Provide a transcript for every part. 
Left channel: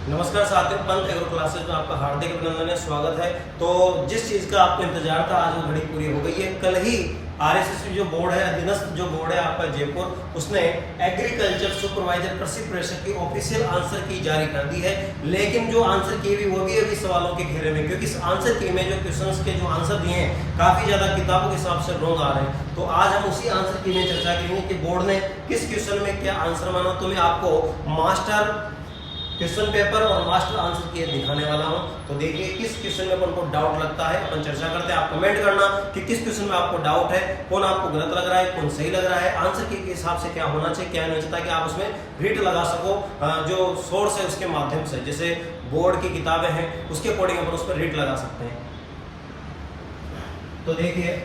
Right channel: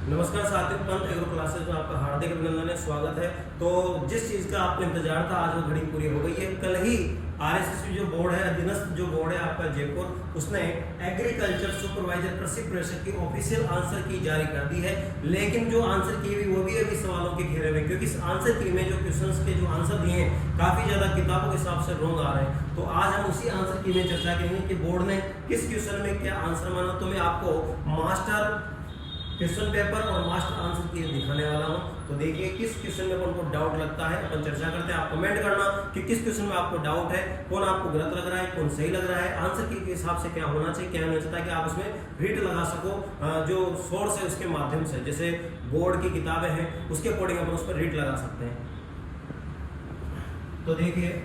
नमस्कार साथियों, Pant agro classes में आपका हार्दिक अभिनंदन है, स्वागत है। तो जिस चीज़ का आपको इंतजार था आज वो घड़ी पूरी हो गई है। कल ही आरएसएस जो बोर्ड है, अधीनस्थ जो बोर्ड है आपका जयपुर, उसने एग्रीकल्चर सुपरवाइजर प्रशिक्षक की ऑफिशियल आंसर की जारी कर दी है। लेकिन जो आंसर की हुई वो भी अभी सवालों के घेरे में, क्योंकि इस आंसर की में जो क्वेश्चंस के जो आंसर दिए हैं काफी ज्यादा किताबों के हिसाब से रॉन्ग आ रहे हैं। तो आज हम उसी आंसर की में चर्चा करेंगे कि बोर्ड ने किस क्वेश्चन में क्या आंसर माना। तो मैं आपको मास्टर क्वेश्चन पेपर और मास्टर आंसर की दिखाने वाला हूं। तो देखिए किस क्वेश्चन में अपन को डाउट लगता है, अपन चर्चा करते हैं। आप कमेंट करना कि किस क्वेश्चन में आपको डाउट है, कौन आपको गलत लग रहा है, कौन सही लग रहा है, आंसर के हिसाब से क्या होना चाहिए, क्या नहीं, ताकि आप उसमें रीट लगा सको। जो सोर्स है उसके माध्यम से, जैसे बोर्ड की किताबें हैं उसके अकॉर्डिंग अपन उस पर रीट लगा सकते हैं। तो देखिए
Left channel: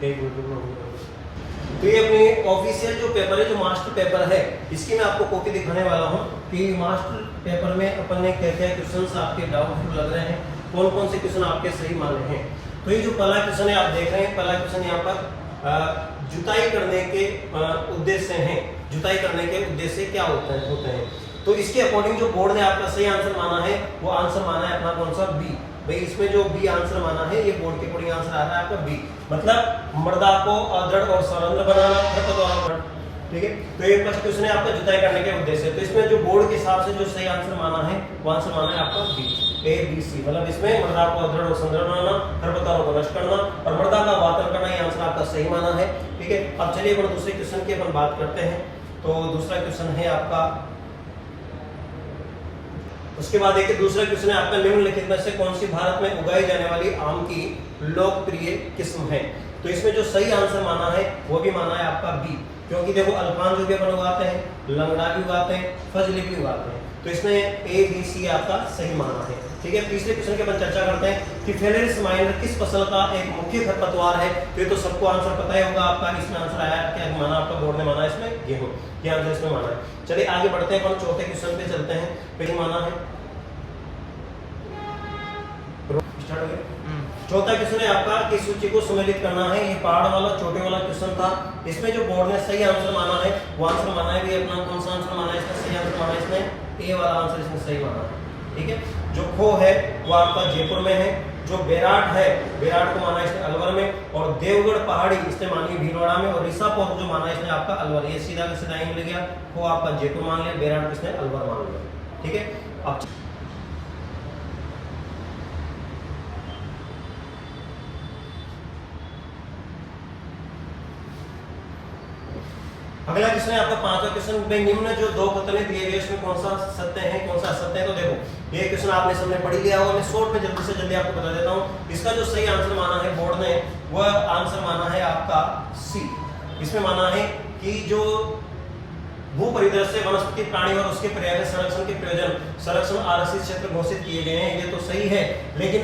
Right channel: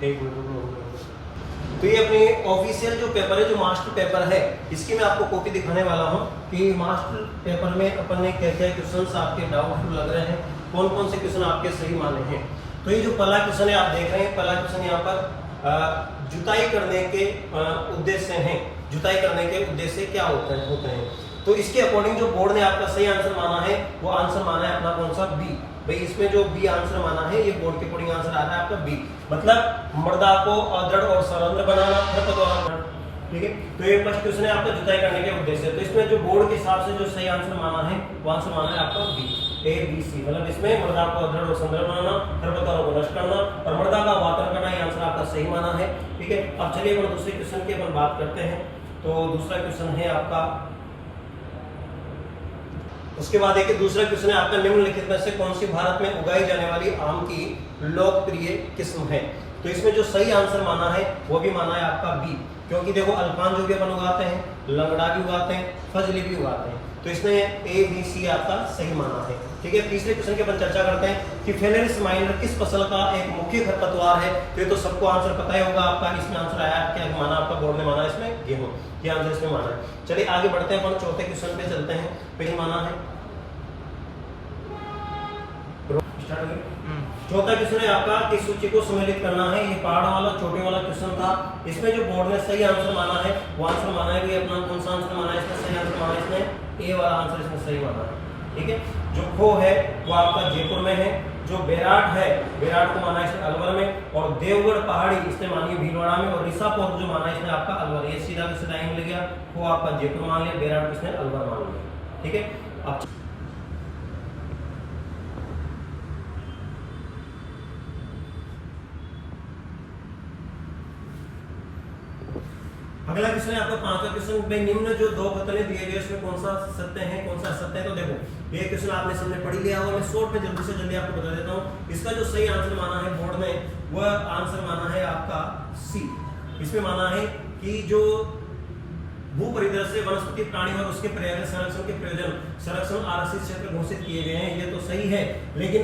तो ये अपनी ऑफिशियल जो पेपर है, जो मास्टर पेपर है, इसकी मैं आपको कॉपी दिखाने वाला हूँ कि मास्टर पेपर में अपन ने क्या क्या क्वेश्चंस आपके डाउटफुल लग रहे हैं, कौन कौन से क्वेश्चन आपके सही माने हैं। तो ये जो पहला क्वेश्चन है आप देख रहे हैं, पहला क्वेश्चन यहाँ पर जुताई करने के उद्देश्य है। जुताई करने के उद्देश्य क्या होते हैं। तो इसके अकॉर्डिंग जो बोर्ड ने आपका सही आंसर माना है, वो आंसर माना है अपना कौन सा, बी। भाई इसमें जो बी आंसर माना है, ये बोर्ड के अकॉर्डिंग आंसर आ रहा है आपका बी, मतलब मृदा को दृढ़ और सरल बनाना, ठीक है। तो ये फर्स्ट क्वेश्चन है आपका जुताई करने के उद्देश्य। तो इसमें जो बोर्ड के हिसाब से जो सही आंसर माना है, वो आंसर माना है आपका बी, ए बी सी। मतलब इसमें मृदा को दृढ़ और सुंदर बनाना, खरपतवारों को नष्ट करना और मृदा का वातन करना, ये आंसर आपका सही माना है, ठीक है। अब चलिए अपन दूसरे क्वेश्चन की अपन बात करते हैं। तो दूसरा क्वेश्चन है आपका, उसके बाद देखिए दूसरा क्वेश्चन है आपका, निम्नलिखित में से कौन सी भारत में उगाई जाने वाली आम की लोकप्रिय किस्म है। तो इसमें जो सही आंसर माना है वो भी माना है आपका बी, क्योंकि देखो अल्फान जो भी अपन उगाते हैं, लंगड़ा भी उगाते हैं, फजली भी उगाते हैं। तो इसमें ए बी सी आपका सही माना है, ठीक है। तीसरे क्वेश्चन की अपन चर्चा करते हैं कि फेलेरिस माइनर किस फसल का एक मुख्य खरपतवार है। तो ये तो सबको आंसर पता ही होगा आपका। इसमें आंसर आया क्या माना, आपका बोर्ड ने माना इसमें गेहूं, ये आंसर इसमें माना है। चलिए आगे बढ़ते हैं, अपन चौथे क्वेश्चन पे चलते हैं। पहले माना है चौथा क्वेश्चन है आपका कि सूची को सम्मिलित करना है। ये पहाड़ वाला छोटे वाला क्वेश्चन था। इसमें जो बोर्ड ने सही आंसर माना है, वो आंसर माना है भी अपना कौन सा आंसर माना है, इसमें सही आंसर माना है इसने ए वाला आंसर इसमें सही माना है, ठीक है। जो खो है वो आपका जयपुर में है। जो बेराट है, बेराट को माना है इसने अलवर में, और देवगढ़ पहाड़ी इसने मानी भीलवाड़ा में, और ऋषापोत जो माना है इसने आपका अलवर। ये सीधा का सीधा मिल गया, खो आपका जयपुर मान लिया, बेराट इसने अलवर मान लिया, ठीक है। अब अगला क्वेश्चन है आपका पांचवा क्वेश्चन में, निम्न जो दो पुतले दिए गए इसमें कौन सा सत्य है, कौन सा असत्य है। तो देखो ये क्वेश्चन आपने सबने पढ़ लिया होगा, मैं शॉर्ट में जल्दी से जल्दी आपको बता देता हूँ। इसका जो सही आंसर माना है बोर्ड ने, वह आंसर माना है आपका सी। इसमें माना है कि जो भू परिदृश्य वनस्पति प्राणी और उसके पर्यावरण संरक्षण के प्रयोजन संरक्षण आरक्षित क्षेत्र घोषित किए गए हैं, ये तो सही है। लेकिन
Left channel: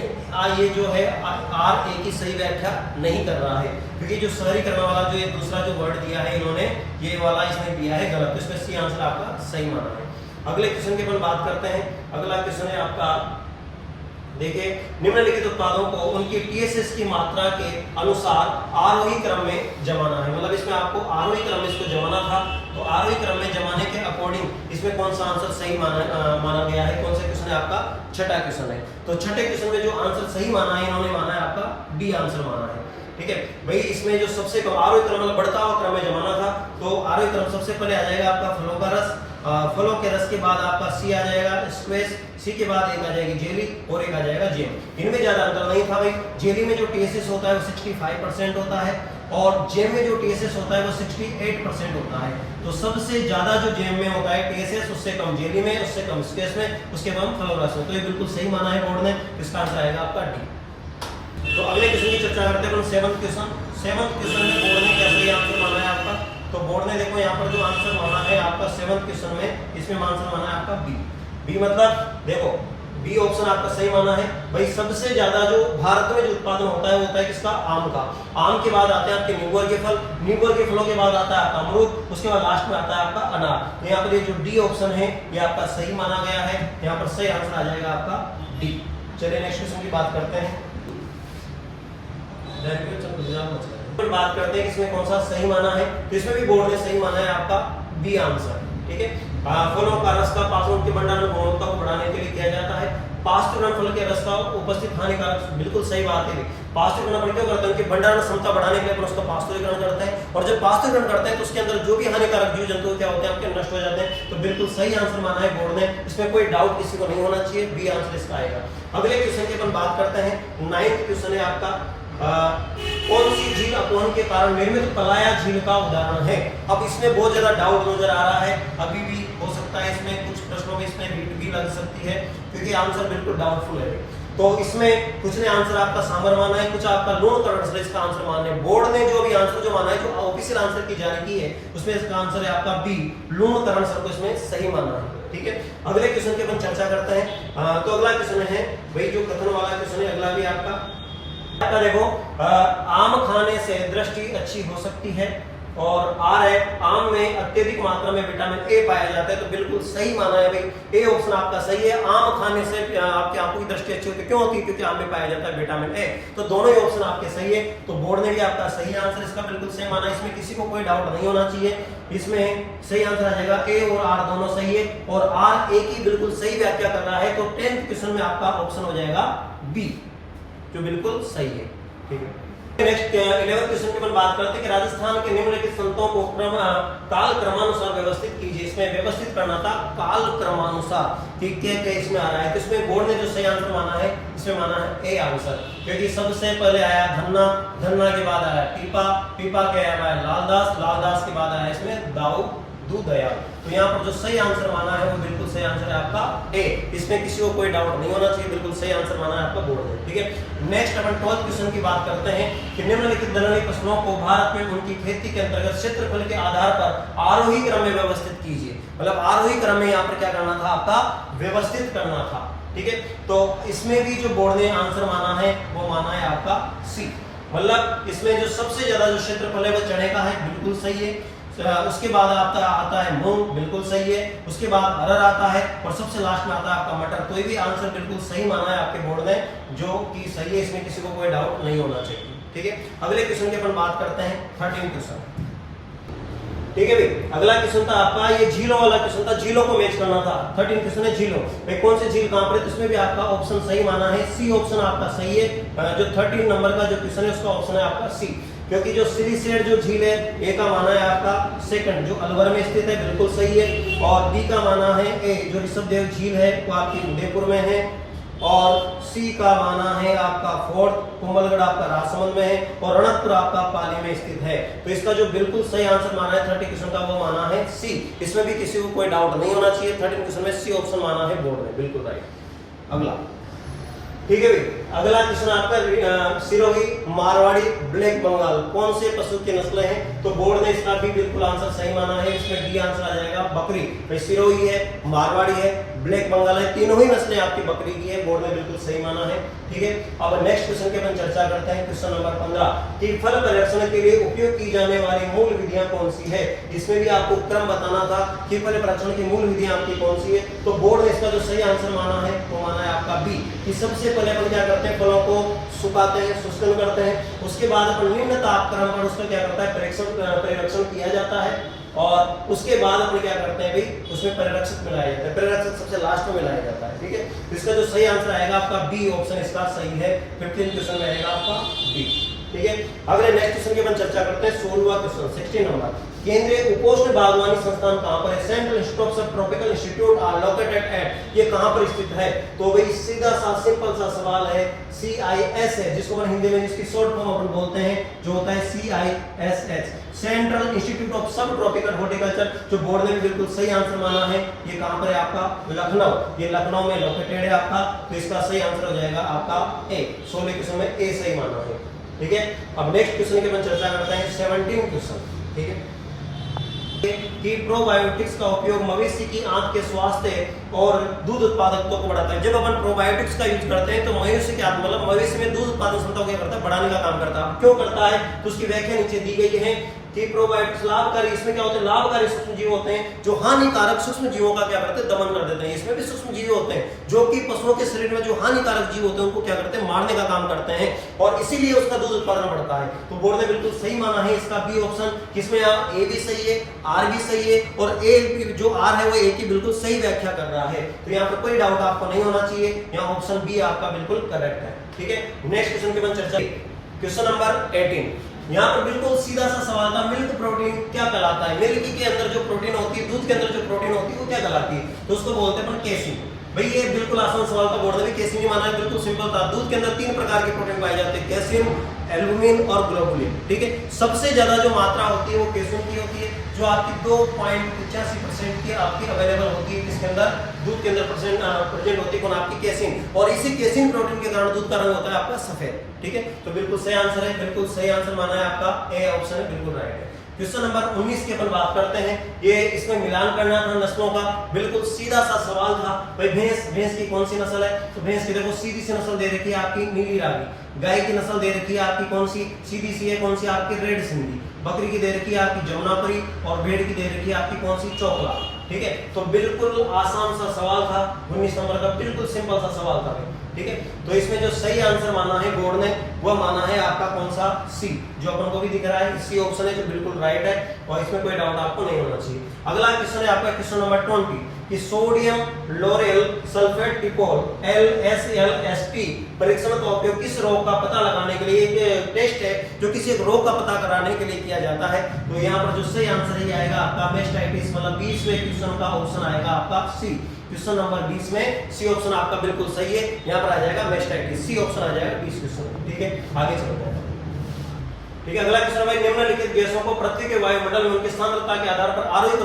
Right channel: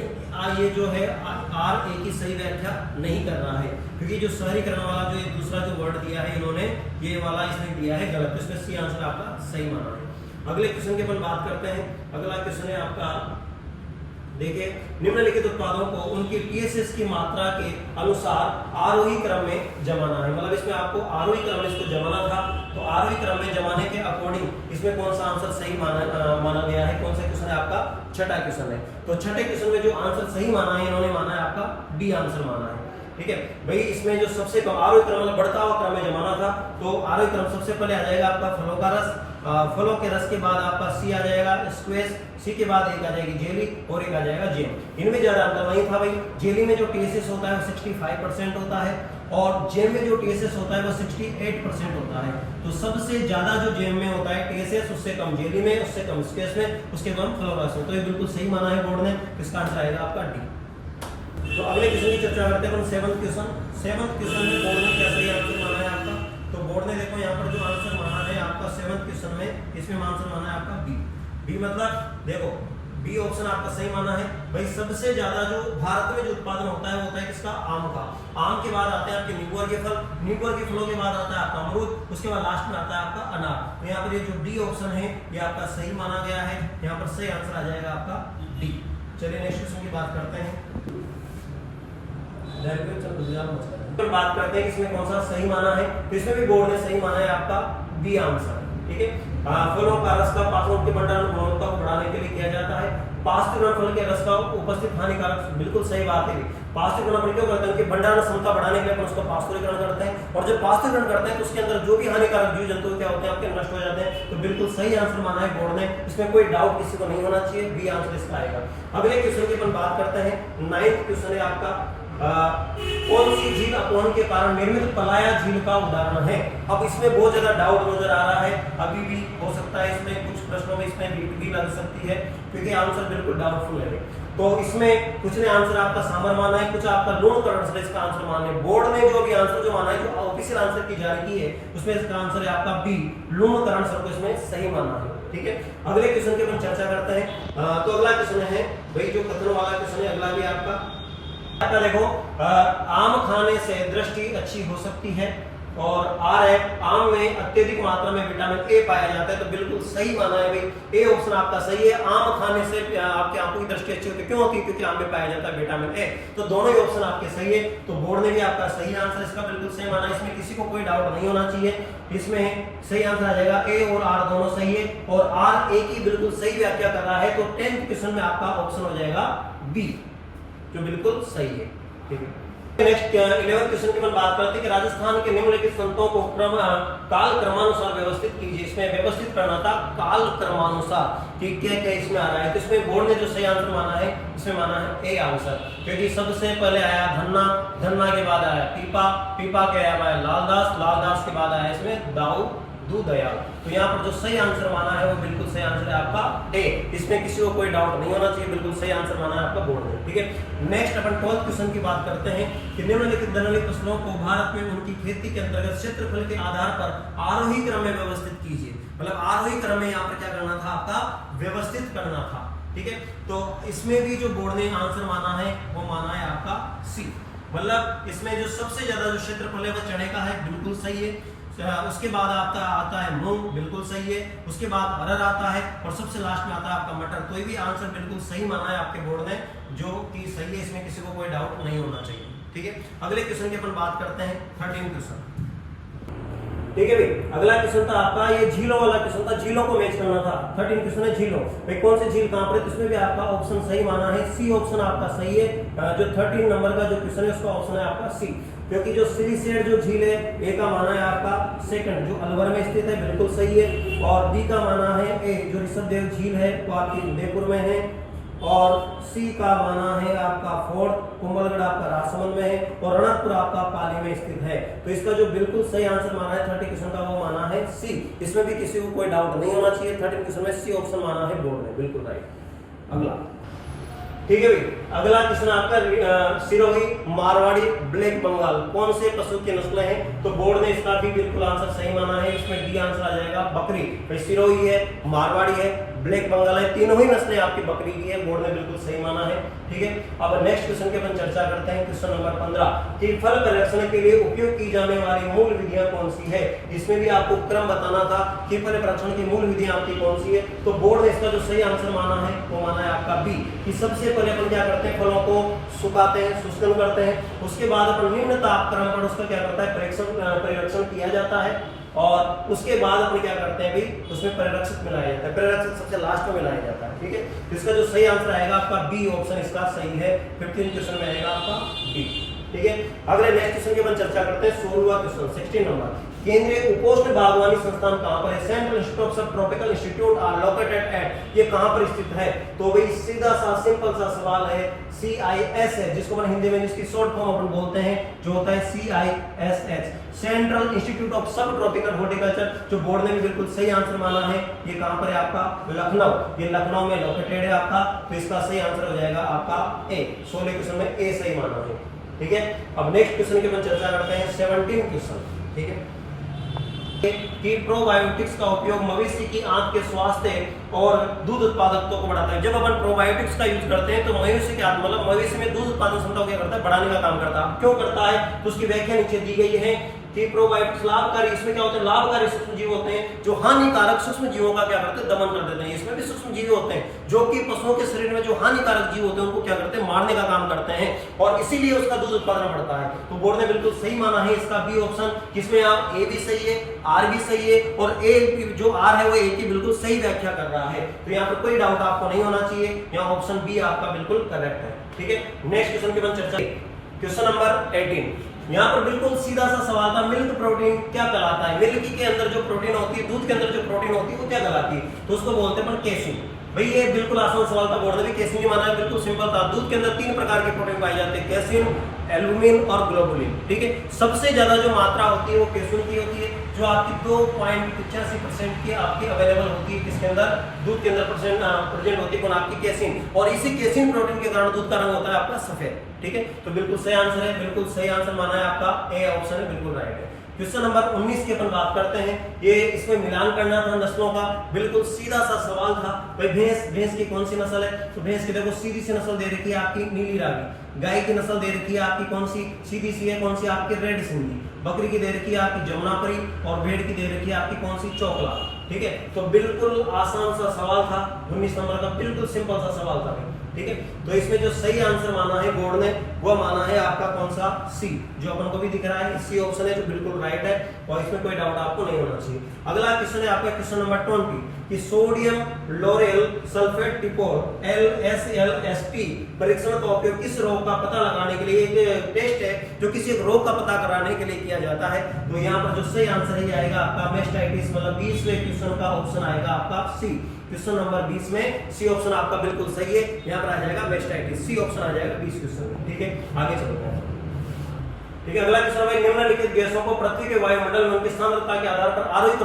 ये जो है आर ए की सही व्याख्या नहीं कर रहा है, क्योंकि जो शहरीकरण वाला जो ये दूसरा जो वर्ड दिया है इन्होंने, ये वाला इसने दिया है गलत। तो इसमें सी आंसर आपका सही माना है। अगले क्वेश्चन की अपन बात करते हैं। अगला क्वेश्चन है आपका, देखिए निम्नलिखित उत्पादों को उनकी टीएसएस की मात्रा के अनुसार आरोही क्रम में जमाना है। मतलब इसमें आपको आरोही क्रम में इसको जमाना था, तो आरोही क्रम में जमाने के अकॉर्डिंग इसमें कौन सा आंसर सही माना गया है। कौन सा क्वेश्चन है आपका, छठा क्वेश्चन है। तो छठे क्वेश्चन में जो आंसर सही माना है, इन्होंने माना है आपका डी आंसर माना है, ठीक है। भाई इसमें जो सबसे कम आरोही क्रम मतलब बढ़ता हुआ क्रम में जमाना था, तो आरोही क्रम सबसे पहले आ जाएगा आपका फलों का रस, फलों के रस के बाद आपका सी आ जाएगा स्क्वेश, सी के बाद एक आ जाएगी जेली और एक आ जाएगा जेम। इनमें ज्यादा अंतर नहीं था भाई। जेली में जो टीएसएस होता है वो 65% होता है, और जेम में जो टीएसएस होता है वो 68% होता है। तो सबसे ज्यादा जो जेम में होता है टीएसएस, उससे कम जेली में, उससे कम स्क्वेश में, उसके बाद फलों रस में। तो ये बिल्कुल सही माना है बोर्ड ने, इसका आंसर आएगा आपका डी। तो अगले क्वेश्चन की चर्चा करते हैं। सेवंथ क्वेश्चन में बोर्ड ने क्या सही आंसर माना है आपका। तो बोर्ड ने देखो यहाँ पर जो आंसर माना है आपका सेवंथ क्वेश्चन में, इसमें आंसर माना है आपका बी। बी मतलब देखो बी ऑप्शन आपका सही माना है। भाई सबसे ज्यादा जो भारत में जो उत्पादन होता है वो होता है किसका, आम का। आम के बाद आते हैं आपके नींबू वर्गीय फल, नींबू वर्गीय फलों के बाद आता है आपका अमरूद, उसके बाद लास्ट में आता है आपका अनार। तो यहाँ पर ये जो डी ऑप्शन है ये आपका सही माना गया है, यहाँ पर सही आंसर आ जाएगा आपका डी। चलिए नेक्स्ट क्वेश्चन की बात करते हैं। पर बात करते हैं इसमें कौन सा सही माना है, तो इसमें भी बोर्ड ने सही माना है आपका बी आंसर। ठीक है, फलों का रस का पाचन के भंडारण गुणवत्ता को बढ़ाने के लिए किया जाता है। पास्चुरण फल के रस का उपस्थित हानिकारक, बिल्कुल सही बात है। पास्चुरण अपन क्यों करते हैं कि भंडारण क्षमता बढ़ाने के लिए अपन उसका पास्चुरीकरण करते हैं, और जब पास्चुरीकरण करते हैं तो उसके अंदर जो भी हानिकारक जीव जंतु क्या होते हैं आपके नष्ट हो जाते हैं। तो बिल्कुल सही आंसर माना है बोर्ड ने, इसमें कोई डाउट किसी को नहीं होना चाहिए, बी आंसर इसका आएगा। अगले क्वेश्चन की अपन बात करते हैं, 9th क्वेश्चन है आपका, कौन सी झील अपवहन के कारण निर्मित पलाया झील का उदाहरण है। अब इसमें बहुत ज्यादा डाउट नजर आ रहा है, अभी भी हो सकता है इसमें कुछ प्रश्नों में इसमें बीट भी लग सकती है, क्योंकि आंसर बिल्कुल डाउटफुल है। तो इसमें कुछ ने आंसर आपका सांबर माना है, कुछ आपका लूणकरण से इसका आंसर माना है। बोर्ड ने जो भी आंसर जो माना है, जो ऑफिशियल आंसर की जारी की है, उसमें इसका आंसर है आपका बी, लूणकरण सर को इसमें सही माना है। ठीक है, अगले क्वेश्चन की अपन चर्चा करते हैं। तो अगला क्वेश्चन है भाई, जो कथन वाला क्वेश्चन है, अगला भी आपका देखो, आम खाने से दृष्टि अच्छी हो सकती है, और आर है आम में अत्यधिक मात्रा में विटामिन ए पाया जाता है। तो बिल्कुल सही माना है भाई, ए ऑप्शन आपका सही है। आम खाने से आपकी आंखों की दृष्टि अच्छी होती है, क्यों होती है? क्योंकि आम में पाया जाता है विटामिन ए। तो दोनों ही ऑप्शन आपके सही है, तो बोर्ड ने भी आपका सही आंसर इसका बिल्कुल सही माना है, इसमें किसी को कोई डाउट नहीं होना चाहिए। इसमें सही आंसर आ जाएगा ए और आर दोनों सही है, और आर ए की बिल्कुल सही व्याख्या कर रहा है। तो 10th क्वेश्चन में आपका ऑप्शन हो जाएगा बी, जो बिल्कुल सही है। ठीक है, नेक्स्ट 11th क्वेश्चन की अपन बात करते हैं कि राजस्थान के निम्नलिखित संतों को काल क्रमानुसार व्यवस्थित कीजिए। इसमें व्यवस्थित करना था काल क्रमानुसार, कि क्या क्या इसमें आ रहा है। तो इसमें बोर्ड ने जो सही आंसर माना है, इसमें माना है ए आंसर, क्योंकि सबसे पहले आया धन्ना, धन्ना के बाद आया पीपा, पीपा के आया लालदास, लालदास के बाद आया इसमें दाऊ दया। तो यहाँ पर जो सही आंसर माना है वो बिल्कुल सही आंसर है आपका ए, इसमें किसी को कोई डाउट नहीं होना चाहिए, बिल्कुल सही आंसर माना है आपका बोर्ड ने। ठीक है, नेक्स्ट अपन 12th क्वेश्चन की बात करते हैं कि निम्नलिखित दलहनी फसलों को भारत में उनकी खेती के अंतर्गत क्षेत्रफल के आधार पर आरोही क्रम में व्यवस्थित कीजिए। मतलब आरोही क्रम में यहाँ पर क्या करना था आपका, व्यवस्थित करना था। ठीक है, तो इसमें भी जो बोर्ड ने आंसर माना है वो माना है आपका सी, मतलब इसमें जो सबसे ज्यादा जो क्षेत्रफल है वो चने का है, बिल्कुल सही है। उसके बाद आता है मूंग, बिल्कुल सही है। उसके बाद अरहर आता है, और सबसे लास्ट में आता है आपका मटर। कोई भी आंसर बिल्कुल सही माना है आपके बोर्ड ने, जो कि सही है, इसमें किसी को कोई डाउट नहीं होना चाहिए। ठीक है, अगले क्वेश्चन की अपन बात करते हैं 13th क्वेश्चन। ठीक है भाई, अगला क्वेश्चन था आपका, ये झीलों वाला क्वेश्चन था, झीलों को मैच करना था। 13th क्वेश्चन है झीलों, भाई कौन सी झील कहां पर है, इसमें भी आपका ऑप्शन सही माना है, सी ऑप्शन आपका सही है। जो 13 नंबर का जो क्वेश्चन है उसका ऑप्शन है आपका सी, क्योंकि जो सिरिसेट जो झील है ए का माना है आपका सेकंड, जो अलवर में स्थित है, बिल्कुल सही है। और बी का माना है ए, जो ऋषभदेव झील है वो आपकी उदयपुर में है। और सी का माना है आपका फोर्थ, कुंभलगढ़ आपका राजसमंद में है, और रणकपुर आपका पाली में स्थित है। तो इसका जो बिल्कुल सही आंसर माना है 30 क्वेश्चन का वो माना है सी, इसमें भी किसी को कोई डाउट नहीं होना चाहिए। 13 क्वेश्चन में सी ऑप्शन माना है बोर्ड में, बिल्कुल राइट। अगला, ठीक है भाई, अगला क्वेश्चन आपका सिरोही, मारवाड़ी, ब्लैक बंगाल कौन से पशु की नस्लें हैं। तो बोर्ड ने इसका भी बिल्कुल आंसर सही माना है, इसमें डी आंसर आ जाएगा बकरी। भाई सिरोही है, मारवाड़ी है, ब्लैक बंगाल है, तीनों ही नस्लें आपकी बकरी की है, बोर्ड ने बिल्कुल सही माना है। ठीक है, अब नेक्स्ट क्वेश्चन की अपन चर्चा करते हैं, क्वेश्चन नंबर 15 कि फल परिरक्षण के लिए उपयोग की जाने वाली मूल विधियां कौन सी है। इसमें भी आपको क्रम बताना था कि फल परिरक्षण की मूल विधियां आपकी कौन सी है। तो बोर्ड ने इसका जो सही आंसर माना है वो माना है आपका बी, कि सबसे पहले अपन क्या करते हैं, फलों को सुखाते हैं, शुष्कन करते हैं, उसके बाद अपन निम्न तापक्रम पर उसका क्या करता है, परिरक्षण किया जाता है, और उसके बाद अपन क्या करते हैं भाई, उसमें परिरक्षक मिलाया जाता है, परिरक्षक सबसे लास्ट में मिलाया जाता है। ठीक है, इसका जो सही आंसर आएगा आपका बी ऑप्शन इसका सही है। 15 क्वेश्चन में आएगा आपका बी। ठीक है, अगले नेक्स्ट क्वेश्चन की अपन चर्चा करते हैं, 16वां क्वेश्चन 16 नंबर, केंद्रीय उपोष्ण बागवानी संस्थान कहां पर है। Central institute of tropical institute are located at, ये कहां पर स्थित है। तो भाई सीधा सा सिंपल सा सवाल है, CIS है, जिसको अपन हिंदी में जिसकी शॉर्ट फॉर्म अपन बोलते हैं, जो होता है CISH, सेंट्रल इंस्टीट्यूट ऑफ सब ट्रॉपिकल हॉर्टिकल्चर, जो बोर्ड ने भी बिल्कुल सही आंसर माना है। ये कहां पर है आपका, लखनऊ, ये लखनऊ में लोकेटेड है आपका। तो इसका सही आंसर हो जाएगा आपका ए, 16 क्वेश्चन में ए सही माना है। ठीक है, अब नेक्स्ट क्वेश्चन की अपन चर्चा करते हैं, 17 क्वेश्चन। ठीक है, कि प्रोबायोटिक्स का उपयोग मवेशी की आंत के स्वास्थ्य और दूध उत्पादकता को बढ़ाता है। जब अपन प्रोबायोटिक्स का यूज करते हैं तो मवेशी के आंत, मतलब मवेशी में दूध उत्पादन क्षमता को क्या करता है, बढ़ाने का काम करता है। क्यों करता है, तो उसकी व्याख्या नीचे दी गई है कि प्रोबायोटिक्स लाभकारी, इसमें क्या होते हैं, लाभकारी सूक्ष्म जीव होते हैं जो हानिकारक सूक्ष्म जीवों का क्या करते हैं, दमन कर देते हैं। इसमें भी सूक्ष्म जीव होते हैं जो कि पशुओं के शरीर में जो हानिकारक जीव होते हैं उनको क्या करते हैं, मारने का काम करते हैं और इसीलिए उसका दूध उत्पादन बढ़ता है। तो बोर्ड ने बिल्कुल सही माना है इसका बी ऑप्शन, जिसमें आप ए भी सही है, आर भी सही है और ए जो आर है वो ए की बिल्कुल सही व्याख्या कर रहा है। तो यहाँ पर कोई डाउट आपको नहीं होना चाहिए, यहाँ ऑप्शन बी आपका बिल्कुल करेक्ट है। ठीक है, नेक्स्ट क्वेश्चन की अपन चर्चा, क्वेश्चन नंबर 18। यहाँ पर बिल्कुल सीधा सा सवाल था, मिल्क प्रोटीन क्या कहलाता है, मिल्क के अंदर जो प्रोटीन होती है, दूध के अंदर जो प्रोटीन होती है वो क्या कहलाती है, तो उसको बोलते हैं केसिन। भाई ये बिल्कुल आसान सवाल था, बोर्ड ने भी केसिन ही माना है, बिल्कुल सिंपल था। दूध के अंदर 3 प्रकार के प्रोटीन पाए जाते हैं, केसिन, एल्बुमिन और ग्लोबुलिन। ठीक है, सबसे ज्यादा जो मात्रा होती है वो केसिन की होती है, जो आपकी 2.85% की आपकी अवेलेबल होती है, किसके अंदर, दूध के अंदर प्रेजेंट होती है कौन, आपकी केसिन। और इसी केसिन प्रोटीन के कारण दूध का रंग होता है आपका सफेद। ठीक है, तो बिल्कुल सही आंसर है, बिल्कुल सही आंसर माना है आपका ए ऑप्शन है, बिल्कुल राइट है। क्वेश्चन नंबर 19 की अपन बात करते हैं, ये इसमें मिलान करना था नस्लों का, बिल्कुल सीधा सा सवाल था। भाई भैंस की कौन सी नस्ल है, तो भैंस की देखो सीधी सी नस्ल दे रखी है आपकी नीली रावी। गाय की नस्ल दे रखी है आपकी कौन सी, सीधी सी है, कौन सी आपकी रेड सिंधी। बकरी की दे रखी है आपकी जमुनापरी और भेड़ की दे रखी है आपकी कौन सी, चोकला। ठीक है, तो बिल्कुल आसान सा सवाल था, 19 नंबर का बिल्कुल सिंपल सा सवाल था। ठीक है, तो इसमें जो सही आंसर माना है बोर्ड ने वो माना है आपका कौन सा, सी, जो अपन को भी दिख रहा है, सी ऑप्शन है जो बिल्कुल राइट है और इसमें कोई डाउट आपको नहीं होना चाहिए। अगला क्वेश्चन है आपका क्वेश्चन नंबर 20 कि सोडियम लोरेल सल्फेट टिपोल LSLSP परीक्षण का उपयोग किस रोग का पता लगाने के लिए, एक टेस्ट है जो किसी एक रोग का पता कराने के लिए किया जाता है। तो यहाँ पर जो सही आंसर ही आएगा आपका मेस्टाइटिस, मतलब 20वें क्वेश्चन का ऑप्शन आएगा आपका सी। क्वेश्चन नंबर 20 में सी ऑप्शन आपका बिल्कुल सही है, यहाँ पर आ जाएगा मेस्टाइटिस, सी ऑप्शन आ जाएगा 20 क्वेश्चन। ठीक है, आगे चलते हैं। ठीक है, अगला क्वेश्चन है, निम्नलिखित गैसों को पृथ्वी के वायुमंडल में उनकी सांद्रता के आधार पर आरोही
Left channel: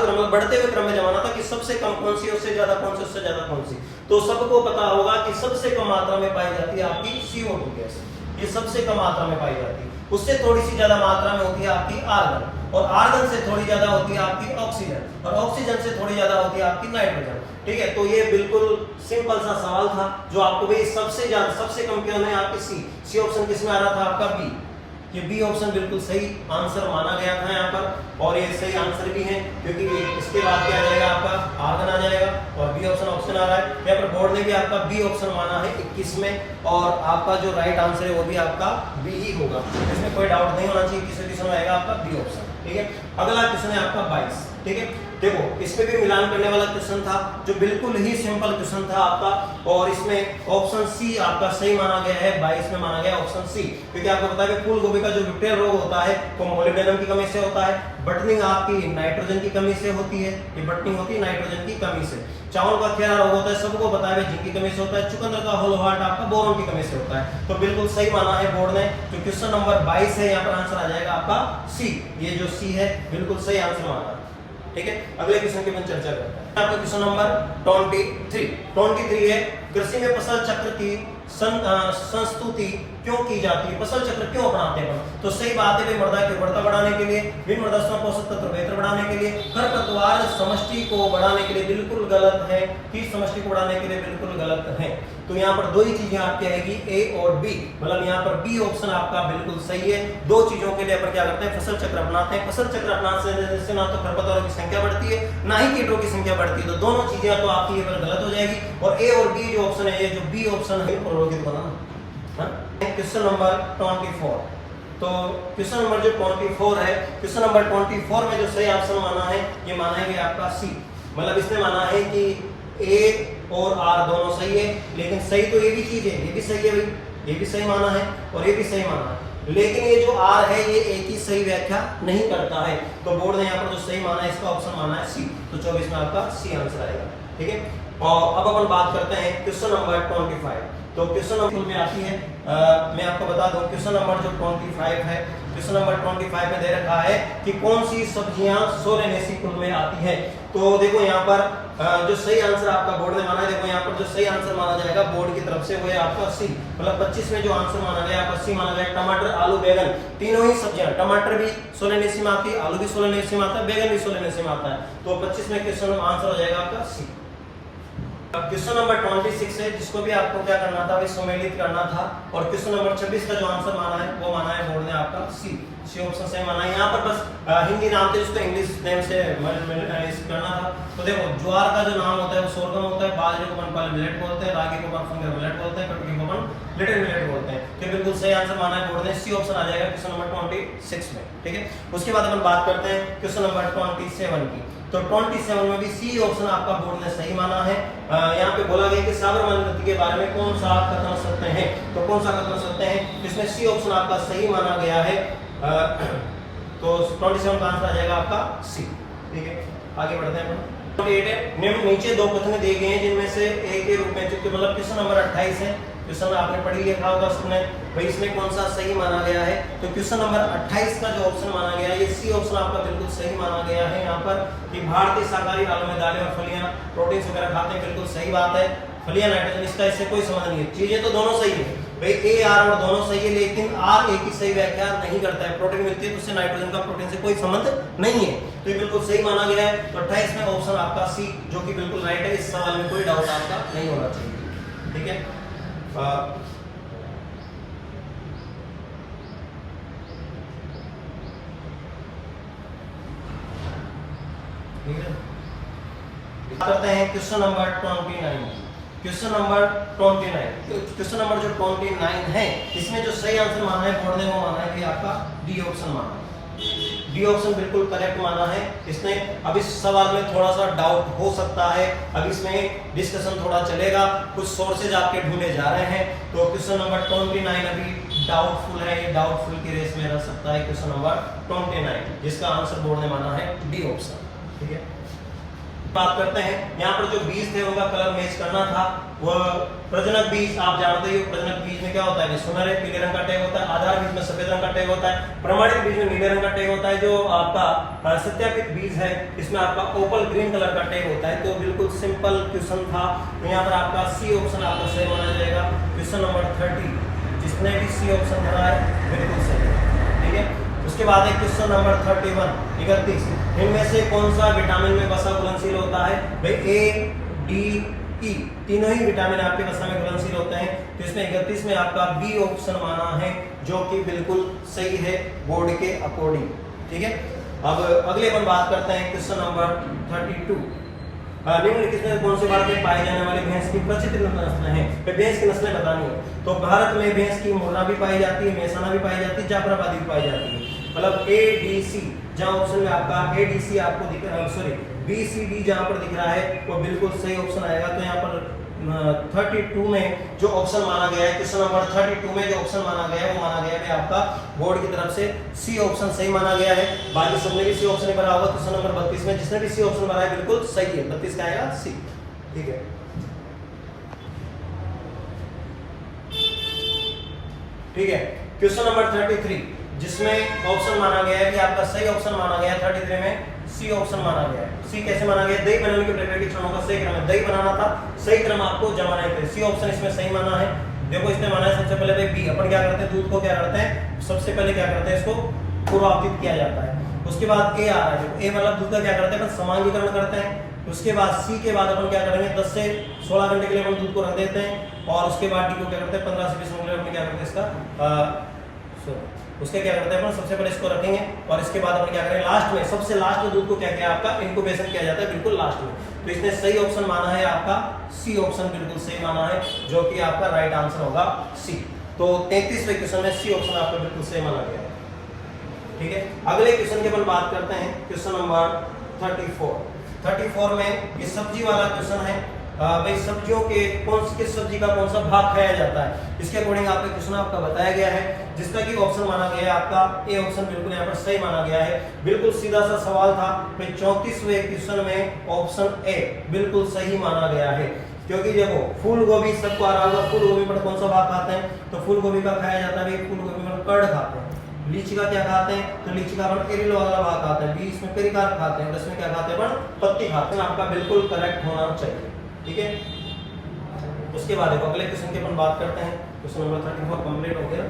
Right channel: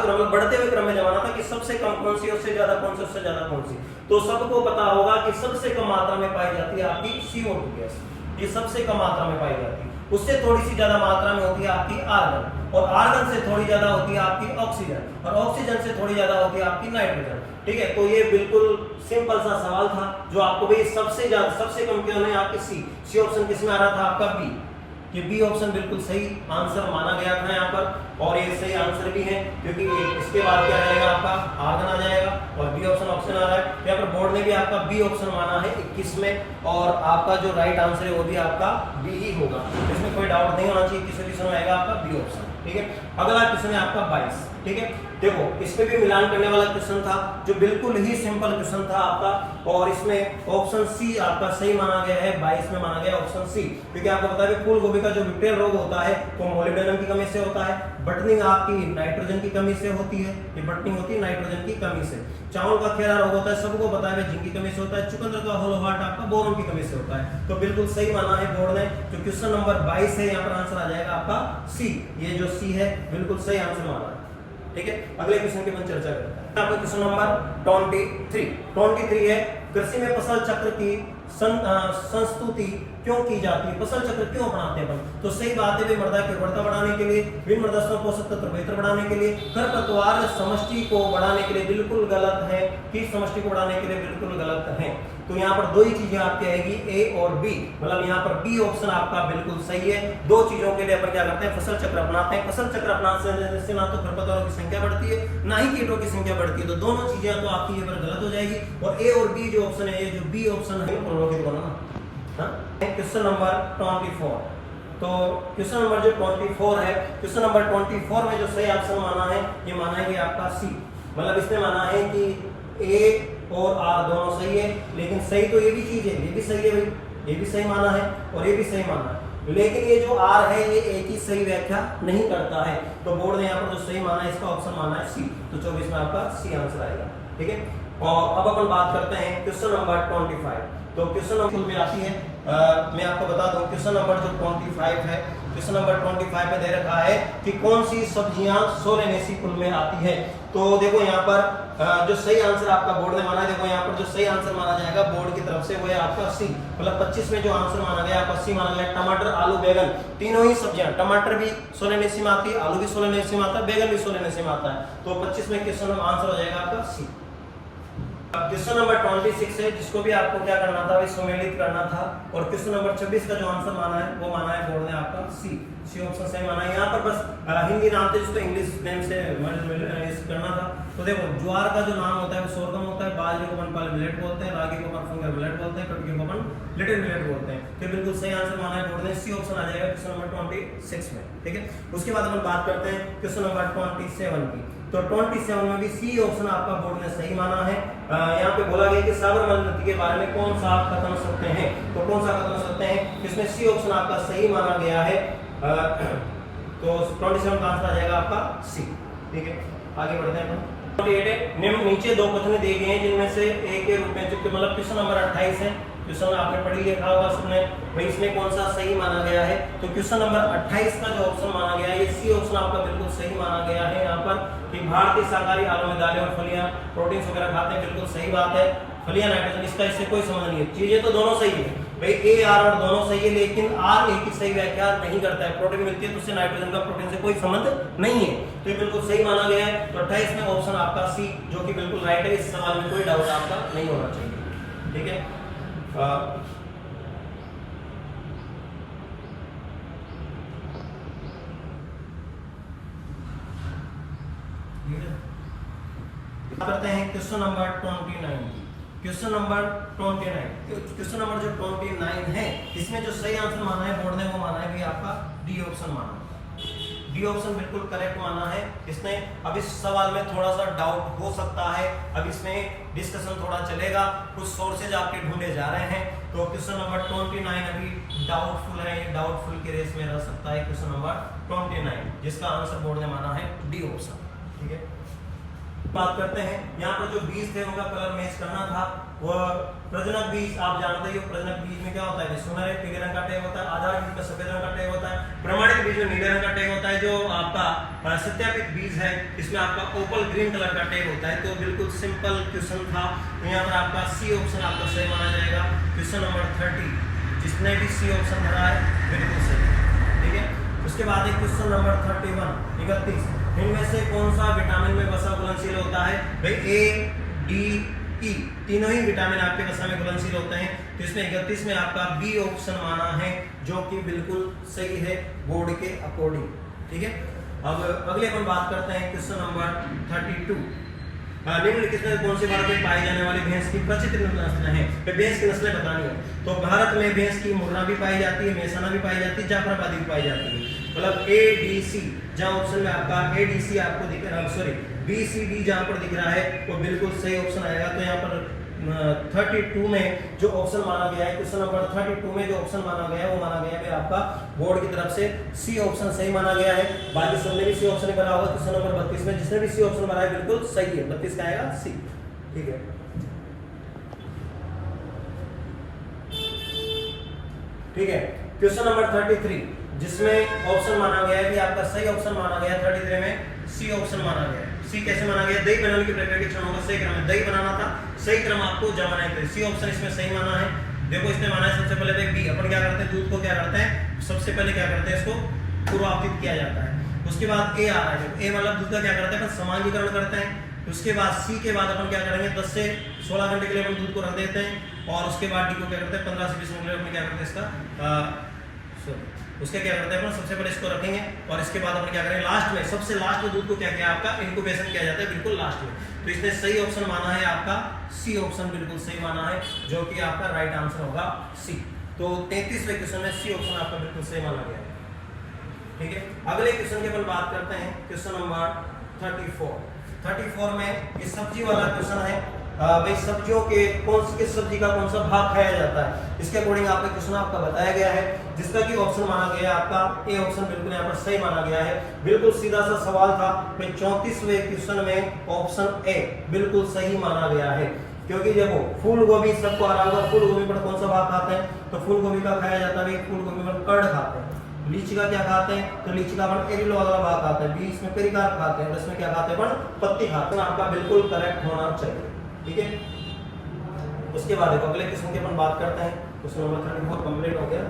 क्रम में बढ़ते हुए क्रम में जमाना था कि सबसे कम कौन सी, उससे ज्यादा कौन सी, उससे ज्यादा कौन सी। तो सबको पता होगा कि सबसे कम मात्रा में पाई जाती है आपकी CO2 गैस, ये सबसे कम मात्रा में पाई जाती है। उससे थोड़ी सी ज्यादा मात्रा में होती है आपकी आर्गन, और आर्गन से थोड़ी ज्यादा होती है आपकी ऑक्सीजन, और ऑक्सीजन से थोड़ी ज्यादा होती है आपकी नाइट्रोजन। ठीक है, तो ये बिल्कुल सिंपल सा सवाल था जो आपको भी सबसे ज्यादा सबसे कम क्यों है आपकी सी ऑप्शन किसमें आ रहा था आपका बी। ये बी ऑप्शन बिल्कुल सही आंसर माना गया था यहाँ पर, और ये सही आंसर भी है क्योंकि इसके बाद क्या आ जाएगा आपका आर्गन आ जाएगा और बी ऑप्शन आ रहा है। यहाँ पर बोर्ड ने भी आपका बी ऑप्शन माना है 21 में, और आपका जो राइट आंसर है वो भी आपका बी ही होगा, इसमें कोई डाउट नहीं होना चाहिए, किसी क्वेश्चन में आएगा आपका बी ऑप्शन। ठीक है, अगला क्वेश्चन है आपका 22। ठीक है, देखो इसमें भी मिलान करने वाला क्वेश्चन था जो बिल्कुल ही सिंपल क्वेश्चन था आपका, और इसमें ऑप्शन सी आपका सही माना गया है, 22 में माना गया ऑप्शन सी, क्योंकि आपको पता है कि फूल गोभी का जो विपटेल रोग होता है वो मोलिब्डेनम की कमी से होता है, बटनिंग आपकी नाइट्रोजन की कमी से होती है, ये बटनिंग होती है नाइट्रोजन की कमी से। चावल का खेरा रोग होता है, सबको पता है जिंक की कमी से होता है। चुकंदर का होलो हार्ट आपका बोरॉन की कमी से होता है। तो बिल्कुल सही माना है बोर्ड ने, जो क्वेश्चन नंबर 22 है यहाँ पर आंसर आ जाएगा आपका सी, ये जो सी है बिल्कुल सही आंसर माना। ठीक है, अगले क्वेश्चन की अपन चर्चा करते हैं। आपका क्वेश्चन नंबर 23 है, कृषि में फसल चक्र की संस्तुति क्यों की जाती है, फसल चक्र क्यों अपनाते हैं। तो सही बात है, मृदा की उर्वरता बढ़ाने के लिए, विभिन्न मृदा पोषक तत्व बेहतर बढ़ाने के लिए, खरपतवार समष्टि को बढ़ाने के लिए बिल्कुल गलत है, कीट समष्टि को बढ़ाने के लिए बिल्कुल गलत है। तो यहाँ पर दो ही चीजें आपकी आएगी, ए और बी, मतलब यहाँ पर बी ऑप्शन आपका बिल्कुल सही है। दो चीजों के लिए अपन क्या करते हैं, फसल चक्र अपनाते हैं। फसल चक्र अपनाने से ना तो खरपतवारों की संख्या बढ़ती है ना ही कीटों की संख्या बढ़ती है, तो दोनों चीजें तो आपकी ये पर गलत हो जाएगी। और ए और बी जो ऑप्शन है, ये जो बी ऑप्शन है क्वेश्चन नंबर 24। तो क्वेश्चन नंबर जो 24 है, क्वेश्चन नंबर 24 में जो सही आंसर माना है, ये माना है कि आपका सी, मतलब इसने माना है कि ए और आर दोनों सही है, लेकिन सही तो ये भी चीज है, ये भी सही है भाई, ये भी सही माना है और ये भी सही माना है, लेकिन ये जो आर है ये एक ही सही व्याख्या नहीं करता है। तो बोर्ड ने यहाँ पर जो सही माना है इसका ऑप्शन माना है सी, तो 24 में आपका सी आंसर आएगा। ठीक है, और अब अपन बात करते हैं क्वेश्चन नंबर 25। तो क्वेश्चन नंबर में आती है, मैं आपको बता दूं क्वेश्चन नंबर जो 25 है, क्वेश्चन नंबर 25 में दे रखा है कि कौन सी सब्जियां सोलेनेसी कुल में आती है। तो देखो यहाँ पर जो सही आंसर आपका बोर्ड ने माना है, देखो यहाँ पर जो सही आंसर माना जाएगा बोर्ड की तरफ से वो है आपका सी, मतलब 25 में जो आंसर माना गया आपका सी माना गया। टमाटर, आलू, बैगन, तीनों ही सब्जियां, टमाटर भी सोलेनेसी में आती है, आलू भी सोलेनेसी में आता है, बैगन भी सोलेनेसी में आता है। तो 25 में क्वेश्चन आंसर हो जाएगा आपका सी। क्वेश्चन नंबर 26 है, जिसको भी आपको क्या करना था, सम्मिलित करना था, और क्वेश्चन नंबर 26 का जो आंसर माना है वो माना है बोर्ड ने आपका सी, सी ऑप्शन सही माना है। यहाँ पर बस हिंदी नाम थे जिसको इंग्लिश नेम से करना था। तो देखो ज्वार का जो नाम होता है वो सोरगम होता है, बाजरे को अपन पहले मिलेट बोलते हैं, रागी को अपन फिंगर मिलेट बोलते हैं, कटकी को अपन लिटिल मिलेट बोलते हैं। तो बिल्कुल सही आंसर माना है बोर्ड ने, सी ऑप्शन आ जाएगा क्वेश्चन नंबर 26 में। ठीक है, उसके बाद अपन बात करते हैं क्वेश्चन नंबर 27 की। तो 27 में भी सी ऑप्शन आपका बोर्ड ने सही माना है। यहाँ पे बोला गया कि साबरमती नदी के बारे में कौन सा आप कथन सकते हैं, तो कौन सा कथन सकते हैं, इसमें सी ऑप्शन आपका सही माना गया है। तो 27 का आंसर आ जाएगा आपका सी। ठीक है, आगे बढ़ते हैं अपन। नीचे दो कथन दिए गए हैं जिनमें से एक के रूप में, जो मतलब क्वेश्चन नंबर 28 है, क्वेश्चन आपने पढ़ी लिखा होगा सुनने भाई, इसमें कौन सा सही माना गया है। तो क्वेश्चन नंबर 28 का जो ऑप्शन माना गया है ये सी ऑप्शन आपका बिल्कुल सही माना गया है। यहाँ पर कि भारतीय शाकाहारी आलू में दालें और फलियां प्रोटीन वगैरह खाते हैं, बिल्कुल सही बात है। फलियां नाइट्रोजन, इसका इससे कोई संबंध नहीं है, चीजें तो दोनों सही है भाई, ए आर और दोनों सही है, लेकिन आर ए की सही व्याख्या नहीं करता है। प्रोटीन मिलती है तो उससे नाइट्रोजन का प्रोटीन से कोई संबंध नहीं है, तो बिल्कुल सही माना गया है। तो 28 में ऑप्शन आपका सी जो कि बिल्कुल राइट है, इस सवाल में कोई डाउट आपका नहीं होना चाहिए। ठीक है, करते हैं question number 29। Question number 29, question number जो 29 है इसमें जो सही आंसर माना है बोर्ड ने वो माना है कि आपका डी ऑप्शन माना है। डी ऑप्शन बिल्कुल करेक्ट माना है इसने। अब इस सवाल में थोड़ा सा डाउट हो सकता है, अब इसमें डिस्कशन थोड़ा चलेगा, कुछ सोर्सेज आपके ढूंढे जा रहे हैं। तो क्वेश्चन नंबर 29 अभी डाउटफुल है, ये डाउटफुल की रेस में रह सकता है क्वेश्चन नंबर 29, जिसका आंसर बोर्ड ने माना है डी ऑप्शन। ठीक है, बात करते हैं यहाँ पर जो बीज थे उनका कलर मैच करना था। वो प्रजनक बीज आप जानते हो, प्रजनक बीज में क्या होता है, सुनहरे पीले रंग का टैग होता है, आधार बीज में सफेद रंग का टैग होता है, प्रमाणित बीज में नीले रंग का टैग होता है, जो आपका सत्यापित बीज है इसमें आपका ओपल ग्रीन कलर का टैग होता है। तो बिल्कुल सिंपल क्वेश्चन था, तो यहाँ पर आपका सी ऑप्शन आपका सही माना जाएगा। क्वेश्चन नंबर 30 जिसने भी सी ऑप्शन भरा है बिल्कुल सही है। ठीक है, उसके बाद है क्वेश्चन नंबर 31, इनमें से कौन सा विटामिन में वसा घुलनशील होता है भाई, ए डी ई तीनों ही विटामिन आपके वसा में घुलनशील होते हैं। तो इसमें 31 में आपका बी ऑप्शन माना है जो कि बिल्कुल सही है बोर्ड के अकॉर्डिंग। ठीक है, अब अगले अपन बात करते हैं क्वेश्चन नंबर 32। निम्नलिखित में कौन से भारत में पाई जाने वाली भैंस की प्रचित नस्लें हैं, भैंस की नस्लें बतानी है। तो भारत में भैंस की मुर्रा भी पाई जाती है, मेहसाना भी पाई जाती है, जाफराबादी भी पाई जाती है। मतलब ए डी सी, जहां ऑप्शन में आपका ए डी सी आपको दिख रहा है, सॉरी बी सी डी जहां पर दिख रहा है वो बिल्कुल सही ऑप्शन आएगा। तो यहाँ पर 32 में जो ऑप्शन माना गया है, क्वेश्चन नंबर 32 में जो ऑप्शन माना गया है वो माना गया है आपका बोर्ड की तरफ से सी ऑप्शन सही माना गया है। बाकी सबने भी सी ऑप्शन भरा होगा। क्वेश्चन नंबर 32 में जिसने भी सी ऑप्शन भरा है बिल्कुल सही है, 32 का आएगा सी। ठीक है, ठीक है, क्वेश्चन नंबर 33 जिसमें ऑप्शन माना गया है कि आपका सही ऑप्शन माना गया है 33 में सी ऑप्शन माना गया है। सी कैसे माना गया, दही बनाने की प्रक्रिया के क्षणों का सही क्रम है, दही बनाना था, सही क्रम आपको जमाना है। सी ऑप्शन इसमें सही माना है। देखो इसने माना है सबसे पहले बी, अपन क्या करते हैं दूध को क्या करते हैं, सबसे पहले क्या करते हैं इसको पूर्वावतित किया जाता है। उसके बाद ए आ रहा है, ए मतलब दूध का क्या करते हैं अपन समांगीकरण करते हैं। उसके बाद सी के बाद अपन क्या करेंगे 10 से 16 घंटे के लिए अपन दूध को रख देते हैं। और उसके बाद डी को क्या करते हैं 15 से 20 मिनट के लिए अपन क्या करते हैं इसका उसके क्या करते हैं अपन सबसे पहले इसको रखेंगे और इसके बाद अपन क्या करेंगे लास्ट में, सबसे लास्ट में दूध को क्या किया आपका इंक्यूबेशन किया जाता है बिल्कुल लास्ट में। तो इसने सही ऑप्शन माना है आपका सी ऑप्शन बिल्कुल सही माना है जो कि आपका राइट आंसर होगा सी। तो 33वें क्वेश्चन में सी ऑप्शन आपका बिल्कुल सही माना गया है। ठीक है, अगले क्वेश्चन की अपन बात करते हैं क्वेश्चन नंबर 34 में ये सब्जी वाला क्वेश्चन है। भाई सब्जियों के किस सब्जी का कौन सा भाग खाया जाता है, इसके अकॉर्डिंग आपका क्वेश्चन आपका बताया गया है, जिसका कि ऑप्शन माना गया है आपका ए ऑप्शन बिल्कुल यहाँ पर सही माना गया है। बिल्कुल सीधा सा सवाल था। फिर 34वें क्वेश्चन में ऑप्शन ए बिल्कुल सही माना गया है, क्योंकि देखो फूल गोभी सबको आ रहा होगा, फूल गोभी पर कौन सा भाग खाते हैं, तो फूल गोभी का खाया जाता है, फूल गोभी में कर्ड खाते हैं। लीची का क्या खाते हैं, तो लीची का अपन एरिलो वाला भाग खाते हैं, बीच में पेरिकार्प खाते हैं, इसमें क्या खाते हैं अपन पत्ती खाते हैं। आपका बिल्कुल करेक्ट होना चाहिए। ठीक है, उसके बाद देखो अगले क्वेश्चन की अपन बात करते हैं। क्वेश्चन नंबर 34 कंप्लीट हो गया।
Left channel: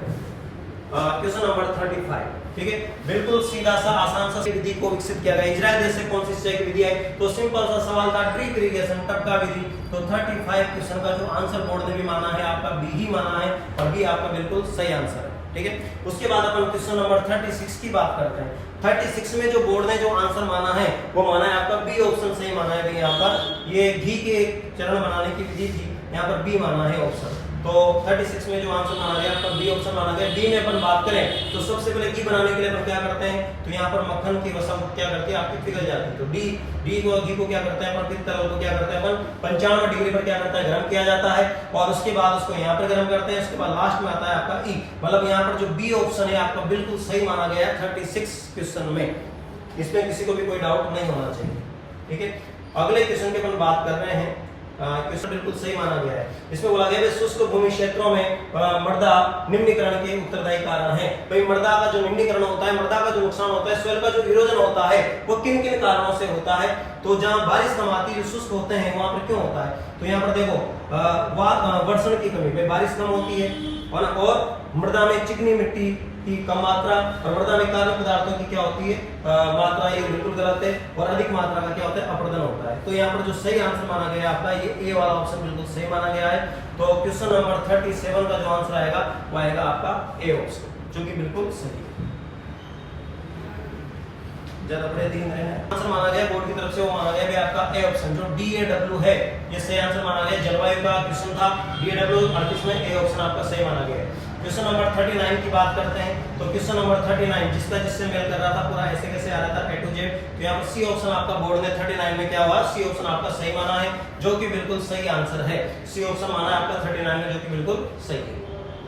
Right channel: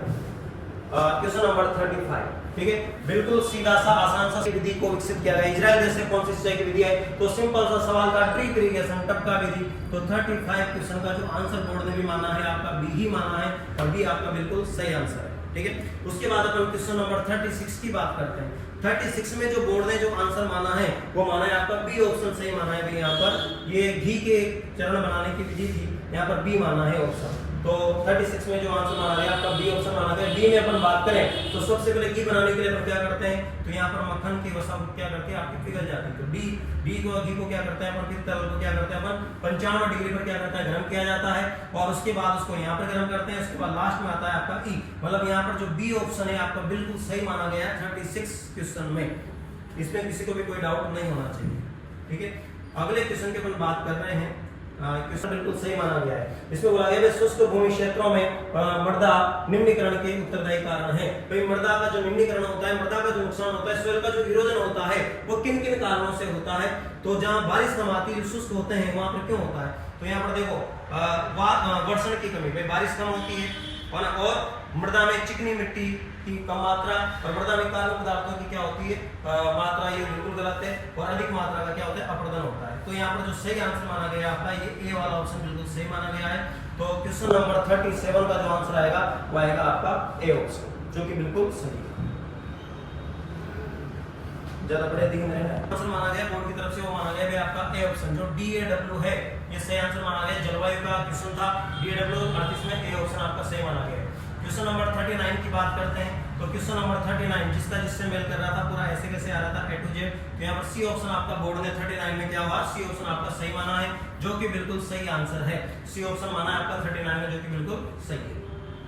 क्वेश्चन नंबर 35, ठीक है, बिल्कुल सीधा सा आसान सा विधि को विकसित किया गया। इजराइल देश से कौन सी सिंचाई की विधि है, तो सिंपल सा सवाल था ड्रिप इरिगेशन टपका विधि। तो 35 क्वेश्चन का जो आंसर बोर्ड ने भी माना है आपका बी ही माना है और बी आपका बिल्कुल सही आंसर है। ठीक है। उसके बाद अपन क्वेश्चन नंबर 36 की बात करते हैं। 36 में जो बोर्ड ने जो आंसर माना है वो माना है आपका बी ऑप्शन सही माना है। यहाँ पर ये घी के चरण बनाने की विधि थी, यहाँ पर बी माना है ऑप्शन। तो 36 में जो आंसर माना गया आपका बी ऑप्शन माना गया। डी में अपन बात करें तो सबसे पहले घी बनाने के लिए अपन क्या करते हैं, तो यहाँ पर मक्खन की वसा क्या करती है आपकी पिघल जाती है। तो घी को क्या करते हैं अपन, फिर तरल को क्या करते हैं अपन 95 डिग्री पर क्या करता है गर्म किया जाता है, और उसके बाद उसको यहाँ पर गर्म करते हैं। उसके बाद लास्ट में आता है आपका ई, मतलब यहाँ पर जो बी ऑप्शन है आपका बिल्कुल सही माना गया है 36 क्वेश्चन में। इसमें किसी को भी कोई डाउट नहीं होना चाहिए, ठीक है। अगले क्वेश्चन की अपन बात कर रहे हैं, क्वेश्चन बिल्कुल सही माना गया है। इसमें बोला गया है शुष्क भूमि क्षेत्रों में मृदा निम्नीकरण के उत्तरदायी कारण है। भाई मृदा का जो निम्नीकरण होता है, मृदा का जो नुकसान होता है, सोइल का जो इरोजन होता है वो किन किन कारणों से होता है। तो जहां बारिश कम आती है, जो शुष्क होते हैं वहां पर क्यों होता है, तो यहाँ पर देखो वर्षण की कमी, भाई बारिश कम होती है और मृदा में चिकनी मिट्टी की कम मात्रा, और मृदा में कार्बनिक पदार्थों की क्या होती है मात्रा, ये बिल्कुल गलत है। और अधिक मात्रा का क्या होता है अपर्दन होता है। तो यहाँ पर जो सही आंसर माना गया आपका ये ए वाला ऑप्शन बिल्कुल सही माना गया है। तो क्वेश्चन नंबर 37 का जो आंसर आएगा वो आएगा आपका ए ऑप्शन, जो कि बिल्कुल सही है। ज्यादा बड़े दिन रहे आंसर माना गया बोर्ड की तरफ से, वो माना गया भी आपका ए ऑप्शन जो DAW है, ये सही आंसर माना गया। जलवायु का क्वेश्चन था DAW 38 में, ए ऑप्शन आपका सही माना गया। क्वेश्चन नंबर 39 की बात करते हैं। तो क्वेश्चन नंबर 39 जिससे मेल कर रहा था पूरा ऐसे कैसे आ रहा था A to Z, तो यहाँ पर सी ऑप्शन आपका बोर्ड ने 39 में क्या हुआ, सी ऑप्शन आपका सही माना है, जो कि बिल्कुल सही आंसर है। सी ऑप्शन माना है आपका 39 में, जो कि बिल्कुल सही है,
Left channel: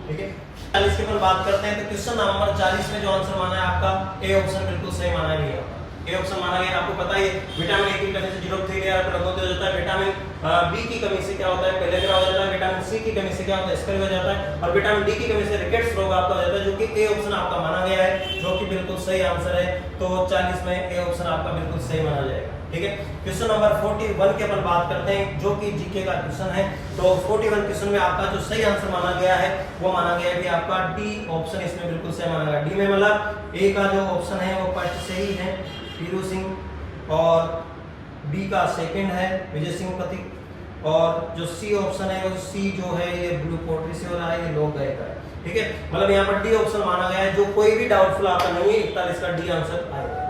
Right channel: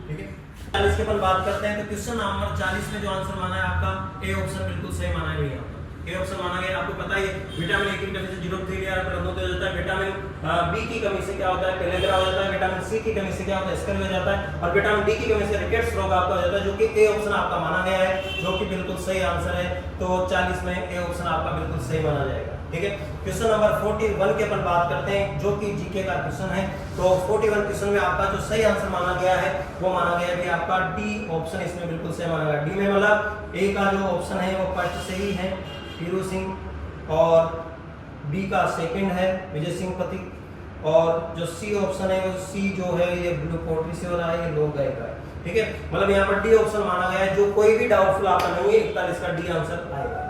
ठीक है। 40 की अपन बात करते हैं। तो क्वेश्चन नंबर 40 में जो आंसर माना है आपका ए ऑप्शन बिल्कुल सही माना है भैया। ए ऑप्शन माना गया। आपको पता है विटामिन ए की कमी से 0.3 लेयर पर रक्तोत्तेजक होता है, विटामिन बी की कमी से क्या होता है पेलेग्रा हो जाता है, विटामिन सी की कमी से क्या होता है स्कर्वी हो जाता है, और विटामिन डी की कमी से रिकेट्स रोग आपका हो जाता है, जो कि ए ऑप्शन आपका माना गया है, जो कि बिल्कुल सही आंसर है। तो 40 में ए ऑप्शन आपका बिल्कुल सही माना जाएगा, ठीक है। क्वेश्चन नंबर 41 की अपन बात करते हैं, जो कि जीके का क्वेश्चन है। तो 41 क्वेश्चन में आपका जो सही आंसर माना गया है वो माना गया है आपका डी ऑप्शन, इसमें बिल्कुल सही माना गया। डी में मतलब ए का जो ऑप्शन है वो फर्स्ट सही है वीरू सिंह, और बी का सेकंड है विजय सिंह पति, और जो सी ऑप्शन है वो सी जो है ये ब्लू पोट्री से हो रहा है, ये लोग गए का है, ठीक है। मतलब यहाँ पर डी ऑप्शन माना गया है, जो कोई भी डाउटफुल आपका नहीं है, 41 का डी आंसर आएगा।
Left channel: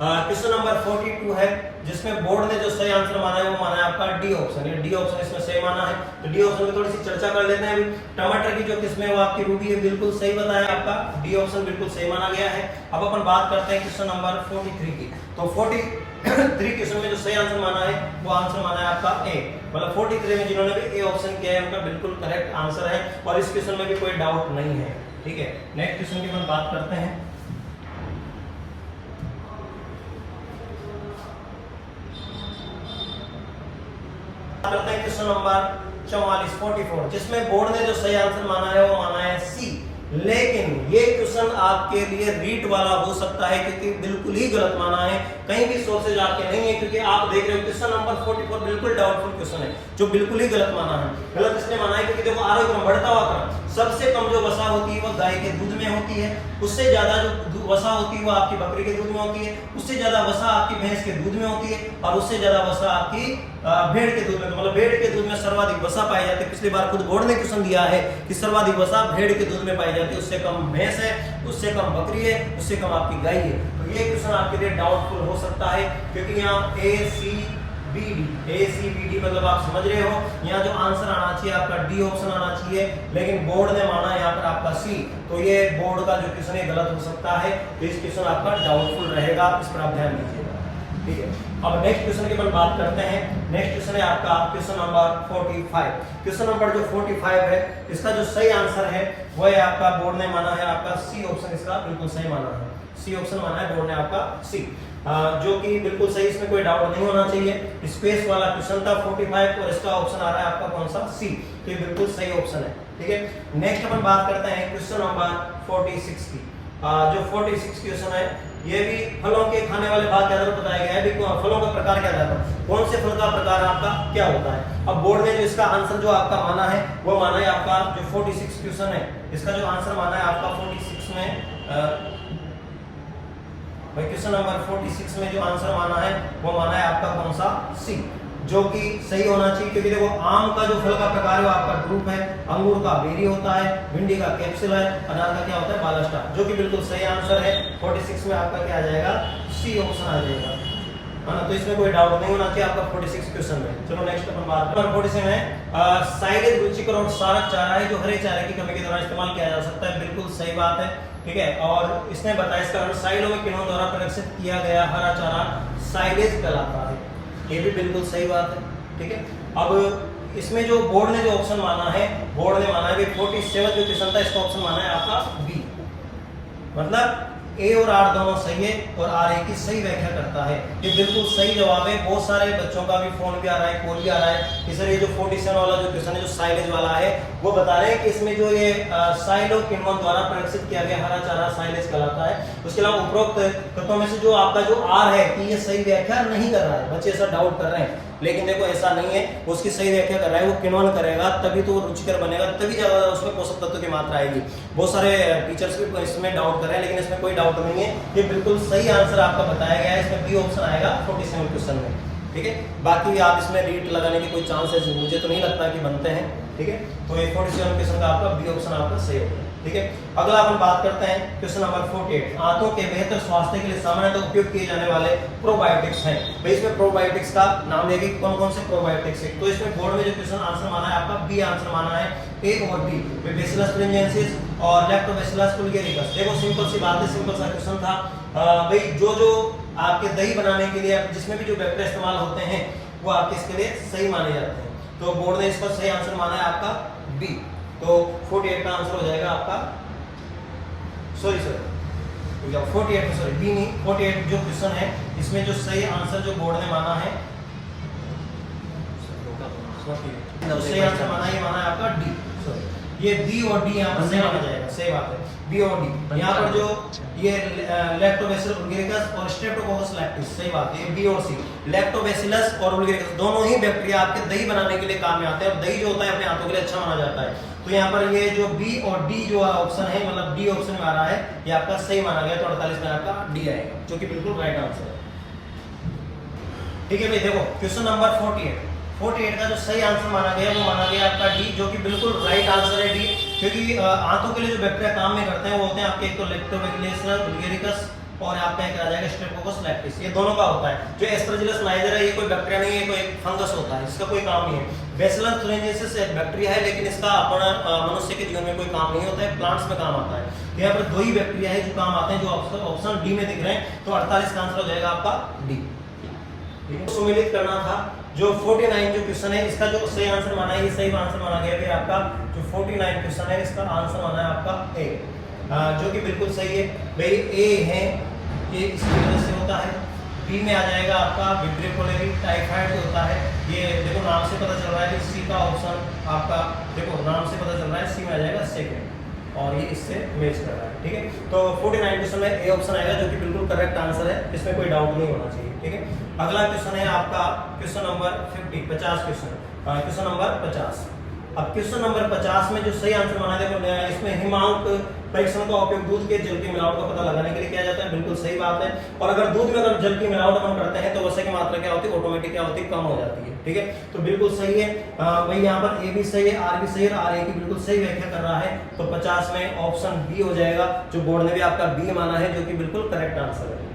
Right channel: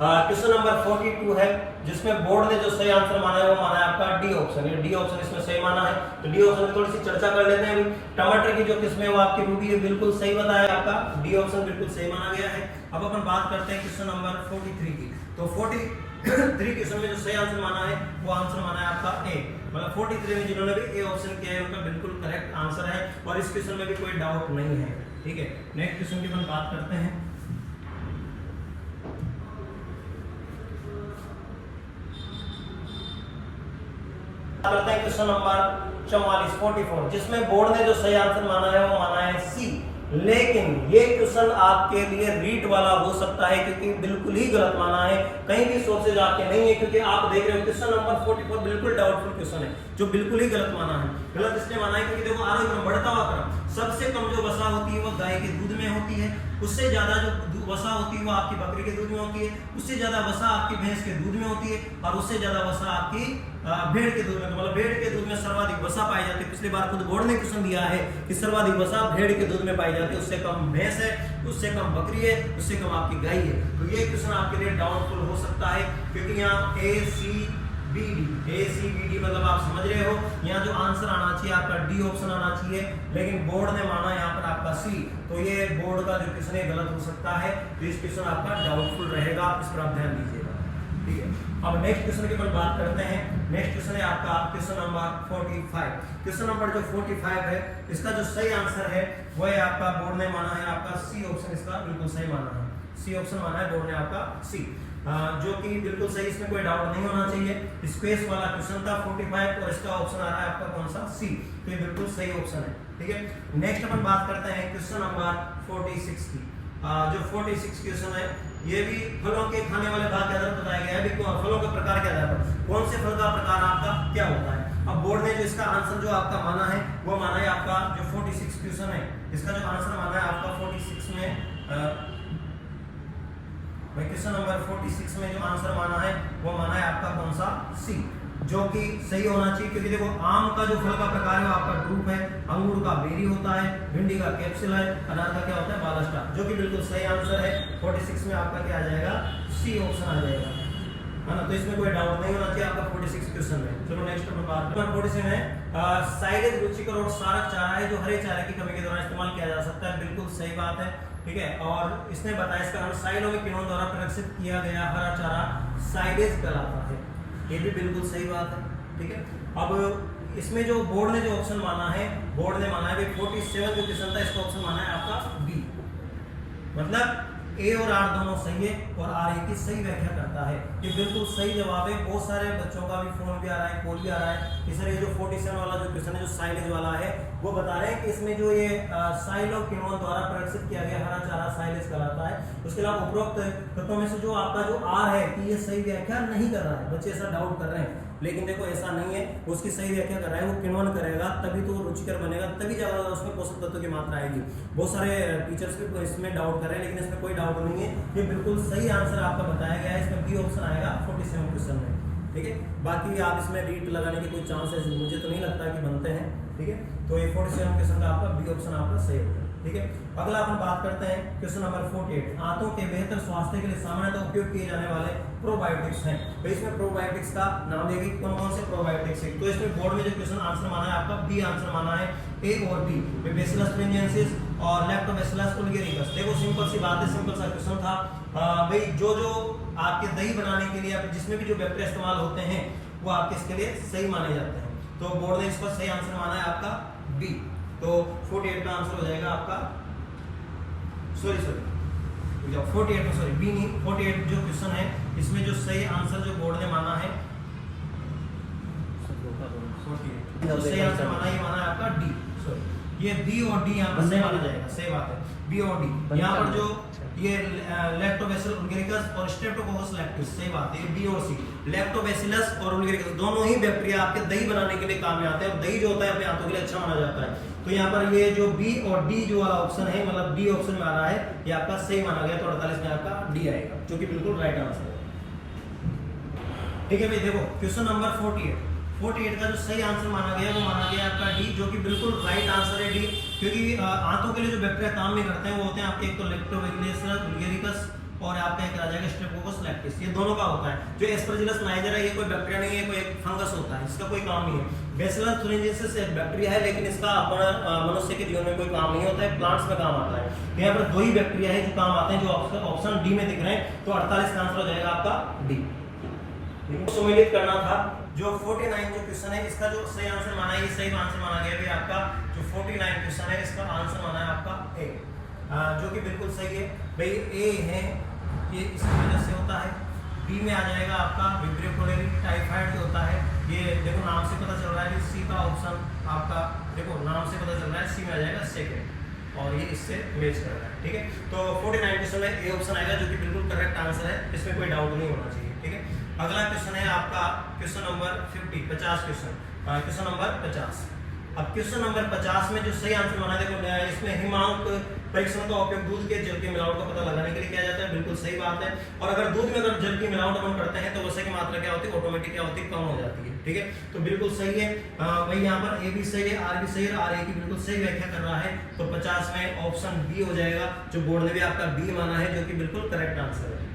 क्वेश्चन नंबर 42 है, जिसमें बोर्ड ने जो सही आंसर माना है वो माना है आपका डी ऑप्शन। ये डी ऑप्शन इसमें सही माना है। तो डी ऑप्शन की थोड़ी सी चर्चा कर लेते हैं अभी। टमाटर की जो किस्म है वो आपकी रूबी है, बिल्कुल सही बताया आपका, डी ऑप्शन बिल्कुल सही माना गया है। अब अपन बात करते हैं क्वेश्चन नंबर 43 की। तो 43 क्वेश्चन में जो सही आंसर माना है वो आंसर माना है आपका ए, मतलब 43 में जिन्होंने भी ए ऑप्शन किया है उनका बिल्कुल करेक्ट आंसर है, और इस क्वेश्चन में भी कोई डाउट नहीं है, ठीक है। नेक्स्ट क्वेश्चन की अपन बात करते हैं। करते हैं क्वेश्चन नंबर 44, जिसमें बोर्ड ने जो सही आंसर माना है वो माना है सी। लेकिन ये क्वेश्चन आपके लिए रीट वाला हो सकता है, क्योंकि बिल्कुल ही गलत माना है, कहीं भी सोर्सेज आपके नहीं है, क्योंकि आप देख रहे हो क्वेश्चन नंबर 44 बिल्कुल डाउटफुल क्वेश्चन है, जो बिल्कुल ही गलत माना है। गलत इसलिए माना है क्योंकि देखो आरोग्य क्रम बढ़ता हुआ क्रम, सबसे कम जो वसा होती है वो गाय के दूध में होती है, उससे ज्यादा जो वसा होती है वो आपकी बकरी के दूध में होती है, उससे ज्यादा वसा आपकी भैंस के दूध में होती है, और उससे ज्यादा वसा आपकी भेड़ के दूध में, मतलब भेड़ के दूध में सर्वाधिक वसा पाई जाती है। पिछली बार खुद बोर्ड ने क्वेश्चन दिया है कि सर्वाधिक वसा भेड़ के दूध में पाई जाती है, उससे कम भैंस है, उससे कम बकरी है, उससे कम आपकी गाय है। तो ये क्वेश्चन आपके लिए डाउटफुल हो सकता है, क्योंकि यहाँ ACBD मतलब आप समझ रहे हो, यहाँ जो आंसर आना चाहिए आपका डी ऑप्शन आना चाहिए, लेकिन बोर्ड ने माना यहाँ पर आपका सी। तो ये बोर्ड का जो क्वेश्चन है गलत हो सकता है, तो इस क्वेश्चन आपका डाउटफुल रहेगा, इस पर आप ध्यान दीजिएगा, ठीक है। अब नेक्स्ट क्वेश्चन की अपन बात करते हैं। नेक्स्ट क्वेश्चन है आपका क्वेश्चन नंबर 45। क्वेश्चन नंबर जो 45 है, इसका जो सही आंसर है वो है आपका बोर्ड ने माना है आपका सी ऑप्शन, इसका बिल्कुल सही माना है, सी ऑप्शन माना है बोर्ड ने आपका सी, जो कि बिल्कुल सही, इसमें कोई डाउट नहीं होना चाहिए। स्पेस वाला क्वेश्चन था 45 और इसका ऑप्शन आ रहा है आपका कौन सा सी, तो ये बिल्कुल सही ऑप्शन है, ठीक है। नेक्स्ट अपन बात करते हैं क्वेश्चन नंबर 46 की। जो 46 क्वेश्चन है ये भी फलों के खाने वाले भाग के आधार पर बताया गया है, भी फलों का प्रकार के आधार पर कौन से फल का प्रकार आपका क्या होता है। अब बोर्ड ने जो इसका आंसर जो आपका माना है वो माना है आपका जो 46 क्वेश्चन है, इसका जो आंसर माना है आपका 46 में क्वेश्चन नंबर 46 में जो आंसर माना है वो माना है आपका कौन सा सी, जो कि सही होना चाहिए, क्योंकि देखो आम का जो फल का प्रकार है वो आपका ड्रूप है, अंगूर का बेरी होता है, भिंडी का कैप्सूल है, अनार का क्या होता है बालास्टा, जो कि बिल्कुल सही आंसर है। 46 में आपका क्या आ जाएगा, सी ऑप्शन आ जाएगा, है ना। तो इसमें कोई डाउट नहीं होना चाहिए आपका 46 क्वेश्चन में। चलो नेक्स्ट अपन बात करते हैं 47 है साइलेज रुचिकर और सारक चारा है जो हरे चारे की कमी के दौरान इस्तेमाल किया जा सकता है, बिल्कुल सही बात है, ठीक है। और इसने बताया इसका कारण साइलों में किन्हों द्वारा प्रदर्शित किया गया हरा चारा साइलेज कहलाता है, ये भी बिल्कुल सही बात है, ठीक है। अब इसमें जो बोर्ड ने जो ऑप्शन माना है, बोर्ड ने माना है 47 जो क्वेश्चन था इसका ऑप्शन माना है आपका बी, मतलब ए और आर दोनों सही है और आर ए की सही व्याख्या करता है, ये बिल्कुल सही जवाब है। बहुत सारे बच्चों का भी फोन भी आ रहा है, कॉल भी आ रहा है कि सर ये जो 47 वाला जो क्वेश्चन है जो साइलेज वाला है वो बता रहे हैं कि इसमें जो ये साइलो किण्वन द्वारा प्रदर्शित किया गया हरा चारा साइलेज कहलाता है। उसके अलावा उपरोक्त तत्वों में से जो आपका जो आर है कि ये सही व्याख्या नहीं कर रहा है, बच्चे ऐसा डाउट कर रहे हैं, लेकिन देखो ऐसा नहीं है, उसकी सही व्याख्या कर रहा है, वो किण्वन करेगा तभी तो वो रुचिकर बनेगा, तभी ज्यादा उसमें पोषक तत्व की मात्रा आएगी। बहुत सारे टीचर्स भी इसमें डाउट कर रहे हैं, लेकिन इसमें कोई डाउट नहीं है, ये बिल्कुल सही आंसर आपका बताया गया है, इसमें बी ऑप्शन आएगा 47 क्वेश्चन में, ठीक है। बाकी आप इसमें रीट लगाने के कोई चांसेस मुझे तो नहीं लगता कि बनते हैं, ठीक है। तो ये 47 क्वेश्चन का आपका बी ऑप्शन आपका सही होगा, ठीक है। अगला अपन बात करते हैं क्वेश्चन नंबर 48 आंतों के बेहतर स्वास्थ्य के लिए सामान्यतः उपयोग किए जाने वाले प्रोबायोटिक्स हैं। भाई इसमें प्रोबायोटिक्स का नाम देगी, कौन कौन से प्रोबायोटिक्स है। तो इसमें बोर्ड में जो क्वेश्चन आंसर माना है आपका बी आंसर माना है, ए और बी, बैसिलस thuringiensis और लैक्टोबैसिलस बुल्गारिकस। देखो सिंपल सी बात है, सिंपल सा क्वेश्चन था। भाई जो आपके दही बनाने के लिए जिसमें भी जो बैक्टीरिया इस्तेमाल होते हैं वो आपके इसके लिए सही माने जाते हैं, तो बोर्ड ने इसका सही आंसर माना है आपका बी। तो 48 का आंसर हो जाएगा आपका, सॉरी 48 बी नहीं, 48 जो क्वेश्चन है इसमें जो सही आंसर जो बोर्ड ने माना है, जो सही आंसर माना ये माना है आपका डी, सॉरी ये बी और डी यहाँ पर सही माना जाएगा, सही बात है, बी और डी। यहाँ पर जो ये लैक्टोबैसिलस बुल्गारिकस और स्ट्रेप्टोकोकस लैक्टिस, सही बात है, बी और सी, लैक्टोबैसिलस और बुल्गारिकस दोनों ही बैक्टीरिया आपके दही बनाने के लिए काम में आते हैं, और दही जो होता है अपने हाथों के लिए अच्छा माना जाता है। तो यहाँ पर ये जो बी और डी जो ऑप्शन है, मतलब डी ऑप्शन में आ रहा है, ये आपका सही माना गया, तो 48 में आपका डी आएगा, जो कि बिल्कुल राइट आंसर है, ठीक है भाई। देखो क्वेश्चन नंबर 48 का जो सही आंसर माना गया वो माना गया आपका डी, जो कि बिल्कुल राइट आंसर है डी, क्योंकि आंतों के लिए जो बैक्टीरिया काम में करते हैं वो होते हैं आपके एक तो लैक्टोबैसिलस बुल्गारिकस और आपका एक आ जाएगा स्ट्रेप्टोकोकस लैक्टिस, ये दोनों का होता है। जो एस्परजिलस नाइजर है ये कोई बैक्टीरिया नहीं है, कोई एक फंगस होता है, इसका कोई काम नहीं है। बैसिलस thuringiensis एक बैक्टीरिया है, लेकिन इसका अपना मनुष्य के जीवन में कोई काम नहीं होता है, प्लांट्स में काम आता है। यहाँ पर दो ही बैक्टीरिया है जो काम आते हैं, जो ऑप्शन डी में दिख रहे हैं, तो 48 का आंसर हो जाएगा आपका डी। सम्मिलित करना था जो 49 जो क्वेश्चन है इसका जो सही आंसर माना है, ये सही आंसर माना गया है आपका जो 49 क्वेश्चन है इसका आंसर माना है आपका ए, जो कि बिल्कुल सही है भाई। ए है ये इसकी वजह से होता है, बी में आ जाएगा आपका विब्रियो कोलेरी टाइफाइड जो होता है, ये देखो नाम से पता चल रहा है कि सी का ऑप्शन आपका, देखो नाम से पता चल रहा है सी में आ जाएगा सेकंड, और ये इससे मैच कर रहा है, ठीक है। तो 49 क्वेश्चन में ए ऑप्शन आएगा, जो कि बिल्कुल करेक्ट आंसर है, इसमें कोई डाउट नहीं होना चाहिए, ठीक है। अगला क्वेश्चन है आपका क्वेश्चन नंबर 50 क्वेश्चन नंबर 50। अब क्वेश्चन नंबर 50 में जो सही आंसर माना देखो इसमें हिमांक परीक्षण का उपयोग दूध के जल की मिलावट का पता लगाने के लिए किया जाता है, बिल्कुल सही बात है। और अगर दूध में अगर जल की मिलावट अपन करते हैं तो वसा की मात्रा क्या होती है, ऑटोमेटिक क्या होती है, कम हो जाती है, ठीक है। तो बिल्कुल सही है भाई, यहाँ पर ए भी सही है, आर भी सही है, आर ए की बिल्कुल सही व्याख्या कर रहा है, तो 50 में ऑप्शन बी हो जाएगा, जो बोर्ड ने भी आपका बी माना है, जो कि बिल्कुल करेक्ट आंसर है।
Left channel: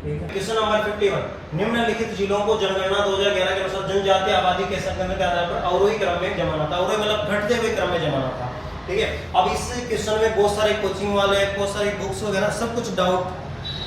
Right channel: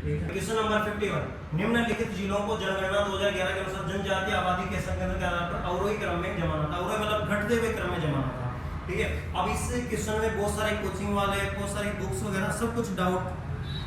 क्वेश्चन नंबर 51 निम्नलिखित जिलों को जनगणना 2011 के अनुसार जनजातीय आबादी के संख्या के आधार पर अवरोही क्रम में जमाना था, अवरोही मतलब घटते हुए क्रम में जमाना था, ठीक है। अब इस क्वेश्चन में बहुत सारे कोचिंग वाले, बहुत सारी बुक्स वगैरह सब कुछ डाउट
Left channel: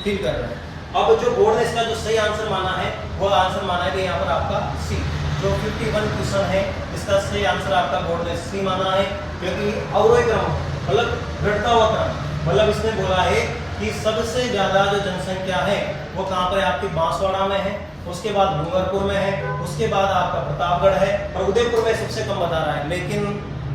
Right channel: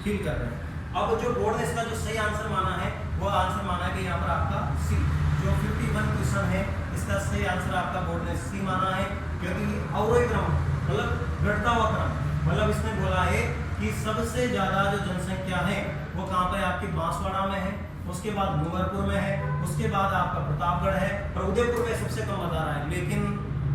फील कर रहे हैं। अब जो बोर्ड ने इसका जो सही आंसर माना है वो आंसर माना है यहाँ पर आपका सी, जो 51 क्वेश्चन है इसका सही आंसर आपका बोर्ड ने सी माना है, क्योंकि अवरोही क्रम मतलब घटता हुआ क्रम, मतलब इसने बोला है कि सबसे ज्यादा जो जनसंख्या है वो कहाँ पर है, आपकी बांसवाड़ा में है, उसके बाद डूंगरपुर में है, उसके बाद आपका प्रतापगढ़ है, और उदयपुर में सबसे कम बता रहा है। लेकिन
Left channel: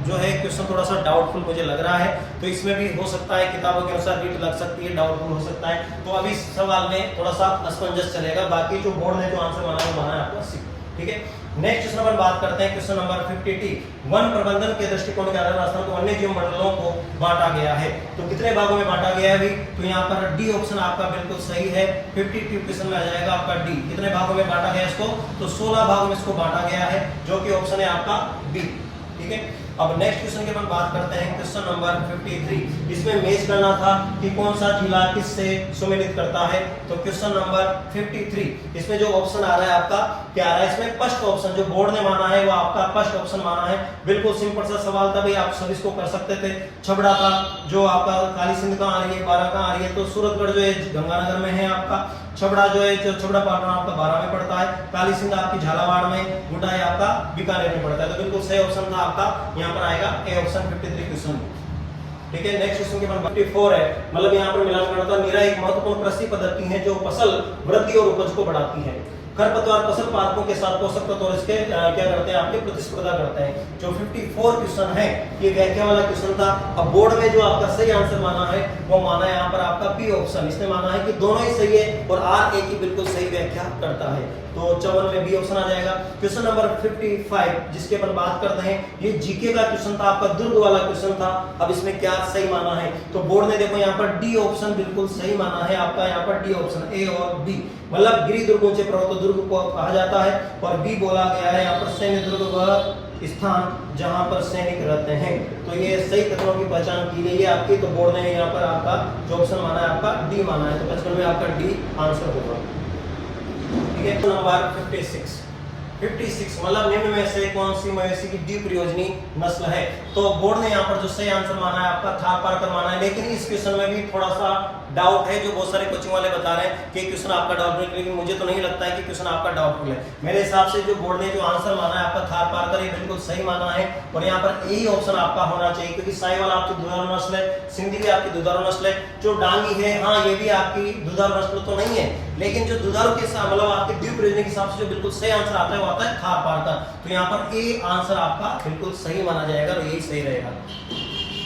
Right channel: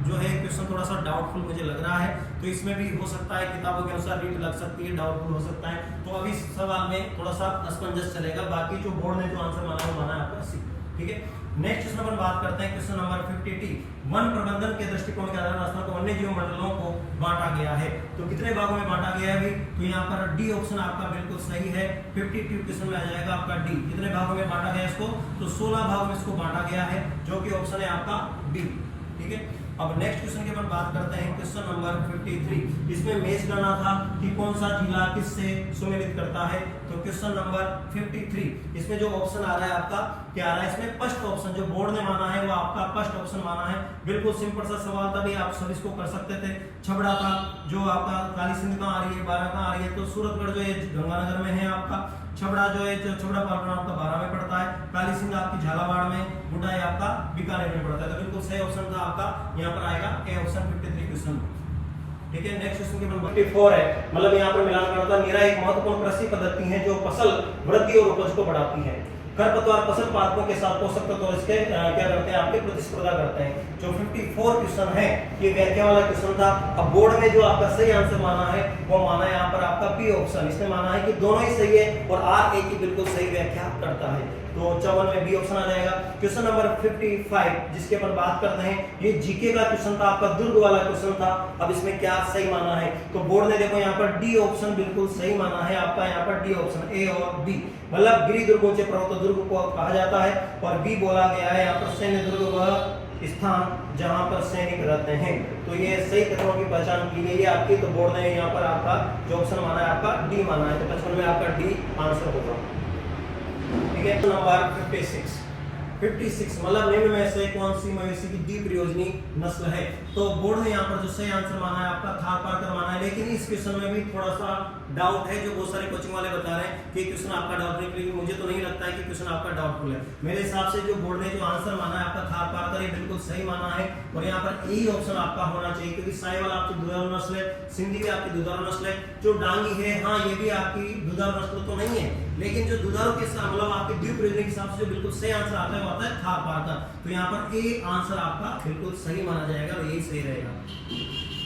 जो है क्वेश्चन थोड़ा सा डाउटफुल मुझे लग रहा है, तो इसमें भी हो सकता है किताबों के अनुसार रीट लग सकती है, डाउटफुल हो सकता है, तो अभी इस सवाल में थोड़ा सा असमंजस चलेगा। बाकी जो बोर्ड ने जो आंसर माना है वो माना है आपका सी, ठीक है। नेक्स्ट क्वेश्चन अपन बात करते हैं क्वेश्चन नंबर 50T। वन प्रबंधन के दृष्टिकोण के आधार राजस्थान को वन्य जीव मंडलों को बांटा गया है। तो कितने भागों में बांटा गया है भाई? तो यहाँ पर डी ऑप्शन आपका बिल्कुल सही है। 52 क्वेश्चन में आ जाएगा आपका डी। कितने भागों में बांटा गया इसको? तो 16 भागों में इसको बांटा गया है, जो कि ऑप्शन है आपका बी। ठीक है, अब नेक्स्ट क्वेश्चन की अपन बात करते हैं क्वेश्चन नंबर 53। इसमें मैच करना था कि कौन सा जिला किससे सम्मिलित करता है। तो क्वेश्चन नंबर 53 इसमें जो ऑप्शन आ रहा है आपका क्या आ रहा है? इसमें फर्स्ट ऑप्शन जो बोर्ड ने माना है वो आपका फर्स्ट ऑप्शन माना है। बिल्कुल सिंपल सा सवाल था भाई, आप सब इसको कर सकते थे। छबड़ा था जो आपका काली सिंध कहाँ आ रही है, बारा कहाँ आ रही है? तो सूरतगढ़ जो है गंगानगर में है आपका। छबड़ा जो है, जो छबड़ा पाटन आपका 12 में पड़ता है। काली सिंध आपकी झालावाड़ में, गुटाई आपका बीकानेर में पड़ता है। तो बिल्कुल सही ऑप्शन था आपका, यहाँ पर आएगा ए ऑप्शन 53 क्वेश्चन। ठीक है, नेक्स्ट क्वेश्चन के बाद 54 है, मतलब यहाँ पर मिलान करना था। मेरा एक महत्वपूर्ण कृषि पद्धति है जो फसल वृद्धि और उपज को बढ़ाती है। खरपतवार फसल पादपों के साथ पोषक तत्व और इसके क्या करते हैं आपके प्रतिस्पर्धा करते हैं। जो 54 क्वेश्चन है ये व्याख्या वाला क्वेश्चन था। अब बोर्ड में जो आपका सही आंसर माना है वो माना है यहाँ पर आपका बी ऑप्शन। इसने माना है कि दोनों ही सही है और आर ए की बिल्कुल सही व्याख्या करता है। तो 54 में बी ऑप्शन आ जाएगा। क्वेश्चन नंबर 55 जिसके अपन बात करते हैं, ये जीके का क्वेश्चन था आपका, दुर्ग वाला क्वेश्चन था। अब इसमें क्या सही माना है? तो बोर्ड ने देखो यहाँ पर डी ऑप्शन बिल्कुल सही माना है आपका, यहाँ पर डी ऑप्शन ए और बी, मतलब गिरि दुर्ग ऊंचे पर्वत दुर्ग को कहा जाता है। और बी बोला गया है यहाँ पर सैन्य दुर्ग वह स्थान जहां पर सैनिक रहते हैं। तो ये सही कथनों की पहचान की गई है आपकी। तो बोर्ड ने यहाँ पर आपका जो ऑप्शन माना है आपका डी माना है। तो 55 में आपका डी आंसर होगा। ठीक है, नंबर 56 मतलब निम्न में से कौन सी मवेशी की द्वीप प्रयोजनी नस्ल है? तो बोर्ड ने यहाँ पर जो सही आंसर माना है आपका थार पारकर माना है। लेकिन इस क्वेश्चन में भी थोड़ा सा डाउट है, जो बहुत सारे कोचिंग वाले बता रहे हैं कि क्वेश्चन आपका डाउटफुल है, लेकिन मुझे तो नहीं लगता है कि क्वेश्चन आपका डाउटफुल है। मेरे हिसाब से जो बोर्ड ने जो आंसर माना है आपका थार पारकर, ये बिल्कुल सही माना है। और यहाँ पर यही ऑप्शन आपका होना चाहिए, क्योंकि साहिवाल आपकी दुधारू नस्ल है, सिंधी भी आपकी दुधारू नस्ल है। जो डांगी है हाँ ये भी आपकी दुधारू नस्ल तो नहीं है, लेकिन जो दुधारू के साथ मतलब आपके द्वीप प्रयोजनी के हिसाब से जो बिल्कुल सही आंसर आता है वो आता है थार पारकर। तो यहाँ पर ए आंसर आपका बिल्कुल सही माना जाएगा और यही सही रहेगा।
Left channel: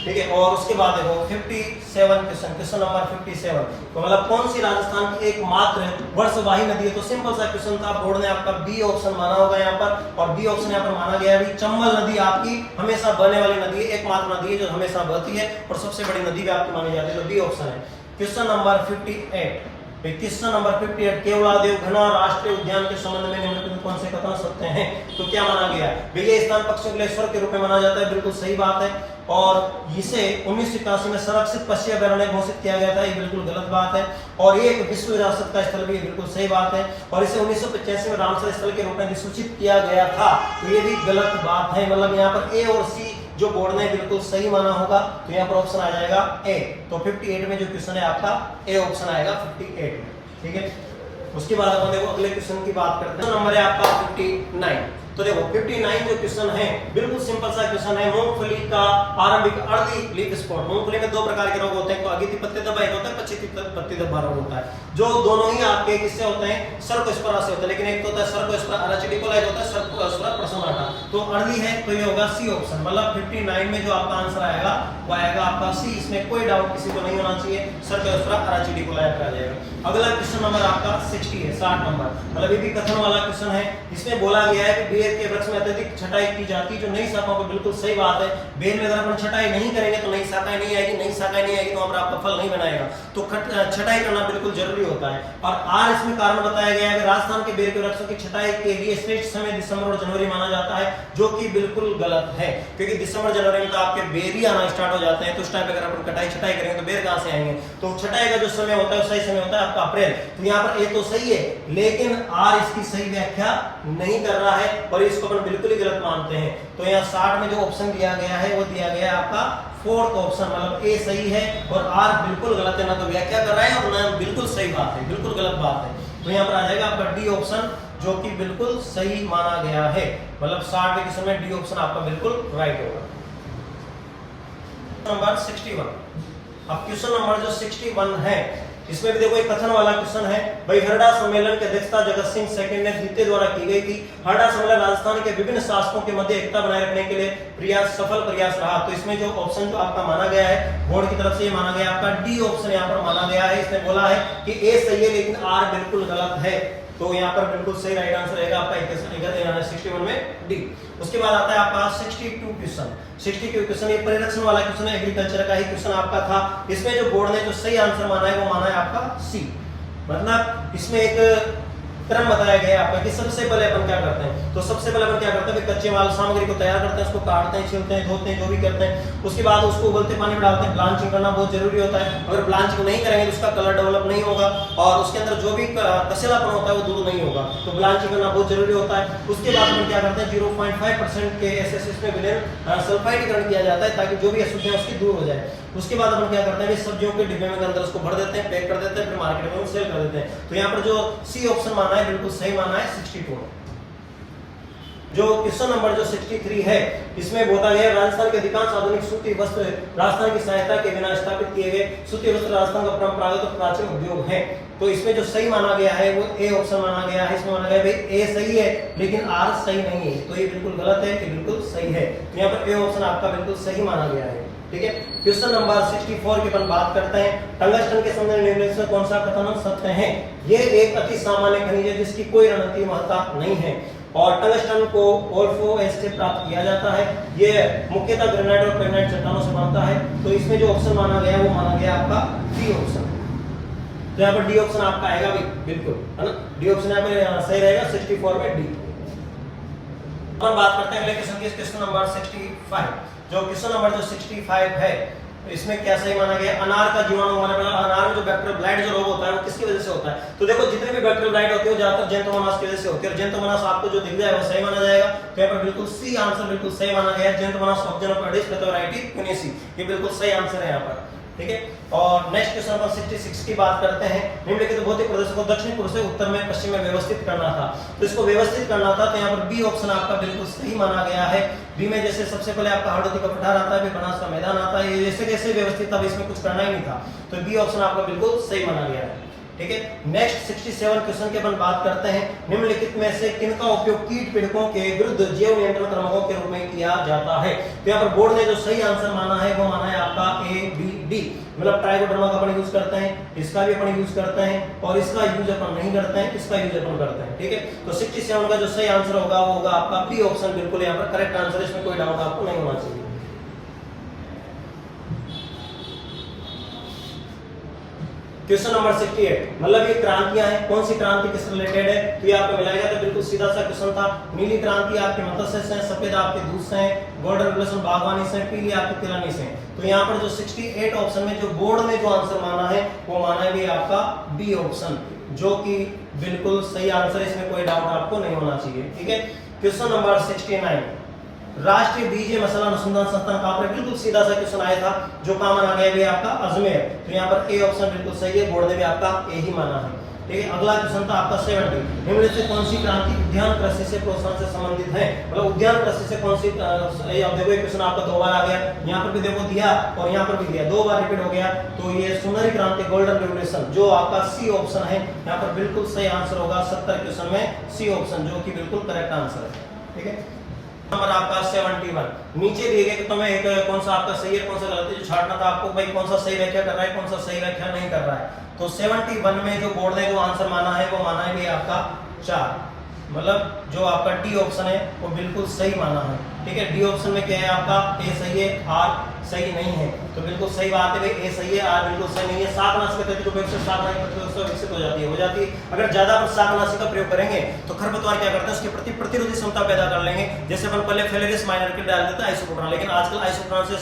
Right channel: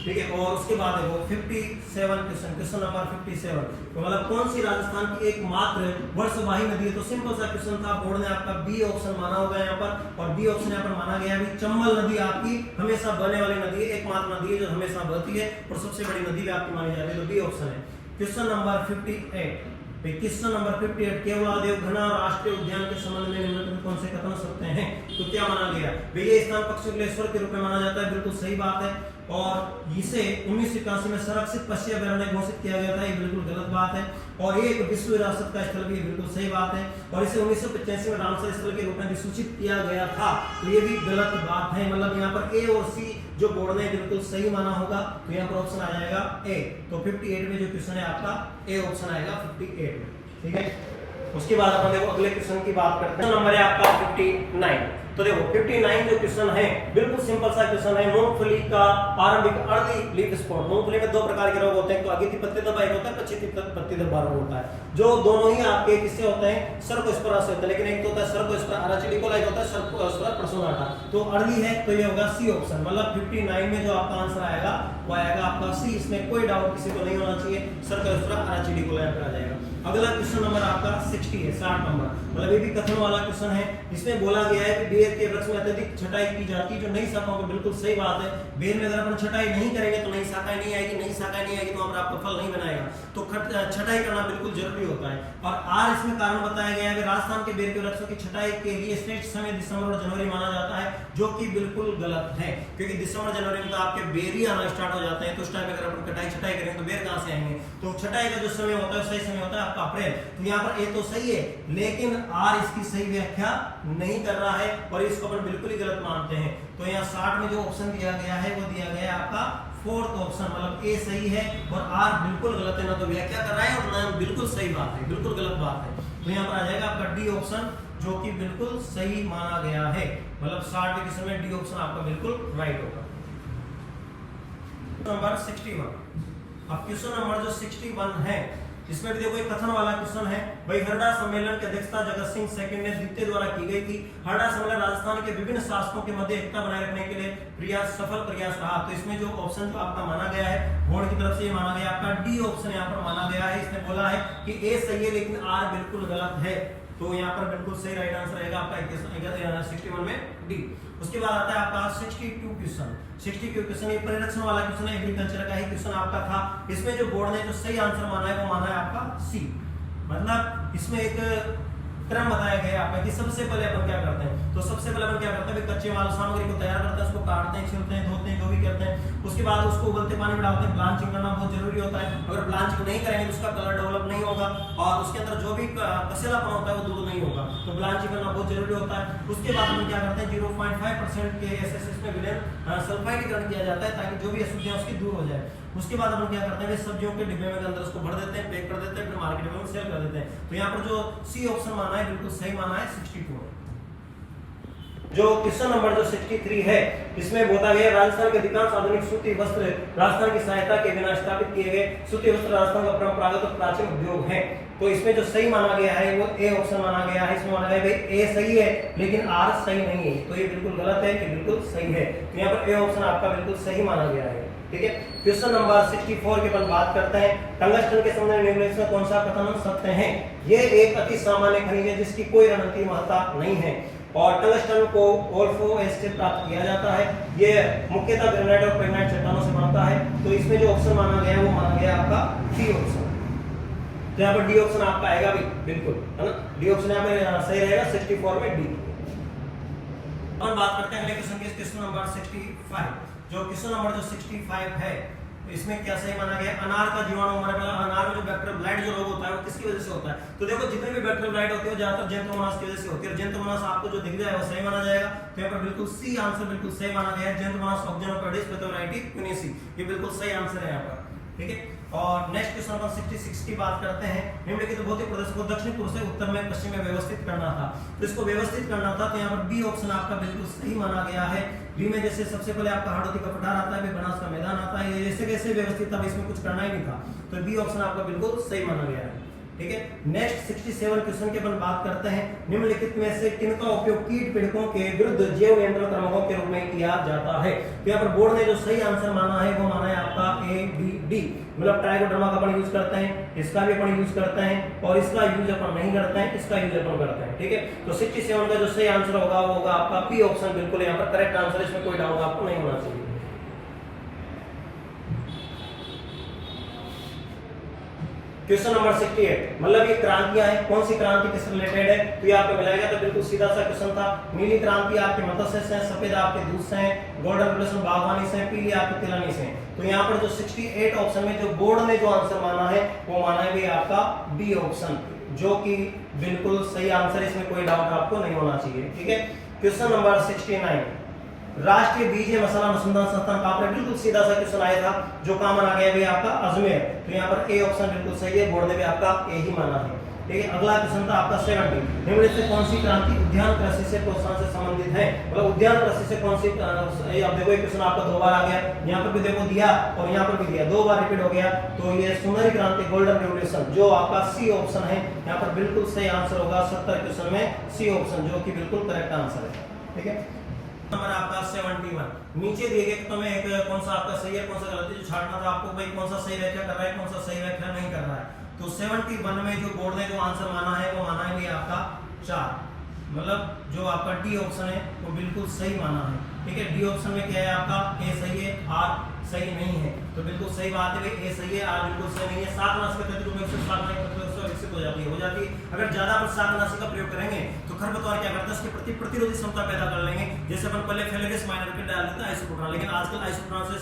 ठीक है, और उसके बाद देखो 57 क्वेश्चन नंबर 57। तो मतलब कौन सी राजस्थान की एकमात्र वर्षवाही नदी है? तो सिंपल सा क्वेश्चन था। बोर्ड ने आपका बी ऑप्शन माना होगा यहाँ पर, और बी ऑप्शन यहाँ पर माना गया है। चंबल नदी आपकी हमेशा बहने वाली नदी है, एकमात्र नदी है जो हमेशा बहती है और सबसे बड़ी नदी भी आपकी मानी जाती है। तो बी ऑप्शन है। Question number 58 question number 58 Keoladeo घना राष्ट्रीय उद्यान के संबंध में निम्नलिखित में कौन से कथन सत्य हैं? तो क्या माना गया? भैया स्थान पक्षियों के लिए स्वर्ग के रूप में माना जाता है, बिल्कुल सही बात है। और इसे 1981 में संरक्षित पक्षी अभयारण्य घोषित किया गया था, ये बिल्कुल गलत बात है। और ये एक विश्व विरासत का स्थल भी है, बिल्कुल सही बात है। और इसे 1985 में रामसर स्थल के रूप में अधिसूचित किया गया था, तो ये भी गलत बात है। मतलब यहाँ पर ए और सी जो बोर्ड ने बिल्कुल सही माना होगा, तो यहाँ पर ऑप्शन आ जाएगा ए। तो 58 में जो क्वेश्चन है आपका ए ऑप्शन आएगा 58 में। ठीक है, उसके बाद अपन देखो अगले क्वेश्चन की बात करते हैं। नंबर है आपका 59। तो देखो 59 जो क्वेश्चन है बिल्कुल सिंपल सा क्वेश्चन है। मूंगफली का आरंभिक अर्ली लीफ स्पॉट। मूंगफली में दो प्रकार के रोग होते हैं, अगिति पत्ती धब्बा एक होता है, पछिती पत्ती धब्बा रोग होता है, जो दोनों ही आपके किससे होते हैं? सर्कोस्पोरा से होते हैं। लेकिन एक तो होता है सर्कोस्पोरा अराचिडिकोला, एक होता है सर्कोस्पोरा पर्सोनाटा। तो अर्ली है तो ये होगा सी ऑप्शन। मतलब 59 में जो आपका आंसर आएगा वो आएगा आपका सी। इसमें कोई डाउट किसी को नहीं होना चाहिए, सर्कोस्पोरा अराचिडिकोला आ जाएगा। अगला क्वेश्चन नंबर आपका 60 है, 60 नंबर। मतलब ये भी कथन वाला क्वेश्चन है। इसमें बोला गया है कि बेर के वृक्ष में अत्यधिक छटाई की जाती है, जो नई शाखाओं को बिल्कुल सही बात है। बेर में अगर अपन छटाई नहीं करेंगे तो नई शाखाएं नहीं आएगी, नई शाखाएं नहीं आएगी तो पर आपका फल नहीं बनाएगा। तो छटाई करना बिल्कुल जरूरी होता है। और आर इसमें कारण बताया गया है कि राजस्थान के बेर के वृक्षों की छटाई के लिए श्रेष्ठ समय दिसंबर और जनवरी माना जाता है, जो कि बिल्कुल गलत है। क्योंकि दिसंबर जनवरी में तो आपके बेर ही आना स्टार्ट हो जाते हैं, तो उस टाइम पे अगर अपन कटाई छटाई करेंगे तो बेर कहां से आएंगे? तो छटाई का जो समय होता है सही समय होता है आपका अप्रैल। तो यहाँ पर ए तो सही है, लेकिन आर इसकी सही व्याख्या नहीं कर रहा है और इसको अपन बिल्कुल ही गलत मानते हैं। तो यहाँ 60 में जो ऑप्शन दिया गया है वो दिया गया है आपका फोर्थ ऑप्शन। मतलब ए सही है और आर बिल्कुल गलत है, ना तो व्याख्या कर रहा है और ना बिल्कुल सही बात है, बिल्कुल गलत बात है। तो यहाँ पर आ जाएगा आपका डी ऑप्शन, जो कि बिल्कुल सही माना गया है। मतलब 60 के क्वेश्चन में डी ऑप्शन आपका बिल्कुल राइट होगा। नंबर 61। अब क्वेश्चन नंबर जो 61 है इसमें भी देखो एक कथन वाला क्वेश्चन है। भाई हरडा सम्मेलन की अध्यक्षता जगत सिंह सेकंड ने द्वितीय द्वारा की गई थी। हरडा सम्मेलन राजस्थान के विभिन्न शासकों के मध्य एकता बनाए रखने के लिए सफल प्रयास रहा। तो इसमें जो ऑप्शन जो आपका माना गया है बोर्ड की तरफ से ये माना गया आपका डी ऑप्शन यहाँ पर माना गया है। इसने बोला है कि ए सही है लेकिन आर बिल्कुल गलत है। तो यहाँ पर बिल्कुल सही राइट आंसर रहेगा आपका 61 में डी। उसके बाद आता है आपका 62 क्वेश्चन। 62 क्वेश्चन ये परिरक्षण वाला क्वेश्चन है, एग्रीकल्चर का ही क्वेश्चन आपका था। इसमें जो बोर्ड ने जो सही आंसर माना है वो माना है आपका सी। मतलब इसमें एक क्रम बताया गया है आपका कि सबसे पहले अपन क्या करते हैं, तो सबसे पहले अपन क्या करते हैं, कच्चे माल सामग्री को तैयार करते हैं, उसको काटते हैं, छीलते हैं, धोते हैं, जो भी करते हैं। उसके बाद उसको उबलते पानी में डालते हैं, ब्लांचिंग करना बहुत जरूरी होता है। अगर ब्लांचिंग नहीं करेंगे तो उसका कलर डेवलप नहीं होगा और उसके अंदर जो भी कसेलापन होता है वो दूर नहीं होगा, तो ब्लांचिंग करना बहुत जरूरी होता है। उसके बाद हम क्या करते हैं, 0.5% के एसएसएस में विलेन सल्फाइडीकरण किया जाता है ताकि जो भी अशुद्धियां उसकी दूर हो जाए। उसके बाद अपन क्या करते हैं, सब्जियों के डिब्बे में अंदर उसको भर देते हैं, पैक कर देते हैं, फिर मार्केट में सेल कर देते हैं। तो यहाँ पर जो सी ऑप्शन माना है बिल्कुल सही माना है 62। जो क्वेश्चन नंबर जो 63 है, इसमें बोला गया राजस्थान के अधिकांश आधुनिक सूती वस्त्र राजस्थान की सहायता के बिना स्थापित किए गए सूती वस्त्र राजस्थान का परंपरागत और प्राचीन उद्योग है। तो इसमें जो सही माना गया है वो ए ऑप्शन माना गया है। इसमें माना गया भाई ए सही है लेकिन आर सही नहीं है, तो ये बिल्कुल गलत है कि बिल्कुल सही है। तो यहाँ पर ए ऑप्शन आपका बिल्कुल सही माना गया है। ठीक है, क्वेश्चन नंबर 64 की अपन बात करते हैं। टंगस्टन के संबंध में निम्नलिखित में कौन सा कथन सत्य है? ये एक अति सामान्य खनिज है जिसकी कोई रणनीतिक महत्ता नहीं है और टंगस्टन को ओल्फोएस से प्राप्त किया जाता है। ये मुख्यतः ग्रेनाइट और पेग्नाइट चट्टानों से बनता है। तो इसमें जो ऑप्शन माना गया वो माना गया आपका डी ऑप्शन। तो यहाँ पर डी ऑप्शन आपका आएगा भी बिल्कुल, है ना, डी ऑप्शन यहाँ पे सही रहेगा 64 में डी। अपन बात करते हैं अगले क्वेश्चन की, क्वेश्चन नंबर 65। जो क्वेश्चन नंबर जो 65 है इसमें क्या सही माना गया, अनार का जीवाणु माना गया। अनार में जो बैक्टीरियल ब्लाइट जो रोग होता है वो किसकी वजह से होता है? तो देखो जितनी भी बैक्टीरियल ब्लाइट होती है ज्यादातर जेंटोमोनास की वजह से होती है और जेंटोमोनास आपको जो दिख जाए वो सही माना जाएगा। तो यहाँ पर बिल्कुल सी आंसर बिल्कुल सही माना गया है, जेंटोमोनास ऑक्जेनोपोडिस पेथोराइटिस क्यूनेसी, ये बिल्कुल सही आंसर है यहाँ पर। ठीक है, और नेक्स्ट क्वेश्चन पर 66 की बात करते हैं। निम्नलिखित भौतिक प्रदेशों को दक्षिण पूर्व से उत्तर में पश्चिम में व्यवस्थित करना था। तो इसको व्यवस्थित करना था तो यहाँ पर बी ऑप्शन आपका बिल्कुल सही माना गया है। बी में जैसे सबसे पहले आपका हाड़ौती का पठार आता है, फिर बनास का मैदान आता है, ये जैसे जैसे व्यवस्थित था इसमें कुछ करना ही नहीं था। तो बी ऑप्शन आपका बिल्कुल सही माना गया है। ठीक है, नेक्स्ट 67 क्वेश्चन की अपन बात करते हैं। निम्नलिखित में से किनका उपयोग कीट पीड़कों के विरुद्ध जैव नियंत्रण कर्मकों के रूप में किया जाता है? तो यहाँ पर बोर्ड ने जो सही आंसर माना है वो माना है आपका ए बी डी। मतलब ट्राइकोडर्मा का अपन यूज करते हैं, इसका भी अपन यूज करते हैं और इसका यूज अपन नहीं करते हैं, इसका यूज अपन करते हैं। ठीक है, तो 67 का जो सही आंसर होगा वो होगा आपका बी ऑप्शन, बिल्कुल यहाँ पर करेक्ट आंसर, इसमें कोई डाउट आपको नहीं होना चाहिए। क्वेश्चन नंबर 68, मतलब ये क्रांतियां हैं, कौन सी क्रांति किससे रिलेटेड है? तो ये आपको मिलेगा, तो बिल्कुल सीधा सा क्वेश्चन था। नीली क्रांति आपके मत्स्य से, सफेद आपके दूध से, गोल्डन रेवोल्यूशन बागवानी से, पीली आपके तिलहनी से। तो यहाँ पर जो 68 ऑप्शन में जो बोर्ड ने जो आंसर माना है वो माना है भी आपका डी ऑप्शन, जो कि बिल्कुल सही आंसर, इसमें कोई डाउट आपको नहीं होना चाहिए। ठीक है, क्वेश्चन नंबर 69, राष्ट्रीय बीज मसाला अनुसंधान संस्थान कहाँ पर? बिल्कुल सीधा सा क्वेश्चन आया था, जो कहाँ माना गया भी आपका अजमेर। तो यहाँ पर ए ऑप्शन बिल्कुल सही है, बोर्ड ने भी आपका ए ही माना है। ठीक है, अगला क्वेश्चन था आपका 70, निम्नलिखित से कौन सी क्रांति उद्यान कृषि से प्रोत्साहन से संबंधित है? मतलब उद्यान कृषि से कौन सी, अब देखो ये क्वेश्चन आपका दो बार आ गया, यहाँ पर भी देखो दिया और यहाँ पर भी दिया, दो बार रिपीट हो गया। तो ये सुनहरी क्रांति, गोल्डन रेवोल्यूशन, जो आपका सी ऑप्शन है यहाँ पर बिल्कुल सही आंसर होगा 70 क्वेश्चन में सी ऑप्शन, जो कि बिल्कुल करेक्ट आंसर है। ठीक है, नंबर आपका 71, नीचे दिए गए तो मैं एक कौन सा आपका सही है कौन सा गलत है जो छांटना था आपको, भाई कौन सा सही व्याख्या कर रहा है, कौन सा सही व्याख्या नहीं कर रहा है। तो 71 में जो बोर्ड ने जो आंसर माना है वो माना है भी आपका 4, मतलब जो आपका डी ऑप्शन है वो बिल्कुल सही माना है। ठीक है, डी ऑप्शन में क्या है आपका ए सही है, आर सही नहीं है। तो बिल्कुल सही बात है भाई, ए सही है, आर बिल्कुल सही नहीं है। शाकनाशी का उपयोग से शाकनाशी विकसित हो जाती है। अगर ज्यादा पर शाकनाशी का प्रयोग करेंगे तो खरपतवार क्या करते हैं, उसके प्रति प्रतिरोधी क्षमता पैदा कर लेंगे। जैसे अपन पहले फेलेरिस माइनर के डाल देते हैं आइसोप्रोटान, लेकिन आजकल आइसोप्रोटान से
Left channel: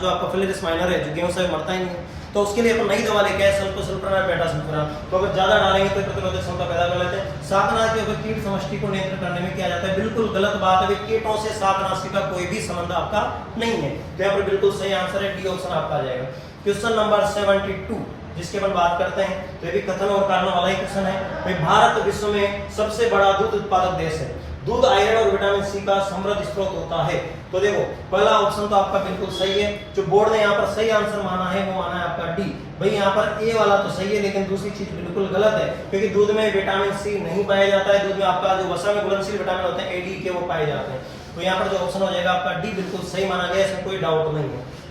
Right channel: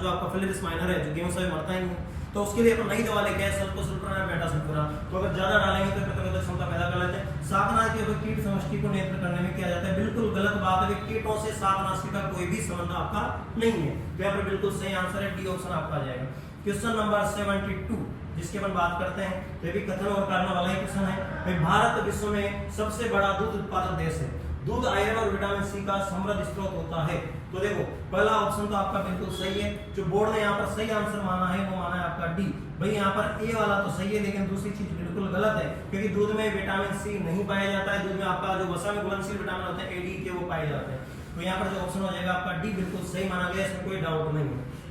जो आपका फेलेरिस माइनर है जो गेहूं से मरता ही नहीं है, तो उसके लिए अपन नई दवा लेके आए सल्फोसल्फोनाल मेटासल्फोनाल। तो अगर ज्यादा डालेंगे तो प्रतिरोधक क्षमता पैदा कर लेते हैं। शाकनाशी के कीट समष्टि को नियंत्रण करने में किया जाता है, बिल्कुल गलत बात है। कीटों से शाकनाशी का कोई भी संबंध आपका नहीं है। तो यहाँ पर बिल्कुल सही आंसर है, डी ऑप्शन आपका आ जाएगा। क्वेश्चन नंबर 72 जिसके अपन बात करते हैं, तो ये भी कथन और कारण वाला ही क्वेश्चन है। भारत विश्व में सबसे बड़ा दूध उत्पादक देश है। दूध आयरन और विटामिन सी का समृद्ध स्रोत होता है। तो देखो पहला ऑप्शन तो आपका बिल्कुल सही है, जो बोर्ड ने यहाँ पर सही आंसर माना है वो माना है आपका डी। भाई यहाँ पर ए वाला तो सही है, लेकिन दूसरी चीज बिल्कुल गलत है, क्योंकि दूध में विटामिन सी नहीं पाया जाता है। दूध में आपका जो वसा में घुलनशील विटामिन होते हैं ए डी के, वो पाए जाते हैं। तो यहाँ पर जो ऑप्शन हो जाएगा आपका डी बिल्कुल सही माना गया, इसमें कोई डाउट नहीं है।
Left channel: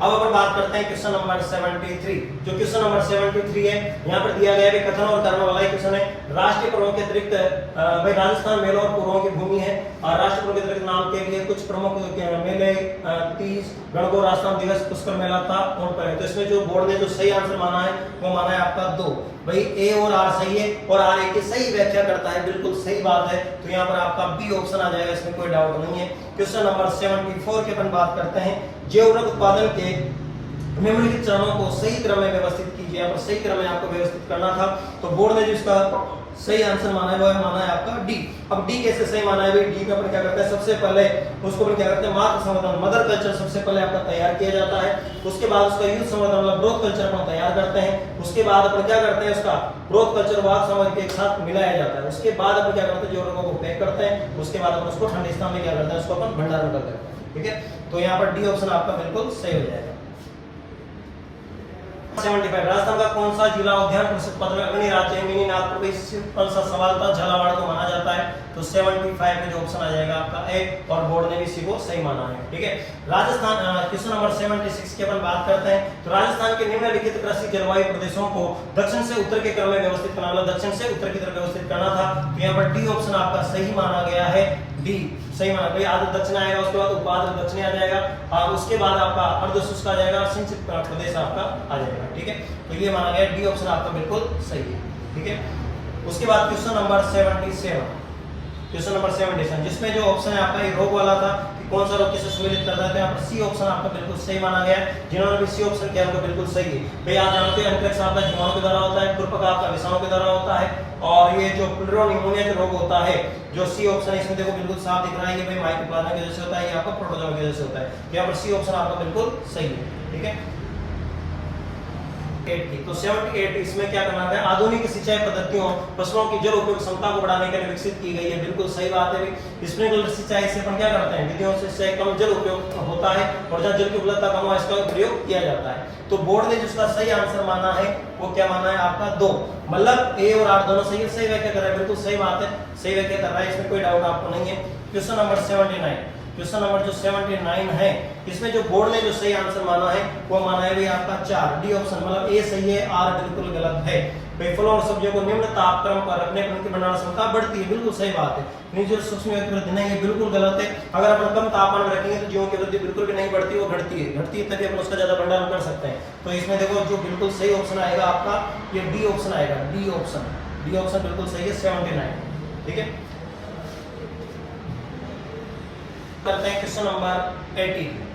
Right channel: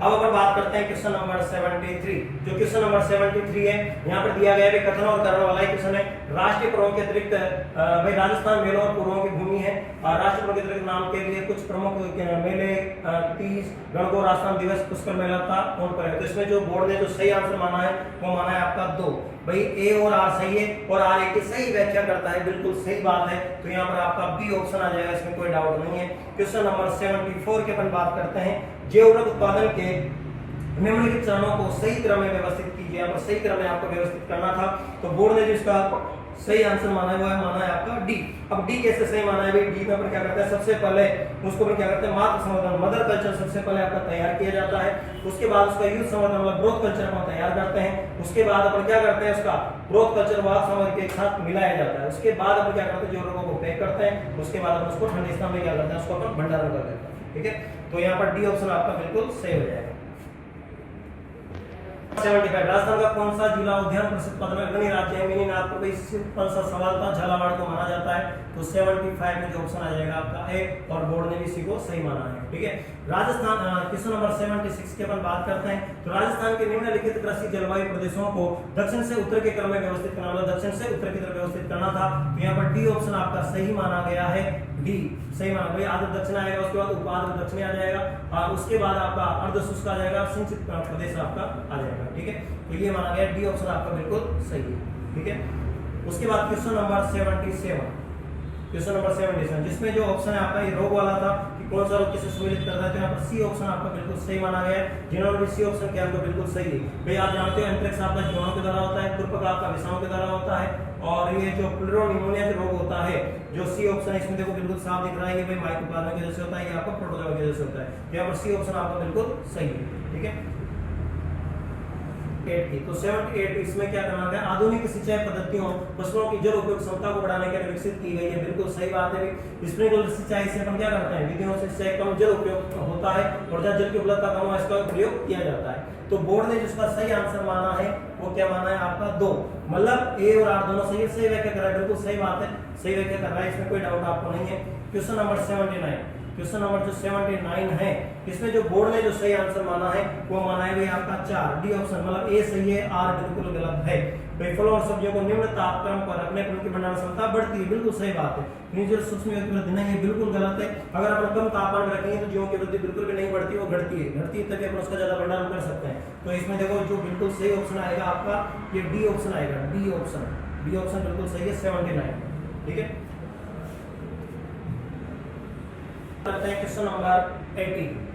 अब अपन बात करते हैं क्वेश्चन नंबर 73। जो क्वेश्चन नंबर 73 है, यहाँ पर दिया गया है कथन और कर्म वाला क्वेश्चन है। राष्ट्रीय पर्वों के अतिरिक्त भाई राजस्थान मेलों और पूर्वों की भूमि है, और राष्ट्रीय पर्वों के अतिरिक्त नाम के लिए कुछ प्रमुख मेले 30 गणगौर राष्ट्रनाम दिवस पुष्कर मेला था कौन पर है? तो इसमें जो बोर्ड ने जो सही आंसर माना है वो माना है आपका 2। भाई ए और आर सही है और आर ए की सही व्याख्या करता है, बिल्कुल सही बात है। तो यहाँ पर आपका बी ऑप्शन आ जाएगा, इसमें कोई डाउट नहीं है। क्वेश्चन नंबर 74 की अपन बात करते हैं। जैव ऊर्वक उत्पादन के निम्नलिखित चरणों को सही क्रम में व्यवस्थित कीजिए। यहाँ पर सही क्रम में आपको व्यवस्थित करना था, तो बोर्ड ने जिसका सही आंसर माना है वो माना है आपका डी। अब डी कैसे सही माना है? भाई डी में अपन क्या करते हैं, सबसे पहले उसको अपन क्या करते हैं, मातृ संवर्धन मदर कल्चर सबसे पहले आपका तैयार किया जाता है। उसके बाद उसका यूथ संवर्धन मतलब ग्रोथ कल्चर अपन तैयार करते हैं। उसके बाद अपन क्या करते हैं, उसका ग्रोथ कल्चर वाद संवर्धन के साथ मिलाया जाता है। उसके बाद अपन क्या करते हैं, जो रोगों को पैक करते हैं। उसके बाद अपन उसको ठंडे स्थान में क्या करते हैं, उसको अपन भंडारण करते हैं। ठीक है, तो यहाँ पर डी ऑप्शन आपका बिल्कुल सही हो जाएगा। 75 राजस्थान का कौन सा जिला उद्यान परिषद पत्र अग्नि राज्य है? मिनी नागपुर में कौन सा सवाल था, झालावाड़ को माना जाता है। तो 75 में जो ऑप्शन आ जाएगा आपका ए, और बोर्ड ने भी इसी को सही माना है। ठीक है, राजस्थान क्वेश्चन नंबर 76 की अपन बात करते हैं। तो राजस्थान के निम्नलिखित कृषि जलवायु प्रदेशों को दक्षिण से उत्तर के क्रम में व्यवस्थित करना, मतलब दक्षिण से उत्तर की तरफ व्यवस्थित करना था। तो यहाँ पर डी ऑप्शन आपका सही माना गया है, डी सही माना। भाई आधा दक्षिण आएगा, उसके बाद उपाध दक्षिण आ जाएगा, और उसके बाद आपका अर्धशुष्क आ जाएगा, सिंचित प्रदेश आपका आ जाएगा। ठीक है, तो ये माना गया, डी ऑप्शन आपका बिल्कुल सही है। ठीक है, उसके बाद क्वेश्चन नंबर 77, क्वेश्चन नंबर 77 जिसमें जो ऑप्शन है आपका ये रोग वाला था कि कौन सा रोग किसे सम्मिलित करता है। तो यहाँ पर सी ऑप्शन आपका बिल्कुल सही माना गया है। जिन्होंने भी सी ऑप्शन किया उनको बिल्कुल सही है। भाई आप जानते हैं एंथ्रेक्स आपका जीवाणु के द्वारा होता है, खुरपका आपका विषाणु के द्वारा होता है, और ये जो प्लूरोनिमोनिया जो रोग होता है, जो सी ऑप्शन है इसमें देखो बिल्कुल साफ दिख रहा है, ये भाई माइकोप्लाज्मा की वजह से होता है, ये आपका प्रोटोजोआ की वजह से होता है। तो यहाँ पर सी ऑप्शन आपका बिल्कुल सही है। ठीक है, तो 78 इसमें क्या करना है, आधुनिक सिंचाई पद्धतियों फसलों की जल उपयोग क्षमता को बढ़ाने के लिए विकसित की गई है। बिल्कुल सही बात है। स्प्रिंकलर सिंचाई से अपन क्या करते हैं, विधियों से सिंचाई कम जल उपयोग होता है, और जहाँ जल की उपलब्धता कम हो इसका प्रयोग किया जाता है। तो बोर्ड ने जिसका सही आंसर माना है वो क्या माना है आपका 2, मतलब ए और आर दोनों सही है, सही व्याख्या कर रहा है, बिल्कुल सही बात है, सही व्याख्या कर रहा है, इसमें कोई डाउट आपको नहीं है। क्वेश्चन नंबर 79, क्वेश्चन नंबर जो 79 है, इसमें जो बोर्ड ने जो सही आंसर माना है वो माना है भाई आपका 4, डी ऑप्शन, मतलब ए सही है, आर बिल्कुल गलत है। भाई फलों और सब्जियों को निम्न तापक्रम पर रखने पर उनकी भंडारण क्षमता बढ़ती है, बिल्कुल सही बात है। नीचे सूक्ष्म जीवों की वृद्धि नहीं, ये बिल्कुल गलत है। अगर अपन कम तापमान में रखेंगे तो जीवों की वृद्धि बिल्कुल भी नहीं बढ़ती, वो घटती है तभी अपन उसका ज्यादा भंडारण कर सकते हैं। तो इसमें देखो जो बिल्कुल सही ऑप्शन आएगा आपका ये डी ऑप्शन आएगा, डी ऑप्शन बिल्कुल सही है, 79। ठीक है, करते हैं क्वेश्चन नंबर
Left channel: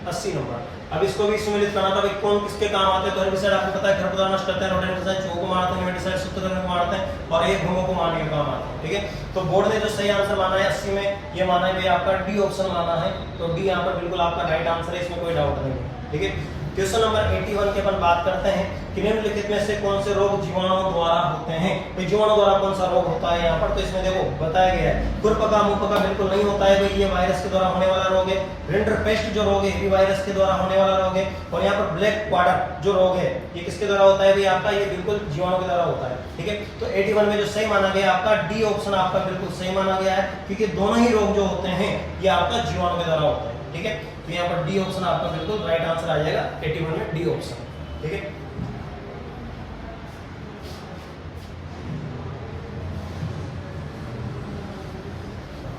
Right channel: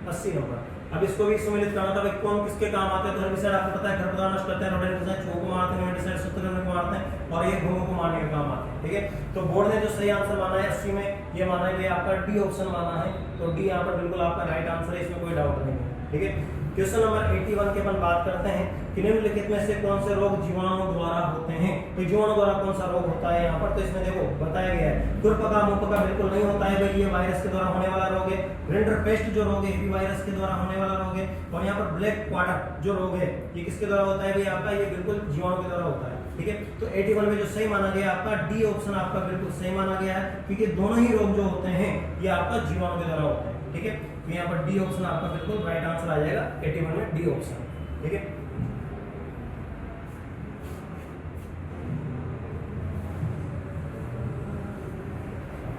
80 नंबर। अब इसको भी सम्मिलित करना था, भाई कौन किसके काम आते हैं। तो हेर्बिसाइड आपको पता है खरपतवार नष्ट करते हैं, रोडेंटिसाइड चूहों को मारते हैं, नेमेटिसाइड सूत्रकृमि को मारते हैं, और ये घुनों को मारने का काम आता है। ठीक है, तो बोर्ड ने जो सही आंसर माना है 80 में, ये माना है भाई आपका डी ऑप्शन माना है। तो डी यहाँ पर बिल्कुल आपका राइट आंसर है, इसमें कोई डाउट नहीं है। ठीक है, क्वेश्चन नंबर 81 की अपन बात करते हैं कि निम्नलिखित में से कौन से रोग जीवाणु द्वारा होते हैं। तो जीवाणु द्वारा कौन सा रोग होता है यहाँ पर, तो इसमें देखो बताया गया है, खुरपका मुंहपका बिल्कुल नहीं होता है भाई, ये वायरस के द्वारा होने वाला रोग है। रिंडरपेस्ट जो रोग है ये वायरस के द्वारा होने वाला रोग है। और यहाँ पर ब्लैक क्वाडर जो रोग है ये किसके द्वारा होता है भाई आपका, ये बिल्कुल जीवाणु के द्वारा होता है। ठीक है, तो 81 में जो सही माना गया आपका डी ऑप्शन आपका बिल्कुल सही माना गया है, क्योंकि दोनों ही रोग जो होते हैं ये आपका जीवाणु के द्वारा होता है। ठीक है, तो यहाँ पर डी ऑप्शन आपका बिल्कुल राइट आंसर आ जाएगा 81 में, डी ऑप्शन। ठीक है,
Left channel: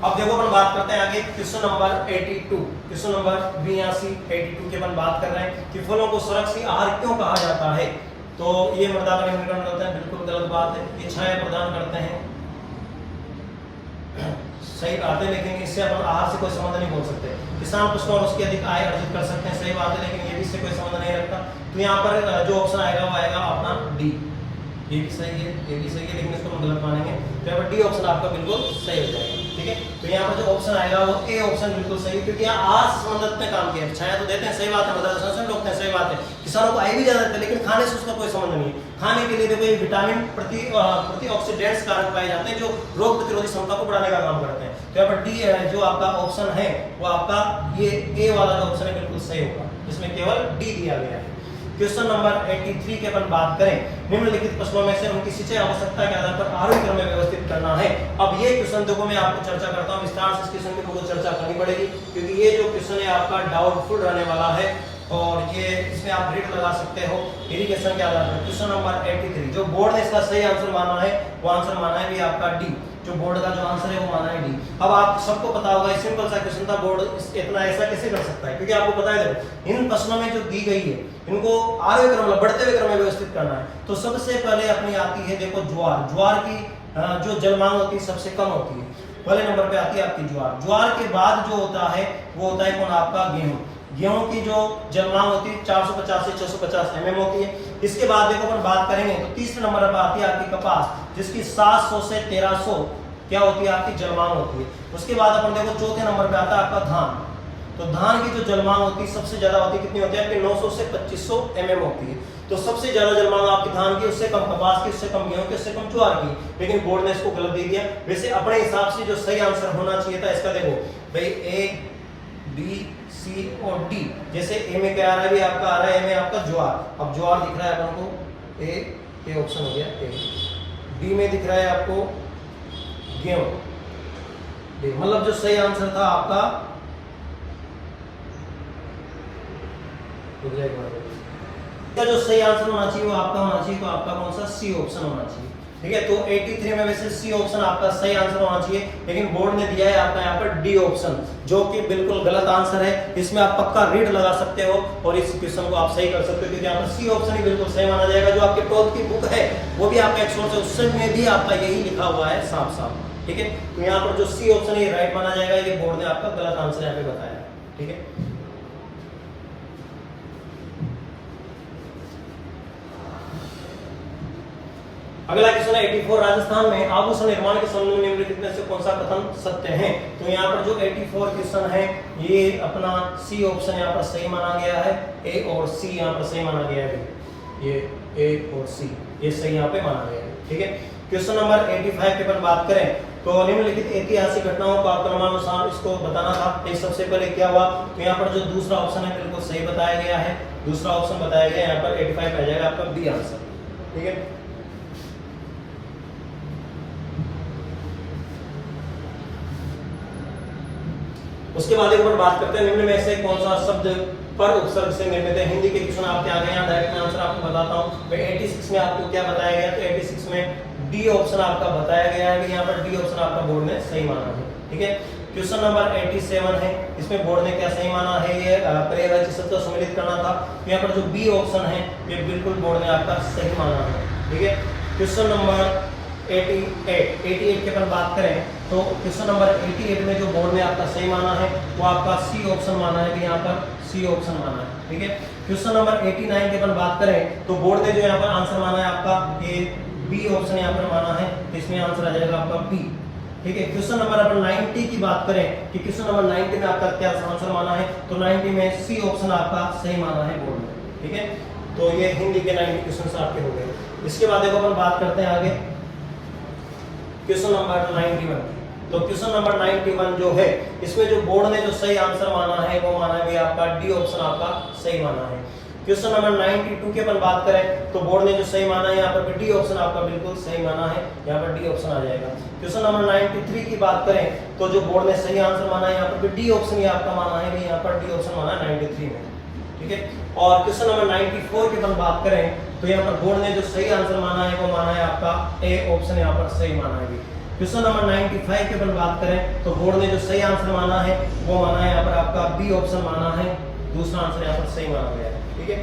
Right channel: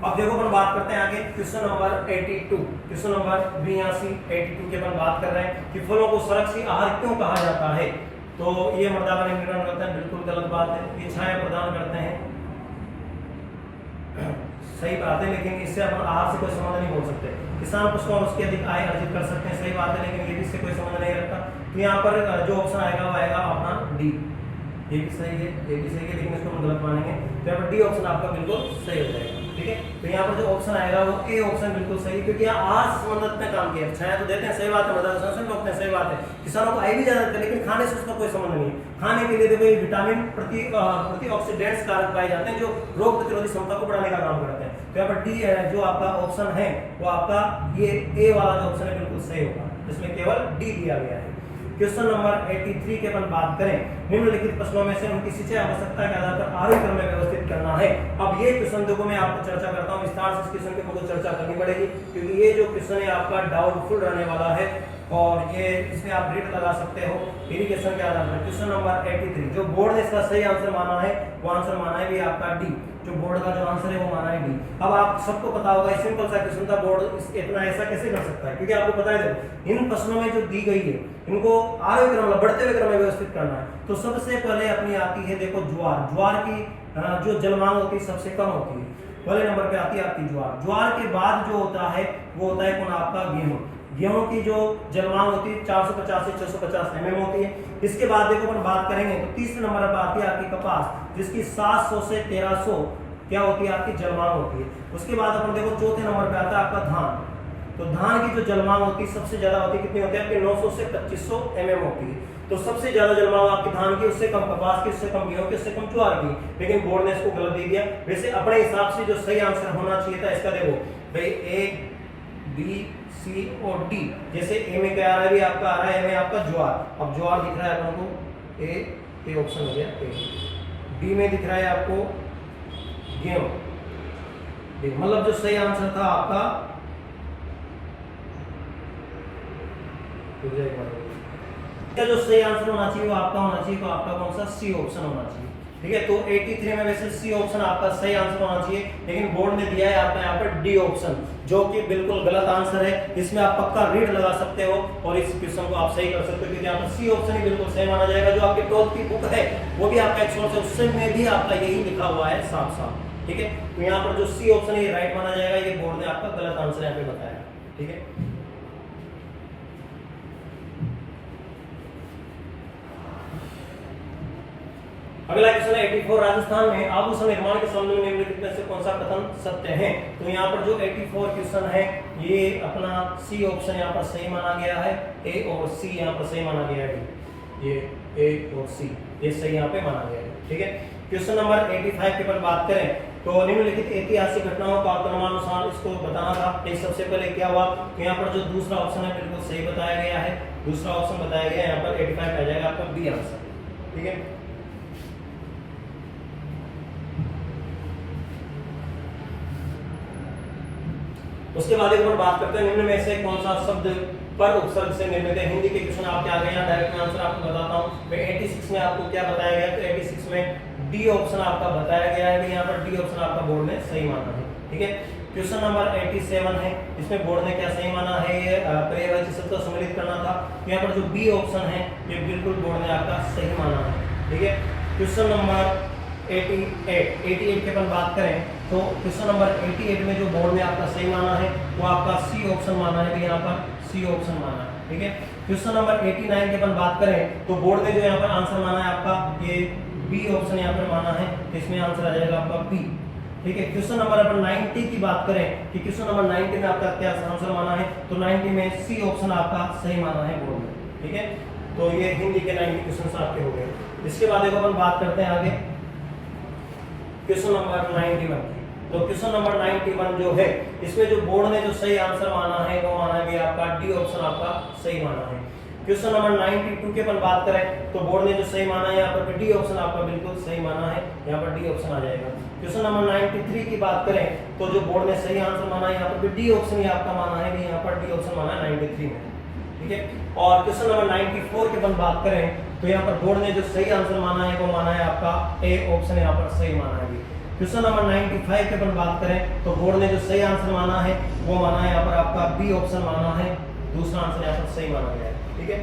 अब देखो अपन बात करते हैं आगे क्वेश्चन नंबर 82, क्वेश्चन नंबर 82 की अपन बात कर रहे हैं कि फलों को सुरक्षित आहार क्यों कहा जाता है। तो ये मृदा का निर्माण होता है, बिल्कुल गलत बात है। ये छाया प्रदान करते हैं, सही बात है, लेकिन इससे अपन आहार से कोई संबंध नहीं बोल सकते। किसान पशु और उसकी अधिक आय अर्जित कर सकते हैं, सही बात है, लेकिन ये भी इससे कोई संबंध नहीं रखता। तो यहाँ पर जो ऑप्शन आएगा वो आएगा अपना डी, ये भी सही है, ये भी सही है, लेकिन इसको हम गलत मानेंगे। तो यहाँ पर डी ऑप्शन आपका बिल्कुल सही हो जाएगा। ठीक है, तो यहाँ पर जो ऑप्शन आएगा वो ए ऑप्शन बिल्कुल सही, क्योंकि यहाँ आहार संबंधित ने काम किया। छाया तो देते हैं, सही बात है, मृदा संरक्षण रोकते हैं, सही बात है, किसानों को आय भी ज्यादा देते हैं, लेकिन खाने से उसका कोई संबंध नहीं है। खाने के लिए देखो ये विटामिन प्रतिऑक्सीडेंट्स कारक पाए जाते हैं जो रोग प्रतिरोधी क्षमता को बढ़ाने का काम करते हैं। तो यहाँ पर डी जो आपका ऑप्शन है वो आपका ये ए वाला जो ऑप्शन है बिल्कुल सही होगा, जिसमें केवल डी दिया गया है। क्वेश्चन नंबर 83 की अपन बात करें, निम्नलिखित फसलों में से उनकी सिंचाई आवश्यकता के आधार पर आरोही क्रम में व्यवस्थित करना है। अब ये क्वेश्चन देखो मैं आपको चर्चा करता हूं विस्तार से, इस क्वेश्चन की मुझे चर्चा करनी पड़ेगी, क्योंकि ये जो क्वेश्चन है आपका डाउटफुल रहने वाला है। और ये इसमें आप ग्रिड लगा सकते हो इरिगेशन के आधार पर। क्वेश्चन नंबर 83 जो बोर्ड ने इसका सही आंसर माना है वो आंसर माना है भी आपका डी। जो बोर्ड का जो आंसर है वो माना है डी। अब आप सबको पता होगा सिंपल सा क्वेश्चन था, बोर्ड इतना ऐसा कैसे कर सकता है, क्योंकि आपको पता है इन प्रश्नों में जो दी गई है इनको आगे क्रम बढ़ते हुए क्रम में व्यवस्थित करना है। तो सबसे पहले अपनी आती है देखो ज्वार। ज्वार की जो जलमांग होती है सबसे कम होती है, पहले नंबर पे आती है आपकी ज्वार। ज्वार के बाद जो होता है वो होता है कौन आपका गेहूं। गेहूं की जो जलमांग होती है 450 से 650 mm होती है। इसके बाद देखो अपन बात करेंगे तो तीसरे नंबर पर आती है आपकी कपास, जिसकी 700 से 1300 क्या होती है आपकी जलमांग होती है। उसके बाद अपन देखो चौथे नंबर पे आता है आपका धान। तो धान की जो जलमांग होती है सबसे ज्यादा होती है, कितनी होती है आपकी 900 से 2500 mm होती है। तो सबसे ज्यादा जलमांग आपकी धान की, उससे कम कपास की, उससे कम गेहूं की, उससे कम ज्वार की। लेकिन बोर्ड ने इसको गलत दे दिया। वैसे अपने हिसाब से जो सही आंसर होना चाहिए था इसका देखो भाई ए बी सी और डी। जैसे ए में क्या आ रहा है, आपका आ रहा है ए में आपका ज्वार। अब ज्वार दिख रहा है अपन को ए ऑप्शन हो गया ए। बी में दिख रहा है आपको गेहूं, मतलब जो सही आंसर था आपका जो सही आंसर होना चाहिए वो आपका होना चाहिए, तो आपका कौन सा सी ऑप्शन होना चाहिए। ठीक है, तो 83 में वैसे सी ऑप्शन आपका सही आंसर होना चाहिए, लेकिन बोर्ड ने दिया है आपका यहाँ पर डी ऑप्शन, जो कि बिल्कुल गलत आंसर है। इसमें आप पक्का रीड लगा सकते हो और इस क्वेश्चन को आप सही कर सकते हो, क्योंकि यहाँ पर सी ऑप्शन ही बिल्कुल सही माना जाएगा। जो आपके 12th की बुक है वो भी आपका 100 उसमें भी आपका यही लिखा हुआ है साफ साफ। ठीक है, तो यहाँ पर जो सी ऑप्शन है राइट माना जाएगा। ये बोर्ड ने आपका गलत आंसर यहाँ पे बताया। ठीक है, अगला क्वेश्चन है 84 राजस्थान में आभूषण निर्माण के संबंध में निम्नलिखित में से कौन सा कथन सत्य है। तो यहाँ पर जो 84 क्वेश्चन है ये अपना सी ऑप्शन यहाँ पर सही माना गया है, ए और सी यहाँ पर सही माना गया है। ये ए और सी ये सही यहाँ पे माना गया है। ठीक है, क्वेश्चन नंबर 85 के पर बात करें तो निम्नलिखित ऐतिहासिक घटनाओं को आपको क्रमानुसार इसको बताना था। एक सबसे पहले क्या हुआ, तो यहाँ पर जो दूसरा ऑप्शन है बिल्कुल सही बताया गया है। दूसरा ऑप्शन बताया गया यहाँ पर 85 आ जाएगा आपका बी आंसर। ठीक है, उसके बाद एक बार बात करते हैं निम्न में से कौन सा शब्द पर उपसर्ग से निर्मित है। हिंदी के क्वेश्चन आपके आ गए हैं, डायरेक्ट आंसर आपको बताता हूं। मैं 86 में आपको क्या बताया गया, तो 86 में डी ऑप्शन आपका बताया गया है। यहाँ पर डी ऑप्शन आपका बोर्ड ने सही माना है। ठीक है, क्वेश्चन नंबर 87 है, इसमें बोर्ड ने क्या सही माना है, ये पर्यायवाची शब्द का सम्मिलित करना था। यहाँ पर जो बी ऑप्शन है ये बिल्कुल बोर्ड ने आपका सही माना है। ठीक है, क्वेश्चन नंबर 88 की अपन बात करें तो क्वेश्चन नंबर 88 में जो बोर्ड ने आपका सही माना है वो आपका सी ऑप्शन माना है, यहाँ पर सी ऑप्शन माना है। ठीक है, क्वेश्चन नंबर 89 की अपन बात करें तो बोर्ड ने जो यहाँ पर आंसर माना है आपका ये बी ऑप्शन यहाँ पर माना है, इसमें आंसर आ जाएगा आपका बी। ठीक है, क्वेश्चन नंबर अपन 90 की बात करें कि क्वेश्चन नंबर 90 में आपका क्या आंसर माना है, तो 90 में सी ऑप्शन आपका सही माना है बोर्ड ने। ठीक है, तो ये हिंदी के 90 क्वेश्चन आपके हो गए। इसके बाद देखो अपन बात करते हैं आगे क्वेश्चन नंबर 91। तो क्वेश्चन नंबर 91 जो है इसमें जो बोर्ड ने जो सही आंसर माना है वो माना है आपका डी ऑप्शन आपका सही माना है। क्वेश्चन नंबर 92 की अपन बात करें तो बोर्ड ने जो सही माना है यहाँ पर डी ऑप्शन आपका बिल्कुल सही माना है, यहाँ पर डी ऑप्शन आ जाएगा। क्वेश्चन नंबर 93 की बात करें तो जो बोर्ड ने सही आंसर माना है यहाँ पर डी ऑप्शन ही आपका माना है, यहाँ पर डी ऑप्शन माना है 93 में। ठीक है, और क्वेश्चन नंबर 94 की अपन बात करें तो यहाँ पर बोर्ड ने जो सही आंसर माना है वो माना है आपका ए ऑप्शन यहाँ पर सही माना है। क्वेश्चन नंबर 95 की अपन बात करें तो बोर्ड ने जो सही आंसर माना है वो माना है यहाँ पर आपका बी ऑप्शन माना है, दूसरा आंसर यहाँ पर सही माना गया है। ठीक है,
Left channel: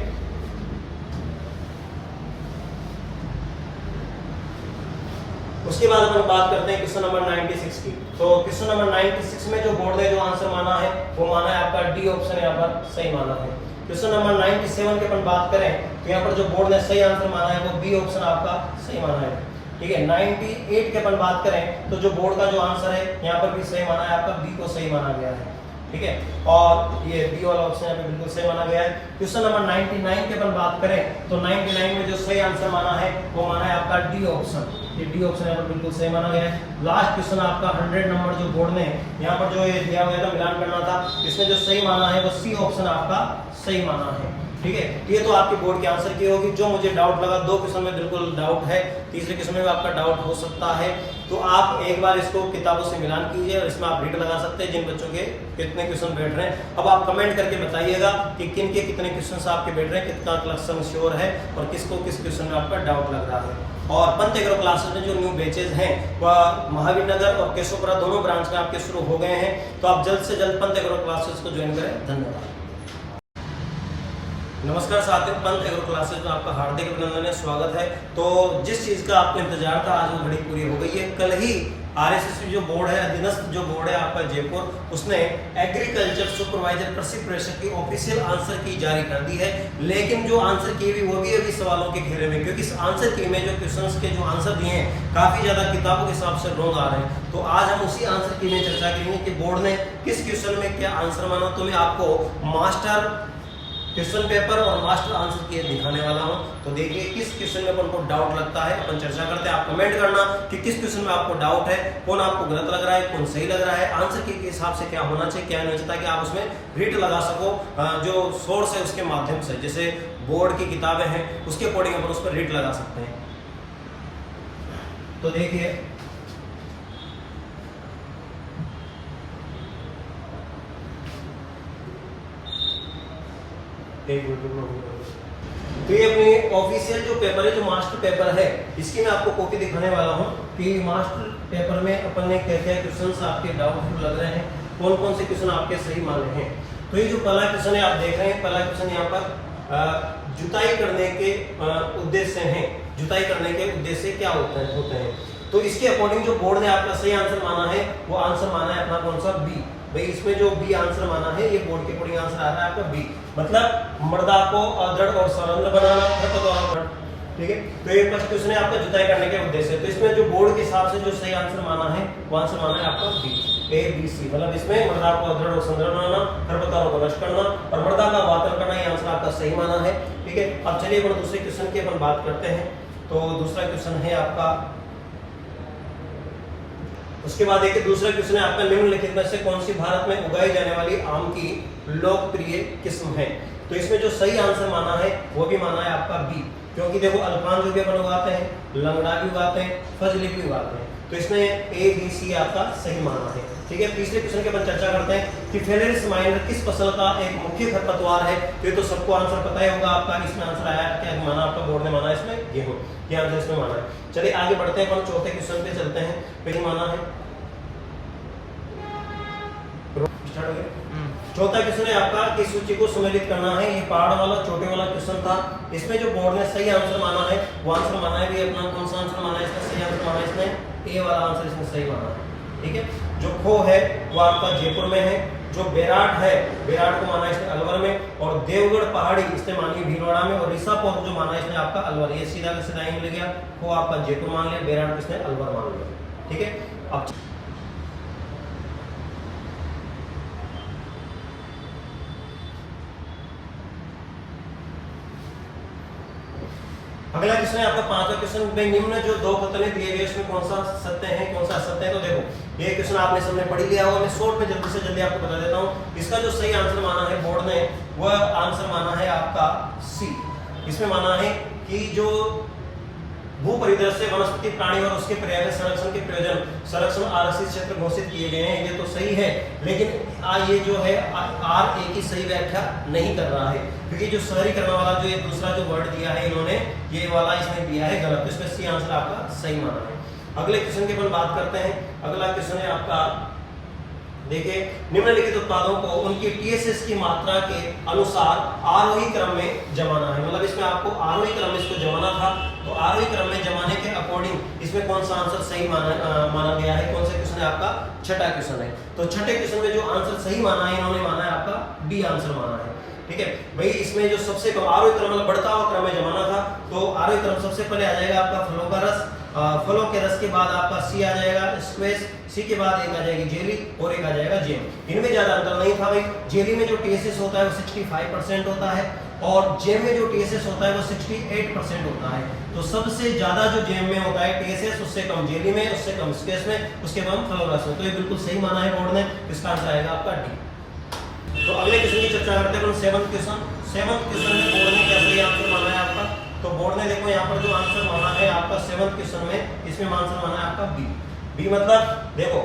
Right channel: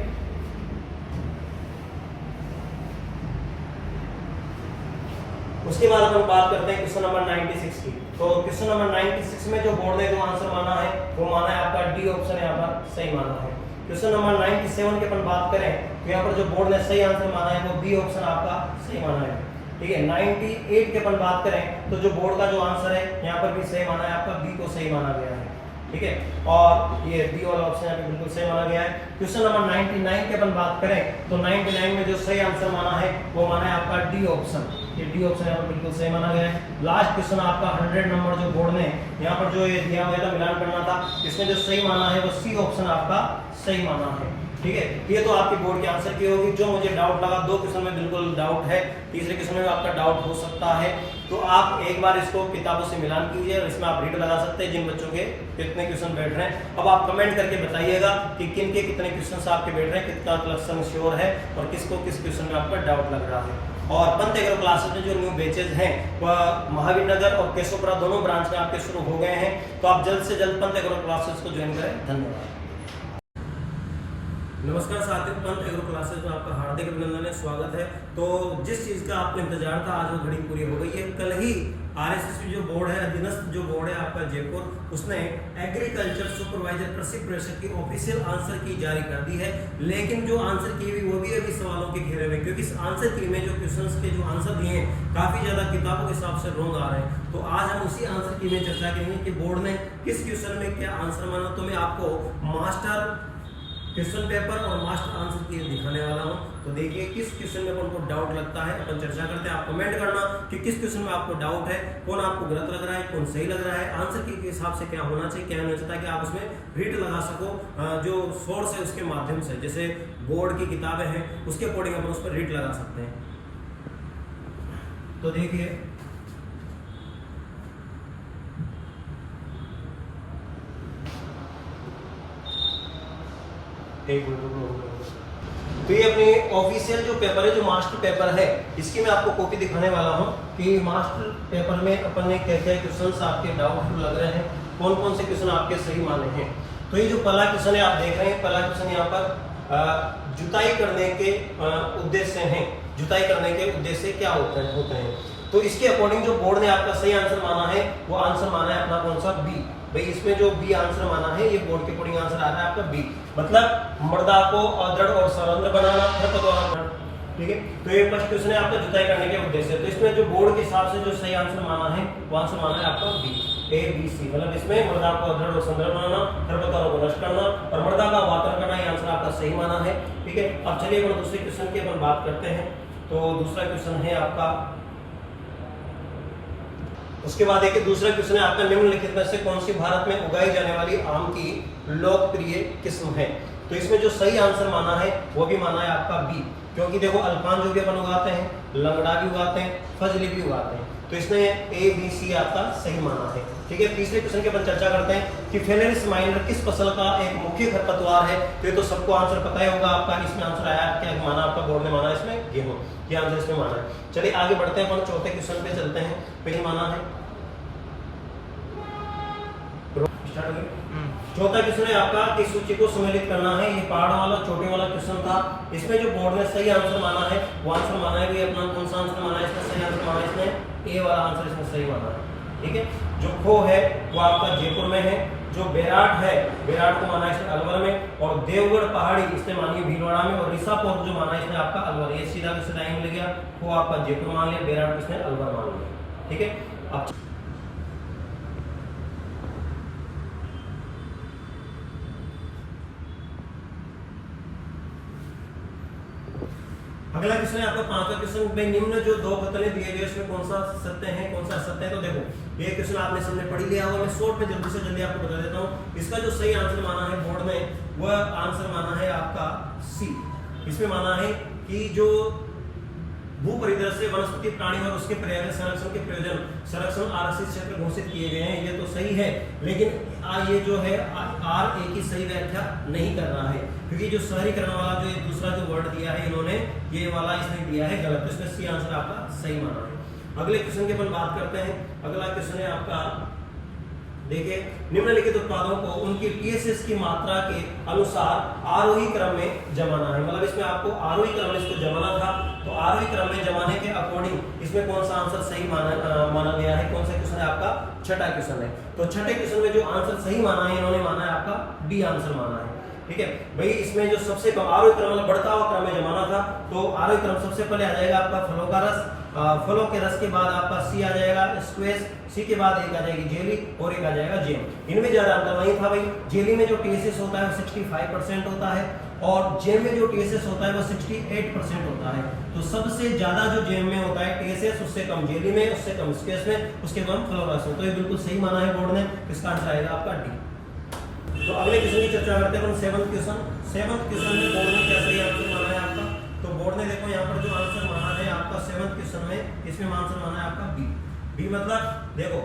उसके बाद अपन बात करते हैं क्वेश्चन नंबर 96 की। तो क्वेश्चन नंबर 96 में जो बोर्ड ने जो आंसर माना है वो माना है आपका डी ऑप्शन यहाँ पर सही माना है। क्वेश्चन नंबर 97 की अपन बात करें तो यहाँ पर जो बोर्ड ने सही आंसर माना है वो बी ऑप्शन आपका सही माना है। ठीक है, 98 की अपन बात करें तो जो बोर्ड का जो आंसर है यहाँ पर भी सही माना है, आपका बी को सही माना गया है। ठीक है, और ये बी वाला ऑप्शन यहाँ पे बिल्कुल सही माना गया है। क्वेश्चन नंबर 99 की अपन बात करें तो 99 में जो सही आंसर माना है वो माना है आपका डी ऑप्शन, ये डी ऑप्शन यहाँ पर बिल्कुल सही माना गया है। लास्ट क्वेश्चन आपका 100 नंबर जो बोर्ड ने यहाँ पर जो ये दिया हुआ था मिलान करना था, इसमें जो सही माना है वो सी ऑप्शन आपका सही माना है। ठीक है, तो ये तो आपकी बोर्ड के आंसर की होगी। जो मुझे डाउट लगा, 2 क्वेश्चन में बिल्कुल डाउट है, तीसरे क्वेश्चन में आपका डाउट हो सकता है, तो आप एक बार इसको किताबों से मिलान कीजिए और इसमें आप रीड लगा सकते हैं जिन बच्चों के कितने क्वेश्चन बैठ रहे हैं। अब आप कमेंट करके बताइएगा कि किन के कितने क्वेश्चन आपके बैठ रहे हैं, कितना क्वेश्चन श्योर है और किसको किस क्वेश्चन में आपका डाउट लग रहा है। और पंत एग्रो क्लासेस में जो न्यू बैचेज हैं वह महावीर नगर और केशवपुरा दोनों ब्रांच में आपके शुरू हो गए हैं, तो आप जल्द से जल्द पंत एग्रो क्लासेस को ज्वाइन करें। धन्यवाद। नमस्कार साथियों, पंत एग्रो क्लासेस में आपका हार्दिक अभिनंदन है, स्वागत है। तो जिस चीज़ का आपको इंतजार था आज वो घड़ी पूरी हो गई है। कल ही आरएसएस जो बोर्ड है, अधीनस्थ जो बोर्ड है आपका जयपुर, उसने एग्रीकल्चर सुपरवाइजर प्रशिक्षण की ऑफिशियल आंसर की जारी कर दी है। लेकिन जो आंसर की हुई वो भी अभी सवालों के घेरे में, क्योंकि इस आंसर की में जो क्वेश्चंस के जो आंसर दिए हैं काफी ज्यादा किताबों के हिसाब से रॉन्ग आ रहे हैं। तो आज हम उसी आंसर की में चर्चा करेंगे कि बोर्ड ने किस क्वेश्चन में क्या आंसर माना। तो मैं आपको मास्टर क्वेश्चन पेपर और मास्टर आंसर की दिखाने वाला हूं। तो देखिए किस क्वेश्चन में अपन को डाउट लगता है, अपन चर्चा करते हैं। आप कमेंट करना कि किस क्वेश्चन में आपको डाउट है, कौन आपको गलत लग रहा है, कौन सही लग रहा है, आंसर के हिसाब से क्या होना चाहिए, क्या नहीं चाहिए, ताकि आप उसमें रीड लगा सको। जो सोर्स है उसके माध्यम से, जैसे बोर्ड की किताबें हैं उसके अकॉर्डिंग अपन उस पर रीड लगा सकते हैं। तो देखिए तो ये अपनी ऑफिशियल जो पेपर है, जो मास्टर पेपर है, इसकी मैं आपको कॉपी दिखाने वाला हूँ कि मास्टर पेपर में अपन ने क्या क्या क्वेश्चंस आपके डाउट लग रहे हैं, कौन कौन से क्वेश्चन आपके सही माने हैं। तो ये जो पहला क्वेश्चन है आप देख रहे हैं, पहला क्वेश्चन यहाँ पर जुताई करने के उद्देश्य हैं, जुताई करने के उद्देश्य क्या होते हैं। तो इसके अकॉर्डिंग जो बोर्ड ने आपका सही आंसर माना है वो आंसर माना है अपना कौन सा, बी। भाई इसमें जो बी आंसर माना है ये बोर्ड के अकॉर्डिंग आंसर आ रहा है आपका बी, मतलब मृदा को दृढ़ और सरल बनाना, ठीक है। तो ये फर्स्ट क्वेश्चन है आपका जुताई करने के उद्देश्य। तो इसमें जो बोर्ड के हिसाब से जो सही आंसर माना है वो आंसर माना है आपका बी, ए बी सी, मतलब इसमें मृदा को दृढ़ और सरल बनाना, खरपतवारों को नष्ट करना और मृदा का वातरण करना, ये आंसर आपका सही माना है, ठीक है। अब चलिए अपन दूसरे क्वेश्चन की अपन बात करते हैं। तो दूसरा क्वेश्चन है आपका, उसके बाद एक दूसरा क्वेश्चन है आपका, निम्नलिखित में से कौन सी भारत में उगाई जाने वाली आम की लोकप्रिय किस्म है। तो इसमें जो सही आंसर माना है वो भी माना है आपका बी, क्योंकि देखो अल्फान जो भी अपन उगाते हैं, लंगड़ा भी उगाते हैं, फजली भी उगाते हैं, तो इसमें ए बी सी आपका सही माना है, ठीक है। तीसरे क्वेश्चन की अपन चर्चा करते हैं कि फेलेरिस माइनर किस फसल का एक मुख्य खरपतवार है। तो ये तो सबको आंसर पता ही होगा आपका, इसमें आंसर आया क्या माना आपका बोर्ड ने माना है इसमें गेहूं, ये आंसर इसमें माना है। चलिए आगे बढ़ते हैं, अपन चौथे क्वेश्चन पे चलते हैं। पहले माना है चौथा क्वेश्चन है आपका कि सूची को सम्मिलित करना है। ये पहाड़ वाला छोटे वाला क्वेश्चन था। इसमें जो बोर्ड ने सही आंसर माना है वो आंसर माना है भी अपना कौन सा आंसर माना है, इसमें सही आंसर माना है इसने ए वाला आंसर इसमें सही माना है, ठीक है। जो खो है वो आपका जयपुर में है, जो बेराट है बेराट को माना है इसने अलवर में, और देवगढ़ पहाड़ी इसने मानी है भीलवाड़ा में, और ऋषापोक जो माना है इसने आपका अलवर। ये सीधा का सीधा मिल गया, खो आपका जयपुर मान लिया, बेराट इसने अलवर मान लिया, ठीक है। अब अगला क्वेश्चन है आपका पांचवा क्वेश्चन में, निम्न जो दो पुतले दिए गए उसमें कौन सा सत्य है कौन सा असत्य है। तो देखो ये क्वेश्चन आपने सबने पढ़ लिया होगा, मैं शॉर्ट में जल्दी से जल्दी आपको बता देता हूँ। इसका जो सही आंसर माना है बोर्ड ने वह आंसर माना है आपका सी। इसमें माना है कि जो भू परिदृश्य वनस्पति प्राणी और उसके पर्यावरण संरक्षण के प्रयोजन संरक्षण आरक्षित क्षेत्र घोषित किए गए हैं, ये तो सही है, लेकिन ये जो है आर ए की सही व्याख्या नहीं कर रहा है, क्योंकि जो शहरीकरण वाला जो ये दूसरा जो वर्ड दिया है इन्होंने, ये वाला इसने दिया है गलत, तो इसमें सी आंसर आपका सही माना है। अगले क्वेश्चन की अपन बात करते हैं। अगला क्वेश्चन है आपका, देखिए निम्नलिखित उत्पादों को उनकी टीएसएस की मात्रा के अनुसार आरोही क्रम में जमाना है, मतलब इसमें आपको आरोही क्रम में इसको जमाना था, तो आरोही क्रम में जमाने के अकॉर्डिंग इसमें कौन सा आंसर सही माना गया है, कौन सा क्वेश्चन है आपका, छठा क्वेश्चन है। तो छठे क्वेश्चन में जो आंसर सही माना है इन्होंने माना है आपका डी आंसर माना है, ठीक है भाई। इसमें जो सबसे कम आरोही क्रम मतलब बढ़ता हुआ क्रम में जमाना था, तो आरोही क्रम सबसे पहले आ जाएगा आपका फलों का रस, फलों के रस के बाद आपका सी आ जाएगा स्क्वेश, सी के बाद एक आ जाएगी जेली और एक आ जाएगा जेम। इनमें ज्यादा अंतर नहीं था भाई। जेली में जो टीएसएस होता है वो 65% होता है और जेम में जो टीएसएस होता है वो 68% होता है। तो सबसे ज्यादा जो जेम में होता है टीएसएस, उससे कम जेली में, उससे कम स्क्वेश में, उसके बाद फलों रस में। तो ये बिल्कुल सही माना है बोर्ड ने, इसका आंसर आएगा आपका डी। तो अगले क्वेश्चन की चर्चा करते हैं 7th क्वेश्चन में बोर्ड ने क्या सही आंसर माना है आपका। तो बोर्ड ने देखो यहाँ पर जो आंसर माना है आपका 7th क्वेश्चन में, इसमें आंसर माना है आपका बी मतलब देखो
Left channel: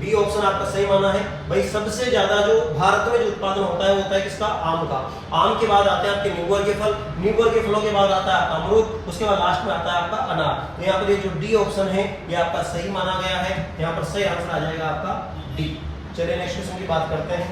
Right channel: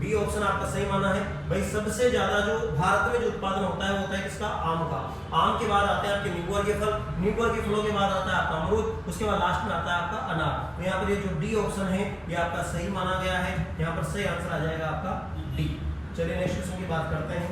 बी ऑप्शन आपका सही माना है। भाई सबसे ज्यादा जो भारत में जो उत्पादन होता है वो होता है किसका, आम का। आम के बाद आते हैं आपके नींबू के फल, नींबू के फलों के बाद आता है आपका अमरूद, उसके बाद लास्ट में आता है आपका अनार। तो यहाँ पर ये जो डी ऑप्शन है ये आपका सही माना गया है, यहाँ पर सही आंसर आ जाएगा आपका डी। चलिए नेक्स्ट क्वेश्चन की बात करते हैं।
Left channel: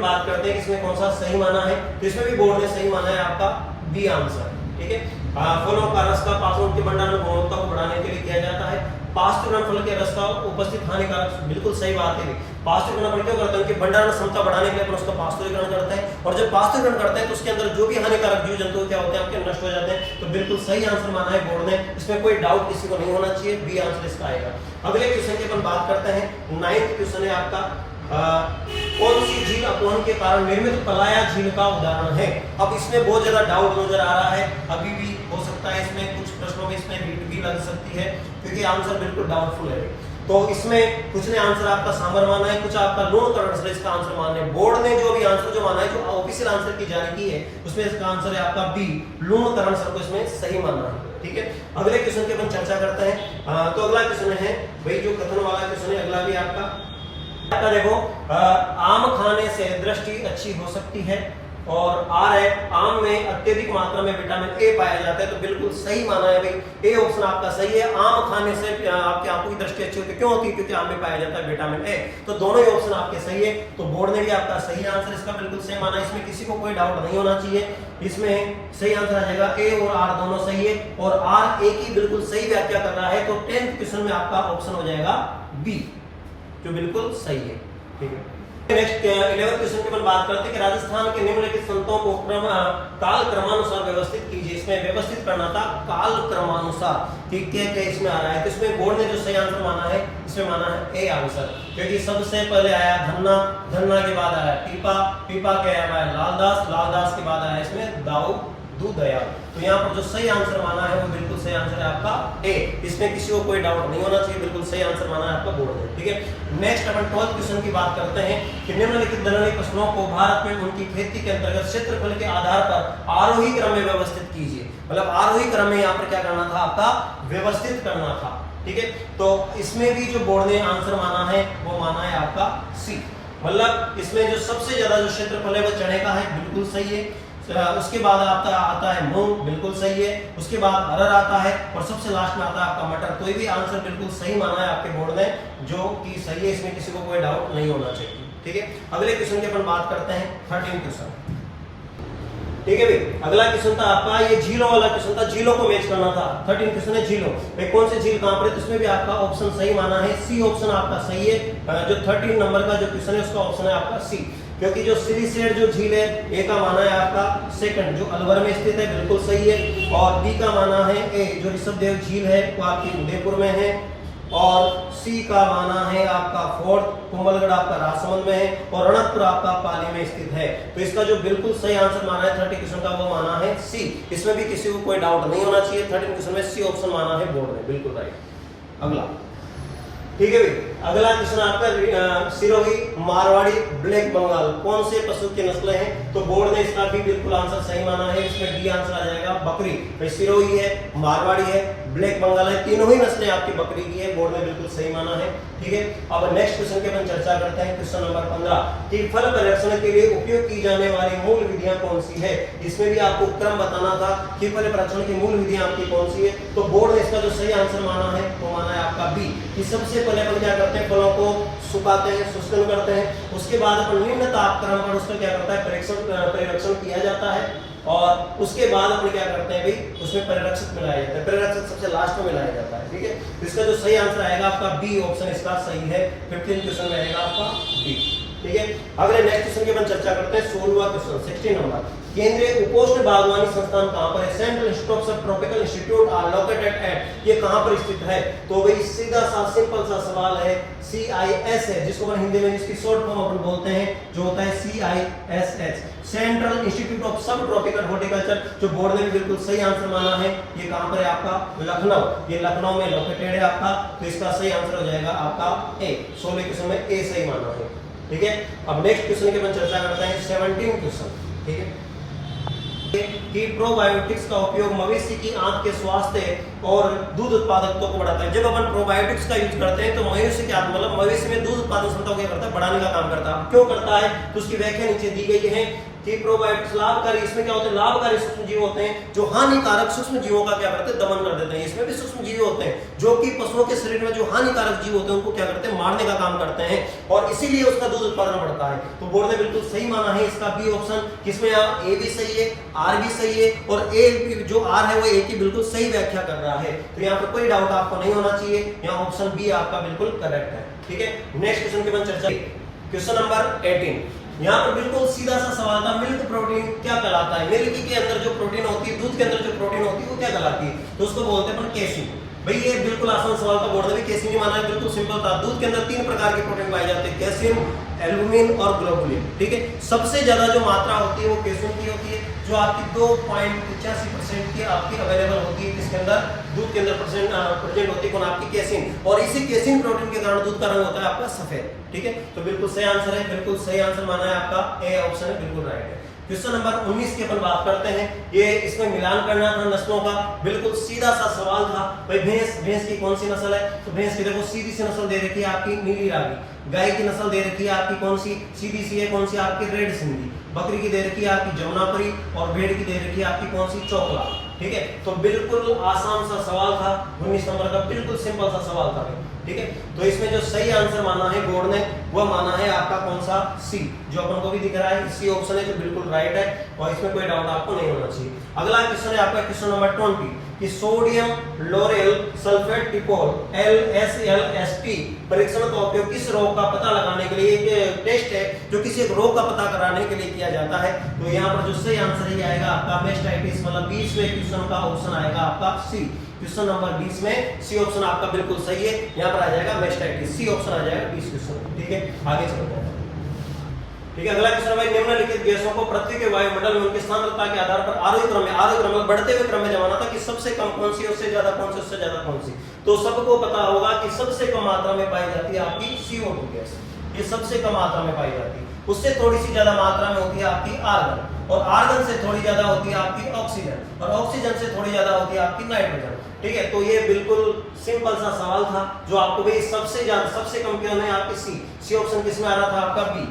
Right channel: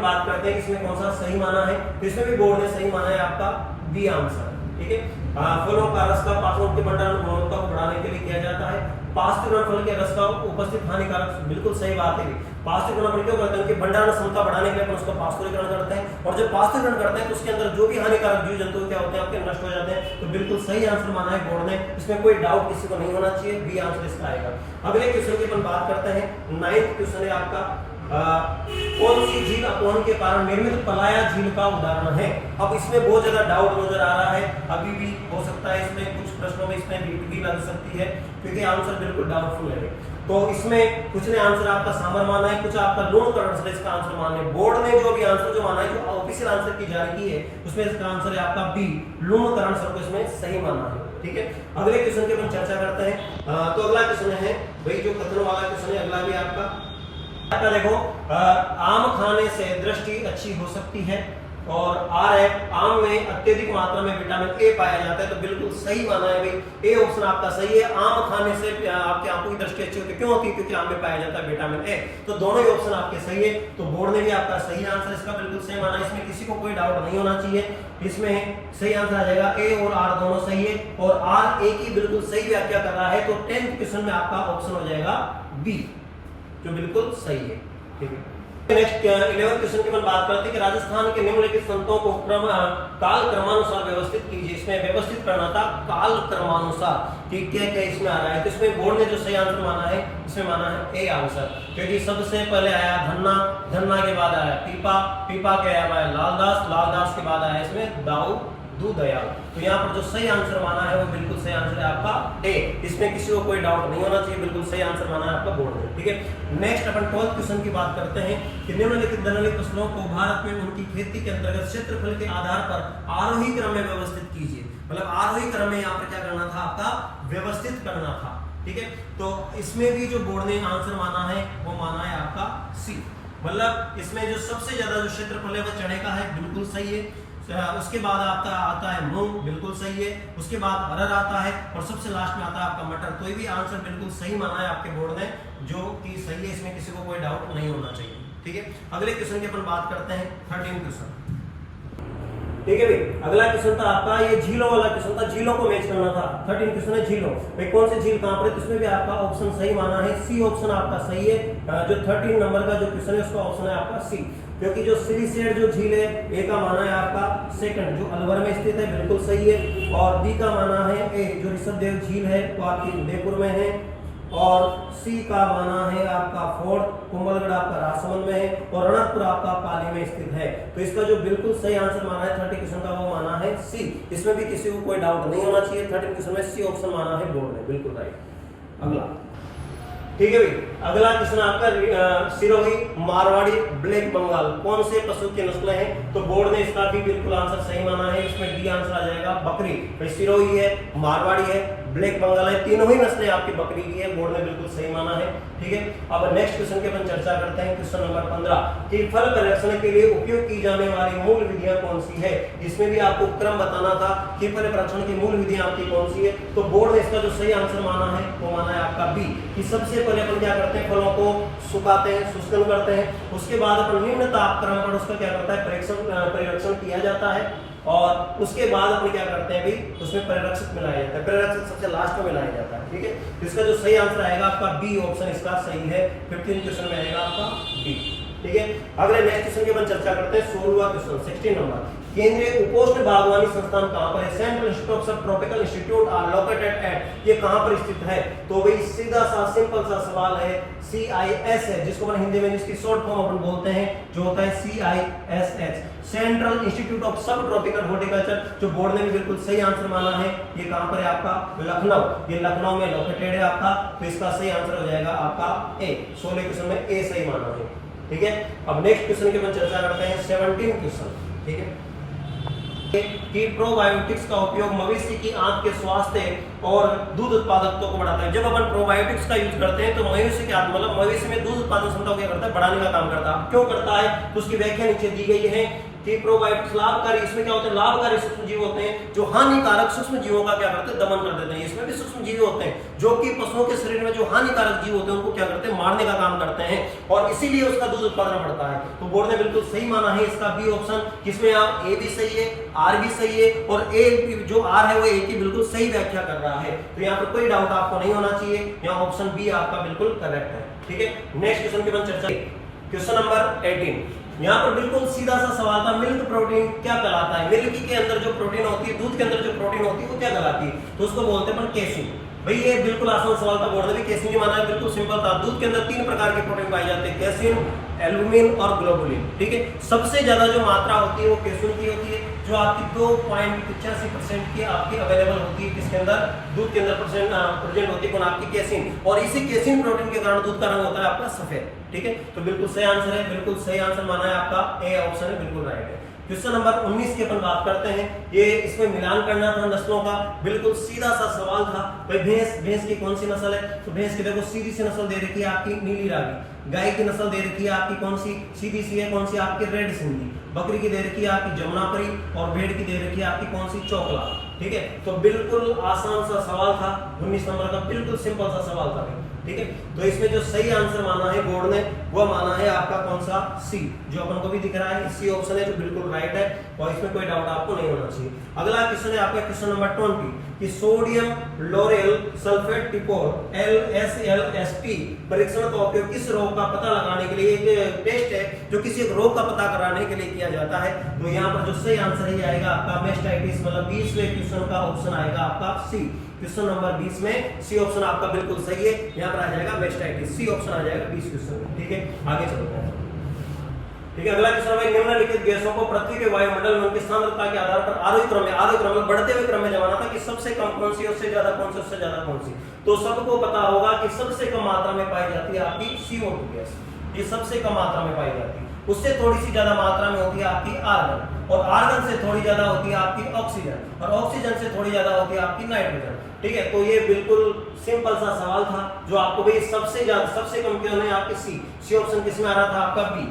बात करते हैं इसमें कौन सा सही माना है। तो इसमें भी बोर्ड ने सही माना है आपका बी आंसर, ठीक है। फलों का रस का पाचन के भंडारण गुणवत्ता को बढ़ाने के लिए किया जाता है। पास्चुरीकरण फल के रस का उपस्थित हानिकारक, बिल्कुल सही बात है। पास्चुरीकरण क्यों करते हैं कि भंडारण क्षमता बढ़ाने के लिए अपन उसका पास्चुरीकरण करते हैं, और जब पास्चुरीकरण करते हैं तो उसके अंदर जो भी हानिकारक जीव जंतु क्या होते हैं आपके नष्ट हो जाते हैं। तो बिल्कुल सही आंसर माना है बोर्ड ने, इसमें कोई डाउट किसी को नहीं होना चाहिए, बी आंसर इसका आएगा। अगले क्वेश्चन की अपन बात करते हैं। 9th क्वेश्चन है आपका कौन सी झील अपवहन के कारण निर्मित पलाया झील का उदाहरण है। अब इसमें बहुत ज्यादा डाउट नजर आ रहा है, अभी भी हो सकता है इसमें कुछ प्रश्नों में इसमें भी लग सकती है, क्योंकि आंसर बिल्कुल डाउटफुल है। तो इसमें कुछ ने आंसर आपका सांबर माना है, कुछ आपका लूणकरण से इसका आंसर माना है। बोर्ड ने जो भी आंसर जो माना है, जो ऑफिशियल आंसर की जारी की है, उसमें इसका आंसर है आपका बी, लूणकरण सर को इसमें सही माना है, ठीक है। अगले क्वेश्चन की अपन चर्चा करते हैं। तो अगला क्वेश्चन है भाई जो कथन वाला क्वेश्चन है, अगला भी आपका देखो आम खाने से दृष्टि अच्छी हो सकती है, और आर है आम में अत्यधिक मात्रा में विटामिन ए पाया जाता है। तो बिल्कुल सही माना है भाई, ए ऑप्शन आपका सही है। आम खाने से आपकी आंखों की दृष्टि अच्छी होती है, क्यों होती है, क्योंकि आम में पाया जाता है विटामिन ए। तो दोनों ही ऑप्शन आपके सही है। तो बोर्ड ने भी आपका सही आंसर इसका बिल्कुल सही माना है, इसमें किसी को कोई डाउट नहीं होना चाहिए। इसमें सही आंसर आ जाएगा ए और आर दोनों सही है, और आर ए की बिल्कुल सही व्याख्या कर रहा है। तो 10th क्वेश्चन में आपका ऑप्शन हो जाएगा बी, जो बिल्कुल सही है, ठीक है। नेक्स्ट 11th क्वेश्चन की अपन बात करते हैं कि राजस्थान के निम्नलिखित संतों को काल क्रमानुसार व्यवस्थित कीजिए। इसमें व्यवस्थित करना था काल क्रमानुसार, ठीक क्या क्या इसमें आ रहा है। तो इसमें बोर्ड ने जो सही आंसर माना है, इसमें माना है ए आंसर, क्योंकि सबसे पहले आया धन्ना, धन्ना के बाद आया पीपा, पीपा के आया लालदास, लालदास के बाद आया इसमें दाऊ दयाल। तो यहाँ पर जो सही आंसर माना है वो बिल्कुल सही आंसर है आपका ए, इसमें किसी को कोई डाउट नहीं होना चाहिए, बिल्कुल सही आंसर माना है आपका बोर्ड ने, ठीक है। नेक्स्ट अपन 12th क्वेश्चन की बात करते हैं कि निम्नलिखित दलहनी फसलों को भारत में उनकी खेती के अंतर्गत क्षेत्रफल के आधार पर आरोही क्रम में व्यवस्थित कीजिए। मतलब आरोही क्रम में यहाँ पर क्या करना था, आपका व्यवस्थित करना था, ठीक है। तो इसमें भी जो बोर्ड ने आंसर माना है वो माना है आपका सी, मतलब इसमें जो सबसे ज्यादा जो क्षेत्रफल है वो चने का है, बिल्कुल सही है। उसके बाद आपका आता है मूंग, बिल्कुल सही है। उसके बाद अरहर आता है, और सबसे लास्ट में आता है आपका मटर। कोई भी आंसर बिल्कुल सही माना है आपके बोर्ड ने, जो कि सही है, इसमें किसी को कोई डाउट नहीं होना चाहिए, ठीक है। अगले क्वेश्चन की अपन बात करते हैं 13th क्वेश्चन, ठीक है भाई। अगला क्वेश्चन था आपका ये झीलों वाला क्वेश्चन था, झीलों को मैच करना था। 13th क्वेश्चन है झीलों, भाई कौन से झील कहां पर है। तो इसमें भी आपका ऑप्शन सही माना है, सी ऑप्शन आपका सही है। जो 13 नंबर का जो क्वेश्चन है उसका ऑप्शन है आपका सी, क्योंकि जो सिलीसेड जो झील है ए का माना है आपका सेकंड, जो अलवर में स्थित है, बिल्कुल सही है। और बी का माना है ए, जो ऋषभदेव झील है वो आपकी उदयपुर में है। और सी का माना है आपका फोर्थ, कुंभलगढ़ आपका राजसमंद में है, और रणकपुर आपका पाली में स्थित है। तो इसका जो बिल्कुल सही आंसर माना है 30 क्वेश्चन का वो माना है सी, इसमें भी किसी को कोई डाउट नहीं होना चाहिए। 13 क्वेश्चन में सी ऑप्शन माना है बोर्ड ने, बिल्कुल राइट। अगला, ठीक है भाई। अगला क्वेश्चन आपका सिरोही, मारवाड़ी, ब्लैक बंगाल कौन से पशु की नस्लें हैं। तो बोर्ड ने इसका भी बिल्कुल आंसर सही माना है, इसमें डी आंसर आ जाएगा बकरी। भाई सिरोही है, मारवाड़ी है, ब्लैक बंगाल है, तीनों ही नस्लें आपकी बकरी की है, बोर्ड ने बिल्कुल सही माना है, ठीक है। अब नेक्स्ट क्वेश्चन की अपन चर्चा करते हैं, क्वेश्चन नंबर 15 कि फल परिरक्षण के लिए उपयोग की जाने वाली मूल विधियां कौन सी है। इसमें भी आपको क्रम बताना था कि फल परिरक्षण की मूल विधियां आपकी कौन सी है। तो बोर्ड ने इसका जो सही आंसर माना है वो माना है आपका बी, कि सबसे पहले अपन क्या करते हैं, फलों को सुखाते हैं, शुष्कन करते हैं। उसके बाद अपन निम्न तापक्रम पर उसका क्या करता है, परिरक्षण किया जाता है। और उसके बाद अपन क्या करते हैं भाई, उसमें परिरक्षक मिलाया जाता है, परिरक्षक सबसे लास्ट में मिलाया जाता है, ठीक है। इसका जो सही आंसर आएगा आपका बी ऑप्शन इसका सही है। 15 क्वेश्चन में आएगा आपका बी, ठीक है। अगले नेक्स्ट क्वेश्चन की अपन चर्चा करते हैं 16वां क्वेश्चन 16 नंबर। केंद्रीय उपोष्ण बागवानी संस्थान कहां पर है। Central institute of tropical institute are located at, ये कहां पर स्थित है। तो भाई सीधा सा सिंपल सा सवाल है, CIS है, जिसको अपन हिंदी में जिसकी शॉर्ट फॉर्म अपन बोलते हैं जो होता है CISH, सेंट्रल इंस्टीट्यूट ऑफ सब ट्रॉपिकल हॉर्टिकल्चर, जो बोर्ड ने भी बिल्कुल सही आंसर माना है। ये कहां पर है आपका, लखनऊ, ये लखनऊ में लोकेटेड है आपका। तो इसका सही आंसर हो जाएगा आपका ए, 16 क्वेश्चन में ए सही माना है। ठीक है। अब नेक्स्ट क्वेश्चन की अपन चर्चा करते हैं 17 क्वेश्चन, ठीक है, कि प्रोबायोटिक्स का उपयोग मवेशी की आंत के स्वास्थ्य और दूध उत्पादकता को बढ़ाता है। जब अपन प्रोबायोटिक्स का यूज करते हैं तो मवेशी की आंत मतलब मवेशी में दूध उत्पादन क्षमता को क्या करता है, बढ़ाने का काम करता है। क्यों करता है, तो उसकी व्याख्या नीचे दी गई है कि प्रोबायोटिक्स लाभकारी, इसमें क्या होते हैं, लाभकारी सूक्ष्म जीव होते हैं जो हानिकारक सूक्ष्म जीवों का क्या करते हैं, दमन कर देते हैं। इसमें भी सूक्ष्म जीव होते हैं जो कि पशुओं के शरीर में जो हानिकारक जीव होते हैं उनको क्या करते हैं, मारने का काम करते हैं, और इसीलिए उसका दूध उत्पादन बढ़ता है। तो बोर्ड ने बिल्कुल सही माना है इसका बी ऑप्शन, जिसमें आप ए भी सही है, आर भी सही है, और ए जो आर है वो ए की बिल्कुल सही व्याख्या कर रहा है। तो यहाँ पर कोई डाउट आपको नहीं होना चाहिए, यहाँ ऑप्शन बी आपका बिल्कुल करेक्ट है, ठीक है। नेक्स्ट क्वेश्चन की अपन चर्चा, क्वेश्चन नंबर 18। यहाँ पर बिल्कुल सीधा सा सवाल था, मिल्क प्रोटीन क्या कहलाता है। मिल्क के अंदर जो प्रोटीन होती है, दूध के अंदर जो प्रोटीन होती है वो क्या कहलाती है, तो उसको बोलते हैं अपन कैसीन। भाई ये बिल्कुल आसान सवाल था, बोर्ड ने भी कैसीन ही माना है, बिल्कुल सिंपल था। दूध के अंदर 3 प्रकार के प्रोटीन पाए जाते हैं, कैसीन, एल्बुमिन और ग्लोबुलिन, ठीक है। सबसे ज्यादा जो मात्रा होती है वो कैसीन की होती है, जो आपकी 2.85% की आपकी अवेलेबल होती है, किसके अंदर, दूध के अंदर प्रेजेंट होती है, कौन, आपकी कैसीन। और इसी कैसीन प्रोटीन के कारण दूध का रंग होता है आपका सफेद, ठीक है। तो बिल्कुल सही आंसर है, बिल्कुल सही आंसर माना है आपका ए ऑप्शन है, बिल्कुल राइट है। क्वेश्चन नंबर 19 की अपन बात करते हैं, ये इसमें मिलान करना था नस्लों का, बिल्कुल सीधा सा सवाल था। भाई भैंस की कौन सी नस्ल है, तो भैंस की देखो सीधी सी नस्ल दे रखी है आपकी नीली रावी। गाय की नस्ल दे रखी है आपकी कौन सी, सीधी सी है, कौन सी, आपकी रेड सिंधी। बकरी की दे रखी है आपकी जमुनापरी, और भेड़ की दे रखी है आपकी कौन सी, चोकला, ठीक है। तो बिल्कुल आसान सा सवाल था, 19 नंबर का बिल्कुल सिंपल सा सवाल था, ठीक है। तो इसमें जो सही आंसर माना है बोर्ड ने वो माना है आपका कौन सा, सी, जो अपन को भी दिख रहा है, सी ऑप्शन है जो बिल्कुल राइट है, और इसमें कोई डाउट आपको नहीं होना चाहिए। अगला क्वेश्चन है आपका क्वेश्चन नंबर 20 कि sodium lauryl sulphate dipole LSLST परीक्षण का उपयोग किस रोग का पता लगाने के लिए, एक टेस्ट है जो किसी एक रोग का पता कराने के लिए किया जाता है। तो यहाँ पर जो सही आंसर ही आएगा आपका मेस्टाइटिस, मतलब 20वें क्वेश्चन का ऑप्शन आएगा आपका सी। क्वेश्चन नंबर 20 में सी ऑप्शन आपका बिल्कुल सही है, यहाँ पर आ जाएगा मेस्टाइटिस, सी ऑप्शन आ जाएगा 20 क्वेश्चन, ठीक है। आगे चलते हैं, ठीक है। अगला क्वेश्चन है, निम्नलिखित गैसों को पृथ्वी के वायुमंडल में उनकी सांद्रता के आधार पर आरोही क्रम में बढ़ते हुए क्रम में जमाना था कि सबसे कम कौन सी, उससे ज्यादा कौन सी, उससे ज्यादा कौन सी। तो सबको पता होगा कि सबसे कम मात्रा में पाई जाती है आपकी CO2 गैस, ये सबसे कम मात्रा में पाई जाती है। उससे थोड़ी सी ज्यादा मात्रा में होती है आपकी आर्गन, और आर्गन से थोड़ी ज्यादा होती है आपकी ऑक्सीजन, और ऑक्सीजन से थोड़ी ज्यादा होती है आपकी नाइट्रोजन, ठीक है। तो ये बिल्कुल सिंपल सा सवाल था जो आपको भी सबसे ज्यादा, सबसे कम क्यों है आपकी सी ऑप्शन किसमें आ रहा था आपका बी,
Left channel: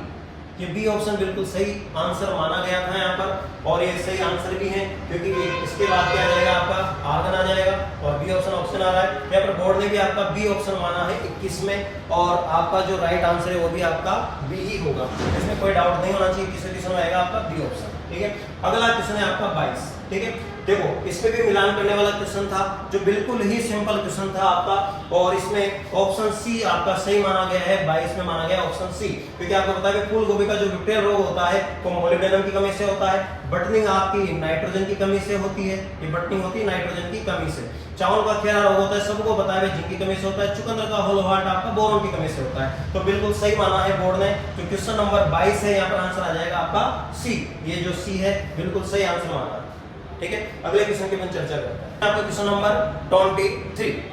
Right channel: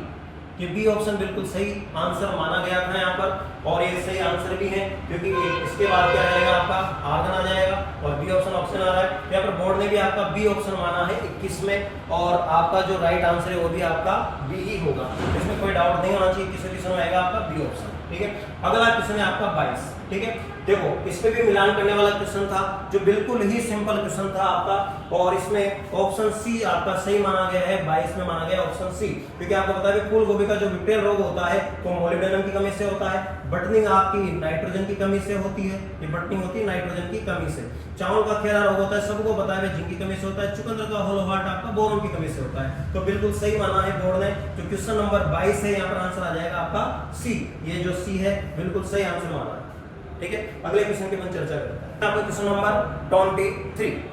ये बी ऑप्शन बिल्कुल सही आंसर माना गया था यहाँ पर, और ये सही आंसर भी है क्योंकि इसके बाद क्या आ जाएगा आपका आर्गन आ जाएगा, और बी ऑप्शन आ रहा है यहाँ पर। बोर्ड ने भी आपका बी ऑप्शन माना है 21 में, और आपका जो राइट आंसर है वो भी आपका बी ही होगा, इसमें कोई डाउट नहीं होना चाहिए, किस क्वेश्चन में आएगा आपका बी ऑप्शन, ठीक है। अगला क्वेश्चन है आपका 22, ठीक है। देखो इसमें भी मिलान करने वाला क्वेश्चन था जो बिल्कुल ही सिंपल क्वेश्चन था आपका, और इसमें ऑप्शन सी आपका सही माना गया है, 22 में माना गया ऑप्शन सी, क्योंकि आपको पता है फूल गोभी का जो विप्टेल रोग होता है वो मोलिब्डेनम की कमी से होता है, बटनिंग आपकी नाइट्रोजन की कमी से होती है, ये बटनिंग होती है नाइट्रोजन की कमी से। चावल का खेरा रोग होता है, सबको पता है जिंक की कमी से होता है। चुकंदर का होलो हार्ट आपका बोरोन की कमी से होता है। तो बिल्कुल सही माना है बोर्ड ने, जो क्वेश्चन नंबर 22 है यहाँ पर आंसर आ जाएगा आपका सी, ये जो सी है बिल्कुल सही आंसर माना, ठीक है। अगले क्वेश्चन की अपन चर्चा करते हैं, आपका क्वेश्चन नंबर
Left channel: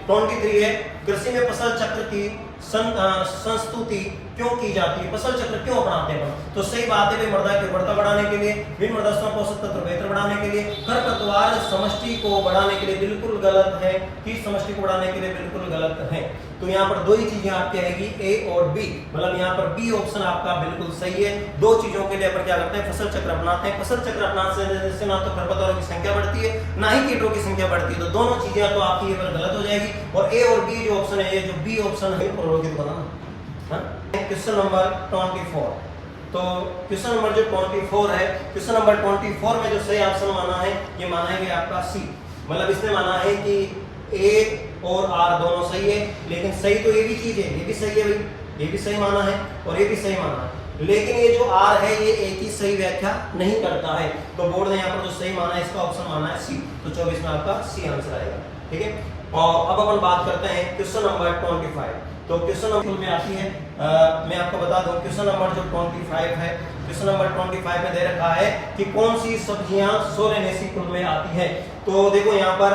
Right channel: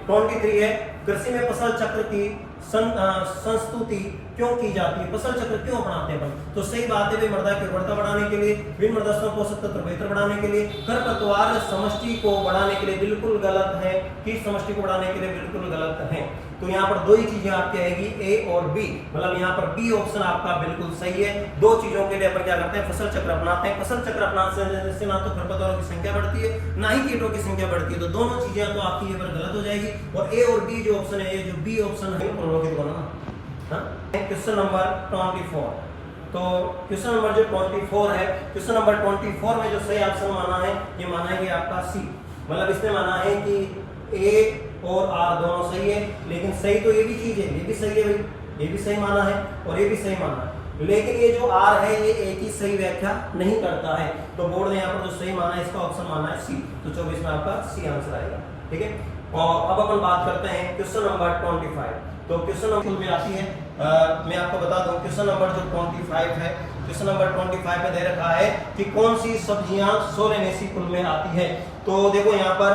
23 है, कृषि में फसल चक्र की संस्तुति क्यों की जाती है, फसल चक्र क्यों अपनाते हैं। तो सही बात है, मृदा की उर्वरता बढ़ाने के लिए, विभिन्न मृदा पोषक तत्व बेहतर बढ़ाने के लिए, खरपतवार समष्टि को बढ़ाने के लिए बिल्कुल गलत है, कीट समष्टि को बढ़ाने के लिए बिल्कुल गलत है। तो यहाँ पर दो ही चीजें आपकी आएगी, ए और बी, मतलब यहाँ पर बी ऑप्शन आपका बिल्कुल सही है। दो चीजों के लिए अपन क्या करते हैं, फसल चक्र अपनाते हैं। फसल चक्र अपनाने से ना तो खरपतवारों की संख्या बढ़ती है ना ही कीटों की संख्या बढ़ती है, तो दोनों चीजें तो आपकी ये पर गलत हो जाएगी। और ए और बी जो ऑप्शन है, ये जो बी ऑप्शन है क्वेश्चन नंबर 24, तो क्वेश्चन नंबर जो 24 है, क्वेश्चन नंबर 24 में जो सही ऑप्शन माना है, ये माना है आपका सी, मतलब इसने माना है कि ए और आर दोनों सही है, लेकिन सही तो ये भी चीज है, ये भी सही है भाई, ये भी सही माना है और ये भी सही माना है, लेकिन ये जो आर है ये ए की सही व्याख्या नहीं करता है। तो बोर्ड ने यहाँ पर जो सही माना है, इसका ऑप्शन माना है सी, तो 24 में आपका सी आंसर आएगा, ठीक है। और अब अपन बात करते हैं क्वेश्चन नंबर 25, तो क्वेश्चन नंबर में आती है मैं आपको बता दूं क्वेश्चन नंबर जो 25 है, क्वेश्चन नंबर 25 में दे रखा है कि कौन सी सब्जियां सोलेनेसी कुल में आती है। तो देखो यहाँ पर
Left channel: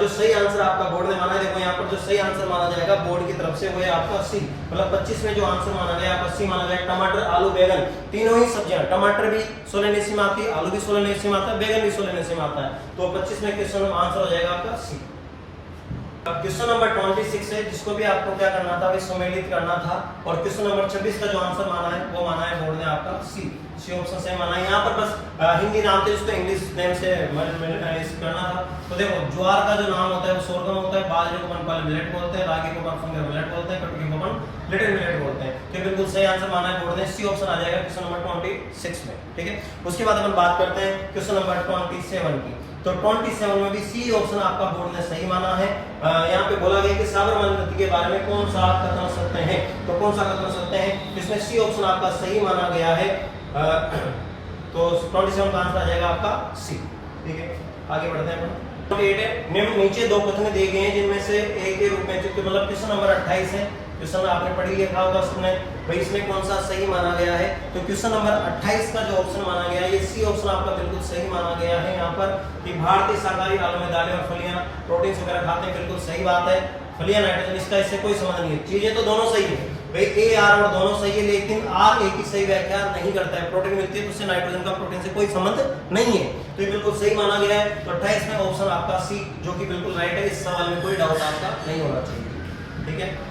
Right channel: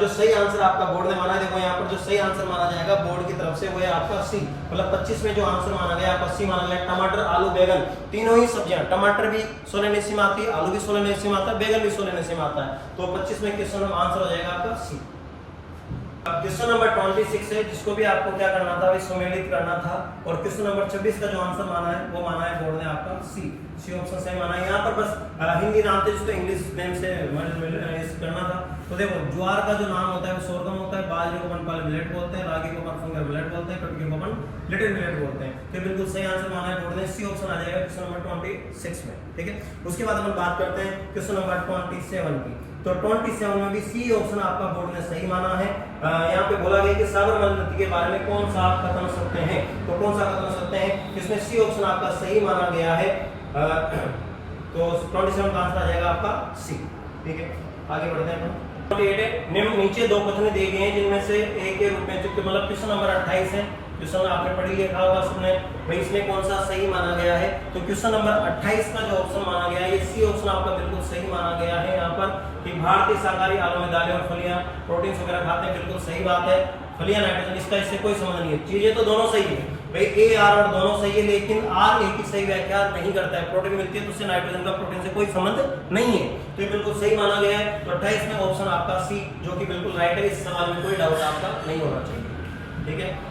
जो सही आंसर आपका बोर्ड ने माना है, देखो यहाँ पर जो सही आंसर माना जाएगा बोर्ड की तरफ से वो है आपका 80, मतलब 25 में जो आंसर माना गया आपका 80 माना गया। टमाटर, आलू, बैगन, तीनों ही सब्जियां, टमाटर भी सोलेनेसी में आती है, आलू भी सोलेनेसी में आता है, बैगन भी सोलेनेसी में आता है। तो 25 में क्वेश्चन आंसर हो जाएगा आपका 80। क्वेश्चन नंबर 26 है, जिसको भी आपको क्या करना था, सम्मिलित करना था। और क्वेश्चन नंबर 26 का जो आंसर माना है वो माना है बोर्ड ने आपका सी ऑप्शन सही माना है। यहाँ पर बस हिंदी नाम थे जिसको इंग्लिश नेम से करना था। तो देखो ज्वार का जो नाम होता है वो सोरगम होता है, बाजरे को अपन पहले मिलेट बोलते हैं, रागी को अपन फिंगर मिलेट बोलते हैं, कटकी को अपन लिटिल मिलेट बोलते हैं। तो बिल्कुल सही आंसर माना है बोर्ड ने, सी ऑप्शन आ जाएगा क्वेश्चन नंबर 26 में। ठीक है, उसके बाद अपन बात करते हैं क्वेश्चन नंबर 27 की। तो 27 में भी सी ऑप्शन आपका बोर्ड ने सही माना है। यहाँ पे बोला गया कि साबरमती नदी के बारे में कौन सा कथन सत्य है, तो कौन सा कथन सत्य है, इसमें सी ऑप्शन आपका सही माना गया है। तो 27 का आंसर आ जाएगा आपका सी। ठीक है, आगे बढ़ते हैं अपन। नीचे दो कथन दिए गए हैं जिनमें से एक के रूप में, मतलब क्वेश्चन नंबर 28 है, क्वेश्चन आपने पढ़ लिखा होगा उसमें भाई इसमें कौन सा सही माना गया है। तो क्वेश्चन नंबर 28 का जो ऑप्शन माना गया है ये सी ऑप्शन आपका बिल्कुल सही माना गया है। यहाँ पर कि भारतीय शाकाहारी आलू में दालें और फलियां प्रोटीन वगैरह खाते हैं, बिल्कुल सही बात है। फलियां नाइट्रोजन, इसका इससे कोई संबंध नहीं है, चीजें तो दोनों सही है भाई, ए आर और दोनों सही है, लेकिन आर ए की सही व्याख्या नहीं करता है। प्रोटीन मिलती है तो उससे नाइट्रोजन का प्रोटीन से कोई संबंध नहीं है, तो ये बिल्कुल सही माना गया है। तो 28 में ऑप्शन आपका सी जो कि बिल्कुल राइट है, इस सवाल में कोई डाउट आपका नहीं होना चाहिए। ठीक है,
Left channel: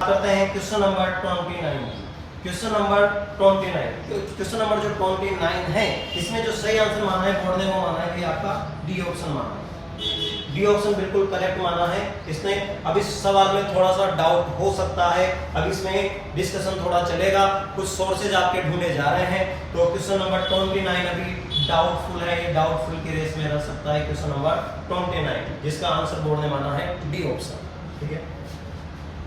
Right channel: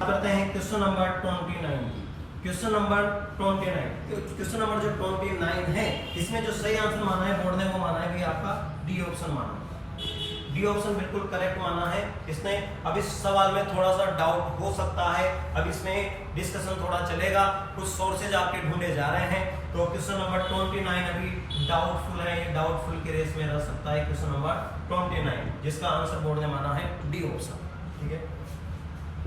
करते हैं question number 29। Question number 29, question number जो 29 है इसमें जो सही आंसर माना है बोर्ड ने वो माना है कि आपका डी ऑप्शन माना है। डी ऑप्शन बिल्कुल करेक्ट माना है इसने। अब इस सवाल में थोड़ा सा डाउट हो सकता है, अब इसमें डिस्कशन थोड़ा चलेगा, कुछ सोर्सेज आपके ढूंढे जा रहे हैं। तो क्वेश्चन नंबर 29 अभी डाउटफुल है, ये डाउटफुल की रेस में रह सकता है क्वेश्चन नंबर 29, जिसका आंसर बोर्ड ने माना है डी ऑप्शन। ठीक है,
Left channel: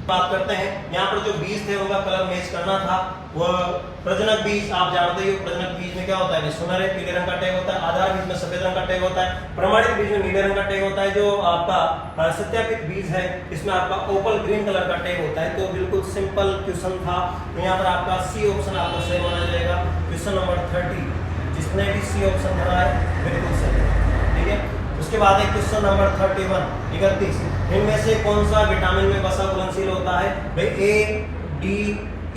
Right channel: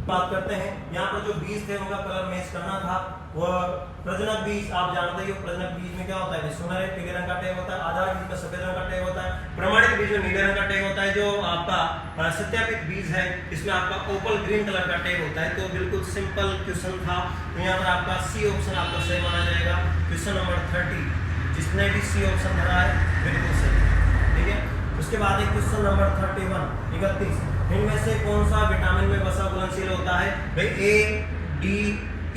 बात करते हैं यहाँ पर जो बीज थे उनका कलर मैच करना था। वह प्रजनक बीज आप जानते हो, प्रजनक बीज में क्या होता है, सुनहरे पीले रंग का टैग होता है, आधार बीज में सफेद रंग का टैग होता है, प्रमाणित बीज में नीले रंग का टैग होता है, जो आपका सत्यापित बीज है इसमें आपका ओपल ग्रीन कलर का टैग होता है। तो बिल्कुल सिंपल क्वेश्चन था, तो यहाँ पर आपका सी ऑप्शन आपको सही माना जाएगा। क्वेश्चन नंबर 30 जिसने भी सी ऑप्शन भरा है बिल्कुल सही है। ठीक है, उसके बाद है क्वेश्चन नंबर 31 इनमें से कौन सा विटामिन में वसा घुलनशील होता है। भाई ए, डी,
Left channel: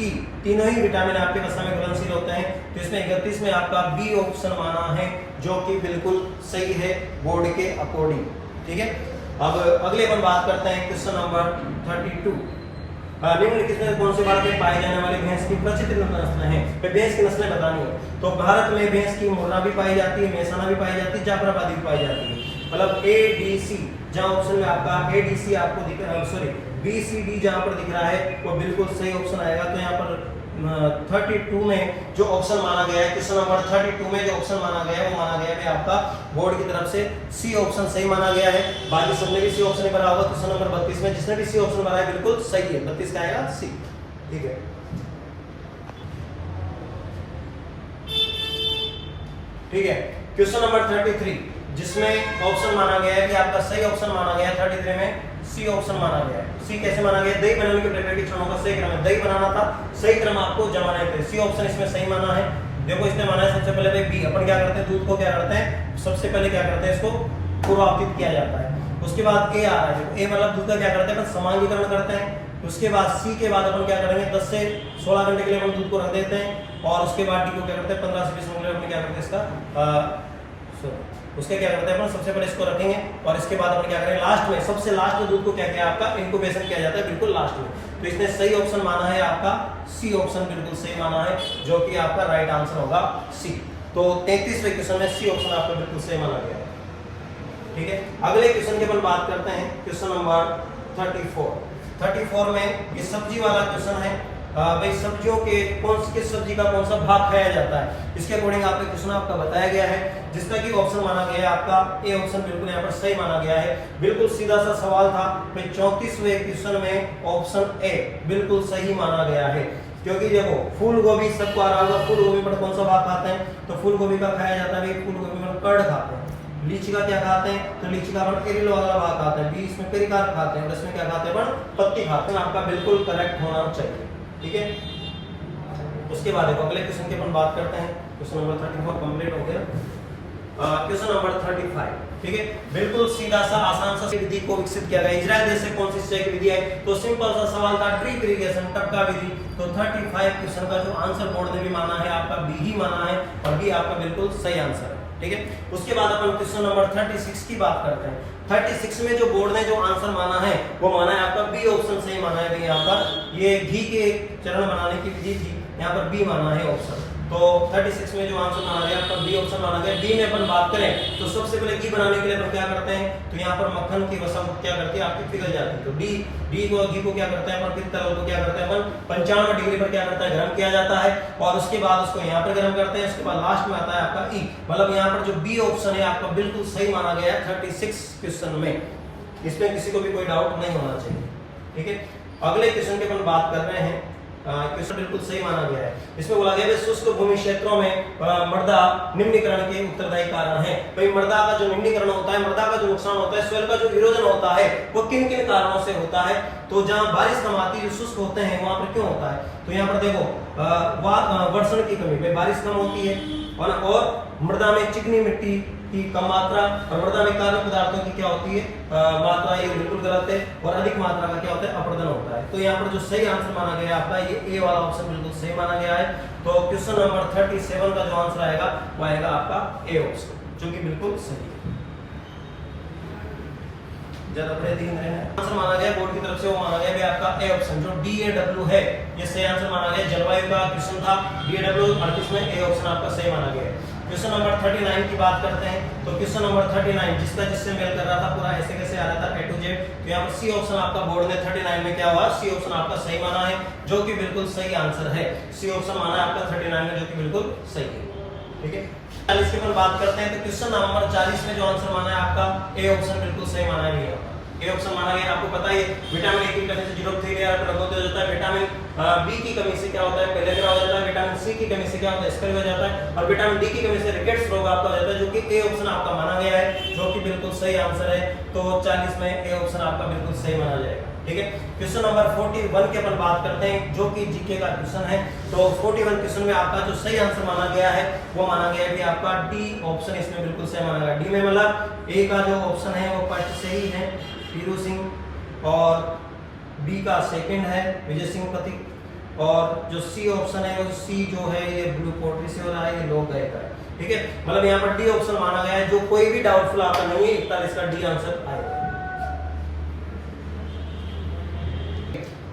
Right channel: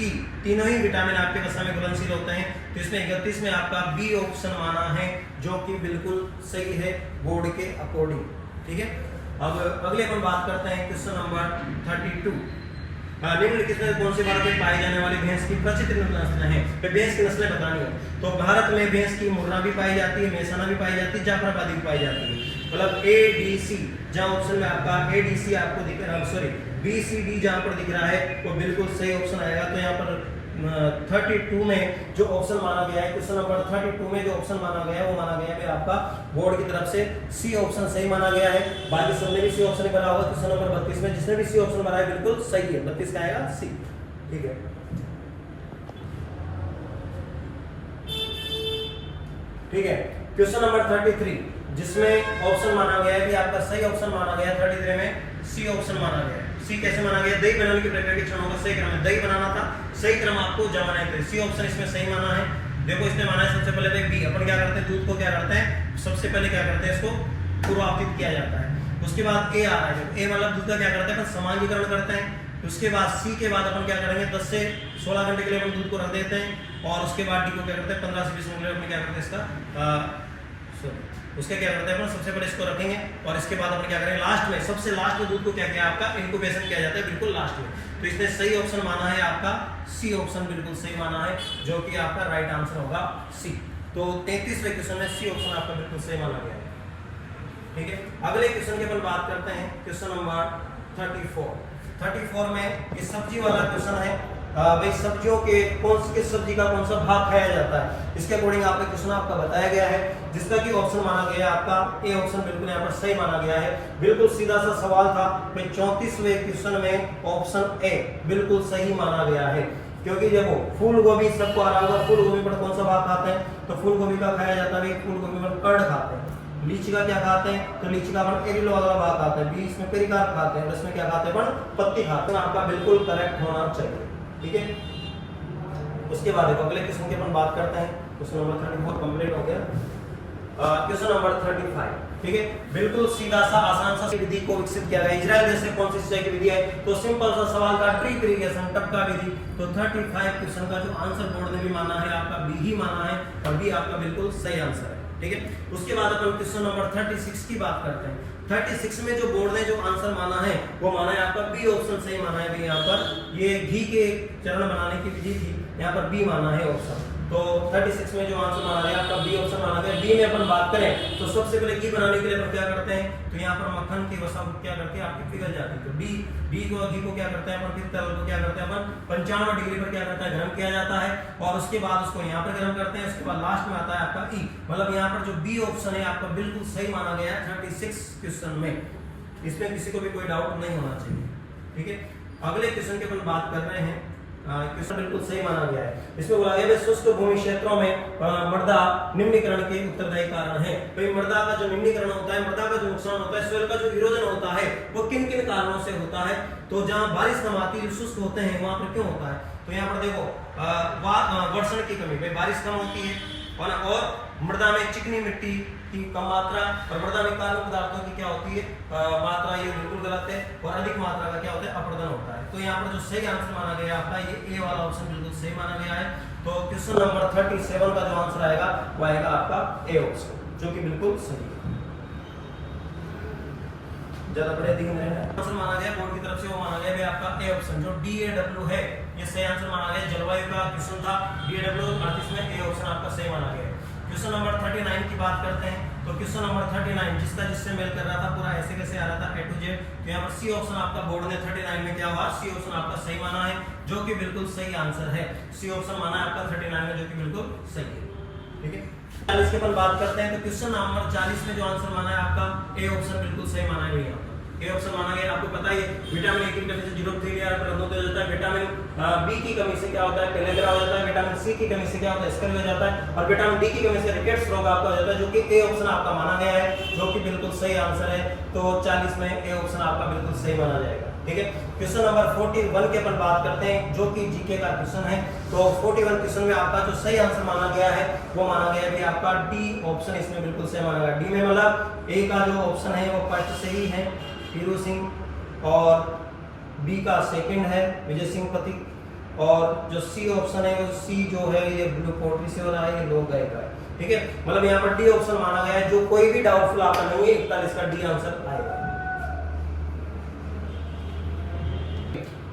ई तीनों ही विटामिन आपके वसा में घुलनशील होते हैं। तो इसमें 31 में आपका बी ऑप्शन माना है जो कि बिल्कुल सही है बोर्ड के अकॉर्डिंग। ठीक है, अब अगले अपन बात करते हैं क्वेश्चन नंबर 32। निम्नलिखित में कौन से भारत में पाई जाने वाली भैंस की प्रचित नस्लें हैं। भैंस की नस्लें बतानी है तो भारत में भैंस की मुर्रा भी पाई जाती है, मेहसाना भी पाई जाती है, जाफराबादी भी पाई जाती है। मतलब ए डी सी जहां ऑप्शन में आपका ए डी सी आपको दिख रहा है, सॉरी बी सी डी जहां पर दिख रहा है वो बिल्कुल सही ऑप्शन आएगा। तो यहाँ पर 32 में जो ऑप्शन माना गया है, क्वेश्चन नंबर 32 में जो ऑप्शन माना गया है वो माना गया है आपका बोर्ड की तरफ से सी ऑप्शन सही माना गया है। बाकी सबने भी सी ऑप्शन भरा होगा। क्वेश्चन नंबर 32 में जिसने भी सी ऑप्शन भरा है बिल्कुल सही है, 32 का आएगा सी। ठीक है, ठीक है, क्वेश्चन नंबर 33 जिसमें ऑप्शन माना गया है कि आपका सही ऑप्शन माना गया है 33 में सी ऑप्शन माना गया है। सी कैसे माना गया, दही बनाने की प्रक्रिया के क्षणों का सही क्रम है, दही बनाना था, सही क्रम आपको जमाना है। सी ऑप्शन इसमें सही माना है। देखो इसने माना है सबसे पहले भाई बी, अपन क्या करते हैं दूध को क्या करते हैं सबसे पहले क्या करते हैं इसको पूर्वावतित किया जाता है। उसके बाद ए आ रहा है, ए मतलब दूध का क्या करते हैं अपन समांगीकरण करते हैं। उसके बाद सी के बाद अपन क्या करेंगे 10 से 16 घंटे के लिए अपन दूध को रख देते हैं। और उसके बाद डी को क्या करते हैं 15 से 20 मिनट के लिए अपन क्या करते हैं इसका उसके क्या करते हैं अपन सबसे पहले इसको रखेंगे और इसके बाद अपन क्या करेंगे लास्ट में, सबसे लास्ट में दूध को क्या किया आपका इंक्यूबेशन किया जाता है बिल्कुल लास्ट में। तो इसने सही ऑप्शन माना है आपका सी ऑप्शन बिल्कुल सही माना है जो कि आपका राइट आंसर होगा सी। तो 33वें क्वेश्चन में सी ऑप्शन आपका बिल्कुल सही माना गया है। ठीक है, अगले क्वेश्चन की अपन बात करते हैं क्वेश्चन नंबर 34 में ये सब्जी वाला क्वेश्चन है। भाई सब्जियों के किस सब्जी का कौन सा भाग खाया जाता है इसके अकॉर्डिंग आपका क्वेश्चन आपका बताया गया है, जिसका कि ऑप्शन माना गया है आपका ए ऑप्शन बिल्कुल यहाँ पर सही माना गया है। बिल्कुल सीधा सा सवाल था। भाई 34वें क्वेश्चन में ऑप्शन ए बिल्कुल सही माना गया है। क्योंकि देखो फूल गोभी सबको आ रहा होगा, फूल गोभी पर कौन सा भाग खाते हैं, तो फूल गोभी का खाया जाता है, फूल गोभी पर कर्ड खाते हैं। लीची का क्या खाते हैं, तो लीची का अपन एरिल वाला भाग खाते हैं, बीच में पेरिकार्प खाते हैं, और इसमें क्या खाते हैं अपन पत्ती खाते हैं। आपका बिल्कुल करेक्ट होना चाहिए, ठीक है। उसके बाद देखो अगले क्वेश्चन की अपन बात करते हैं। क्वेश्चन नंबर 34 कंप्लीट हो गया। क्वेश्चन नंबर 35, ठीक है। बिल्कुल सीधा सा आसान सा विधि को विकसित किया गया। इजराइल देश से कौन सी सिंचाई की विधि है, तो सिंपल सा सवाल था, ड्रिप इरिगेशन, टपका विधि। तो 35 क्वेश्चन का जो आंसर बोर्ड ने भी माना है आपका बी ही माना है, और बी आपका बिल्कुल सही आंसर है, ठीक है। उसके बाद अपन क्वेश्चन नंबर 36 की बात करते हैं। 36 में जो बोर्ड ने जो आंसर माना है वो माना है आपका बी ऑप्शन सही माना है। यहाँ पर ये घी के चरण बनाने की विधि थी, यहाँ पर बी माना है ऑप्शन। तो 36 में जो आंसर माना गया आपका बी ऑप्शन माना गया। डी में अपन बात करें तो सबसे पहले घी बनाने के लिए अपन क्या करते हैं, तो यहाँ पर मक्खन की वसा क्या करती है आपकी पिघल जाती है। तो डी को घी को क्या करते हैं अपन, फिर तरल को क्या करते हैं अपन 95 डिग्री पर क्या करता है गर्म किया जाता है, और उसके बाद उसको यहाँ पर गर्म करते हैं। उसके बाद लास्ट में आता है आपका ई, मतलब यहाँ पर जो बी ऑप्शन है आपका बिल्कुल सही माना गया है 36 क्वेश्चन में। इसमें किसी को भी कोई डाउट नहीं होना चाहिए, ठीक है। अगले क्वेश्चन की अपन बात कर रहे हैं। क्वेश्चन बिल्कुल सही माना गया है। इसमें बोला गया है शुष्क भूमि क्षेत्रों में मृदा निम्नीकरण के उत्तरदायी कारण है। भाई मृदा का जो निम्नीकरण होता है, मृदा का जो नुकसान होता है, सोइल का जो इरोजन होता है वो किन किन कारणों से होता है, तो जहां बारिश कम आती है, जो शुष्क होते हैं वहां पर क्यों होता है, तो यहाँ पर देखो वर्षण की कमी, भाई बारिश कम होती है, और मृदा में चिकनी मिट्टी की कम मात्रा, और मृदा में कार्बन पदार्थों की क्या होती है मात्रा, ये बिल्कुल गलत है, और अधिक मात्रा का क्या होता है अपरदन होता है। तो यहाँ पर जो सही आंसर माना गया आपका ये ए वाला ऑप्शन बिल्कुल सही माना गया है। तो क्वेश्चन नंबर 37 का जो आंसर आएगा वो आएगा आपका ए ऑप्शन, जो कि बिल्कुल सही है। ज्यादा बड़े दिन रहना आंसर माना गया बोर्ड की तरफ से, वो माना गया भी आपका ए ऑप्शन, जो DAW है ये सही आंसर माना गया। जलवायु का क्वेश्चन था DAW 38 में, ए ऑप्शन आपका सही माना गया। क्वेश्चन नंबर 39 की बात करते हैं। तो क्वेश्चन नंबर 39 जिसका जिससे मेल कर रहा था पूरा ऐसे कैसे आ रहा था A to Z, तो यहाँ पर सी ऑप्शन आपका बोर्ड ने 39 में क्या हुआ, सी ऑप्शन आपका सही माना है, जो कि बिल्कुल सही आंसर है। सी ऑप्शन माना है आपका 39 में, जो कि बिल्कुल सही है, ठीक है। 40 की अपन बात करते हैं। तो क्वेश्चन नंबर 40 में जो आंसर माना है आपका ए ऑप्शन बिल्कुल सही माना है भैया। ए ऑप्शन माना गया। आपको पता है विटामिन ए की कमी से 0.3 लेयर पर हो जाता है, विटामिन बी की कमी से क्या होता है पेलेग्रा हो जाता है, विटामिन सी की कमी से क्या होता है स्कर्वी हो जाता है, और विटामिन डी की कमी से रिकेट्स रोग आपका हो जाता है, जो कि ए ऑप्शन आपका माना गया है, जो कि बिल्कुल सही आंसर है। तो 40 में ए ऑप्शन आपका बिल्कुल सही माना जाएगा, ठीक है। क्वेश्चन नंबर 41 के अपन बात करते हैं, जो कि जीके का क्वेश्चन है। तो 41 क्वेश्चन में आपका जो सही आंसर माना गया है वो माना गया है कि आपका डी ऑप्शन इसमें बिल्कुल सही माना गया। डी में मतलब ए का जो ऑप्शन है वो फर्स्ट सही है पीरू सिंह, और बी का सेकंड है विजय सिंह पति, और जो सी ऑप्शन है वो सी जो है ये ब्लू पोल्ट्री से हो रहा है, ये लोग गए का है, ठीक है। मतलब यहाँ पर डी ऑप्शन माना गया है, जो कोई भी डाउटफुल आपका नहीं है, 41 का डी आंसर आएगा।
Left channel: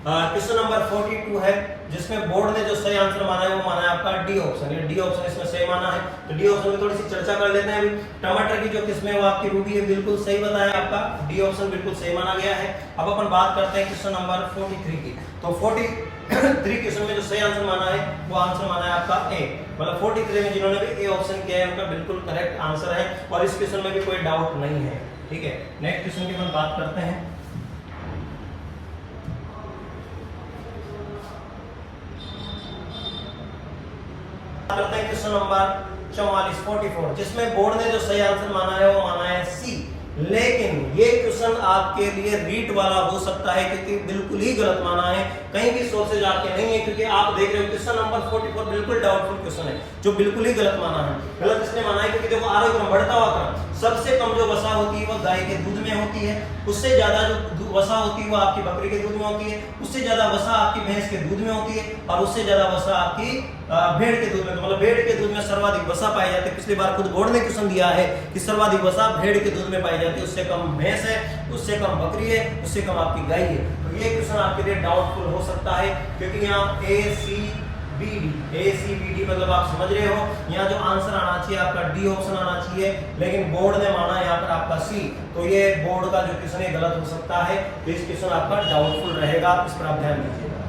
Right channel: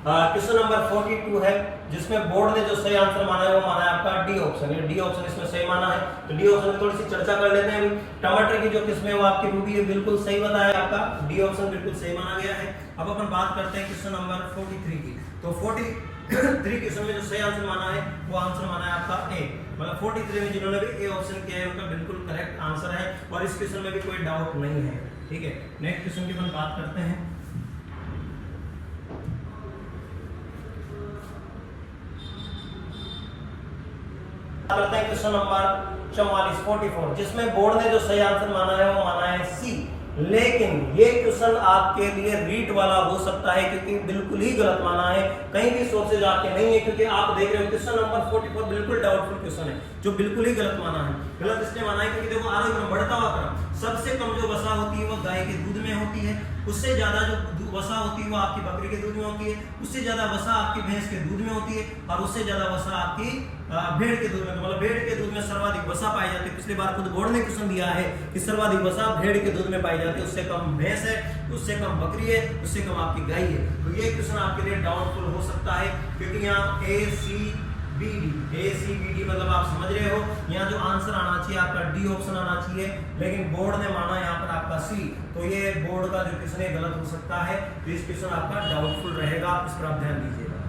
क्वेश्चन नंबर 42 है, जिसमें बोर्ड ने जो सही आंसर माना है वो माना है आपका डी ऑप्शन। डी ऑप्शन इसमें सही माना है। तो डी ऑप्शन की थोड़ी सी चर्चा कर लेते हैं। टमाटर की जो किस्म है वो आपकी रूबी है, बिल्कुल सही बताया आपका, डी ऑप्शन बिल्कुल सही माना गया है। अब अपन बात करते हैं क्वेश्चन नंबर 43 की। तो 43 क्वेश्चन में जो सही आंसर माना है वो आंसर माना है आपका ए, मतलब 43 में जिन्होंने भी ए ऑप्शन किया है उनका बिल्कुल करेक्ट आंसर है, और इस क्वेश्चन में भी कोई डाउट नहीं है, ठीक है। नेक्स्ट क्वेश्चन की अपन बात करते हैं। करते हैं क्वेश्चन नंबर 44 जिसमें बोर्ड ने जो सही आंसर माना है वो माना है सी, लेकिन ये क्वेश्चन आपके लिए रीट वाला हो सकता है क्योंकि बिल्कुल ही गलत माना है, कहीं भी सोर्सेज आपके नहीं है, क्योंकि आप देख रहे हो क्वेश्चन नंबर 44 बिल्कुल डाउटफुल क्वेश्चन है, जो बिल्कुल ही गलत माना है। गलत इसलिए माना है क्योंकि देखो आरोग्य क्रम बढ़ता हुआ क्रम, सबसे कम जो वसा होती है वो गाय के दूध में होती है, उससे ज्यादा जो वसा होती है वो आपकी बकरी के दूध में होती है, उससे ज्यादा वसा आपकी भैंस के दूध में होती है, और उससे ज्यादा वसा आपकी भेड़ के दूध में, मतलब भेड़ के दूध में सर्वाधिक वसा पाई जाती है। पिछली बार खुद बोर्ड ने क्वेश्चन दिया है कि सर्वाधिक वसा भेड़ के दूध में पाई जाती है, उससे कम भैंस है, उससे कम बकरी है, उससे कम आपकी गाय है। तो ये क्वेश्चन आपके लिए डाउटफुल हो सकता है, क्योंकि यहाँ ACBD मतलब आप समझ रहे हो, यहाँ जो आंसर आना चाहिए आपका डी ऑप्शन आना चाहिए, लेकिन बोर्ड ने माना यहाँ पर आपका सी, तो ये बोर्ड का जो क्वेश्चन है गलत हो सकता है, तो इस क्वेश्चन आपका डाउटफुल रहेगा, इस पर आप ध्यान दीजिएगा,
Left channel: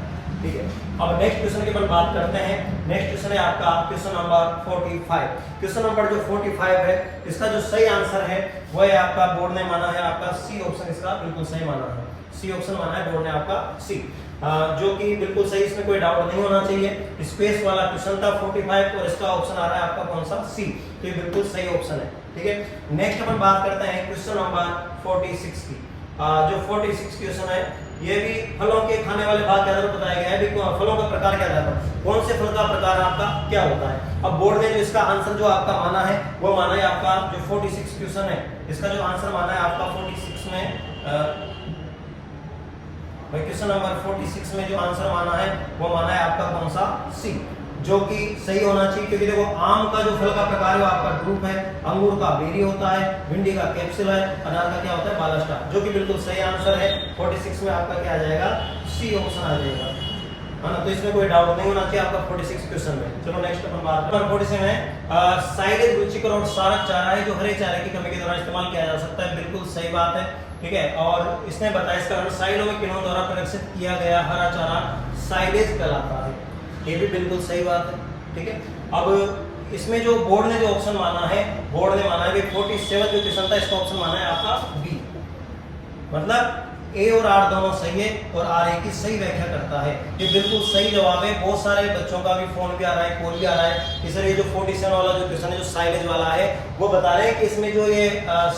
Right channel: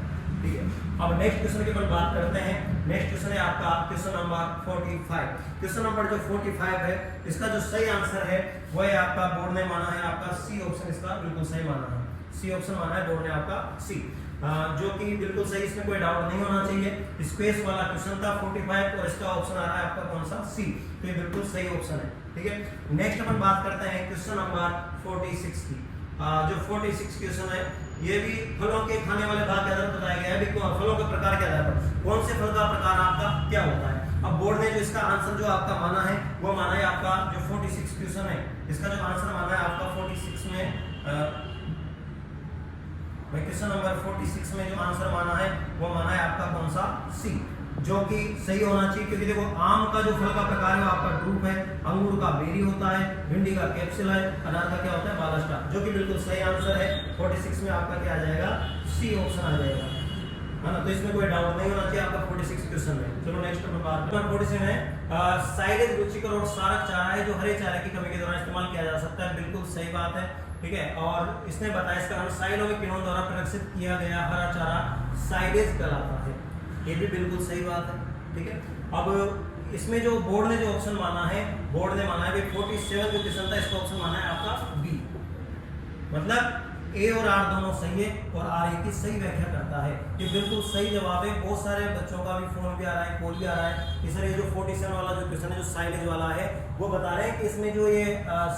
ठीक है। अब नेक्स्ट क्वेश्चन की अपन बात करते हैं। नेक्स्ट क्वेश्चन है आपका क्वेश्चन नंबर 45। क्वेश्चन नंबर जो 45 है इसका जो सही आंसर है वो है आपका बोर्ड ने माना है आपका सी ऑप्शन, इसका बिल्कुल सही माना है, सी ऑप्शन माना है बोर्ड ने आपका सी। जो कि बिल्कुल सही, इसमें कोई डाउट नहीं होना चाहिए। स्पेस वाला क्वेश्चन था 45 और इसका ऑप्शन आ रहा है आपका कौन सा, सी। तो ये बिल्कुल सही ऑप्शन है, ठीक है। नेक्स्ट अपन बात करते हैं क्वेश्चन नंबर 46 की। जो 46 क्वेश्चन है ये भी फलों के खाने वाले भाग के आधार पर बताया गया है। भी फलों का प्रकार के आधार पर कौन से फल का प्रकार आपका क्या होता है। अब बोर्ड ने जो इसका आंसर जो आपका माना है वो माना है आपका जो 46 क्वेश्चन है, इसका जो आंसर माना है आपका 46 में भाई क्वेश्चन नंबर 46 में जो आंसर माना है वो माना है आपका कौन सा, सी, जो कि सही होना चाहिए। क्योंकि देखो आम का जो फल का प्रकार है वो आपका ड्रूप है, अंगूर का बेरी होता है, भिंडी का कैप्सूल है, अनार का क्या होता है, बालास्टा, जो कि बिल्कुल सही आंसर है। 46 में आपका क्या आ जाएगा, सी ऑप्शन आ जाएगा, है ना। तो इसमें कोई डाउट नहीं होना चाहिए आपका 46 क्वेश्चन में। चलो नेक्स्ट अपन बात करते हैं 47 है साइलेज रुचिकर और सारक चारा है जो हरे चारे की कमी के दौरान इस्तेमाल किया जा सकता है। बिल्कुल सही बात है, ठीक है। और इसने बताया इसका साइलों में किन्हों द्वारा प्रदर्शित किया गया हरा चारा साइलेज कहलाता है, ये भी बिल्कुल सही बात है, ठीक है। अब इसमें जो बोर्ड ने जो ऑप्शन माना है, बोर्ड ने माना है 47 जो क्वेश्चन था इसका ऑप्शन माना है आपका बी, मतलब ए और आर दोनों सही है और आर ए की सही व्याख्या करता है। ये बिल्कुल सही जवाब है। बहुत सारे बच्चों का भी फोन भी आ रहा है, कॉल भी आ रहा है, इसलिए जो 47 वाला जो क्वेश्चन है जो साइलेज वाला है वो बता रहे हैं कि इसमें जो ये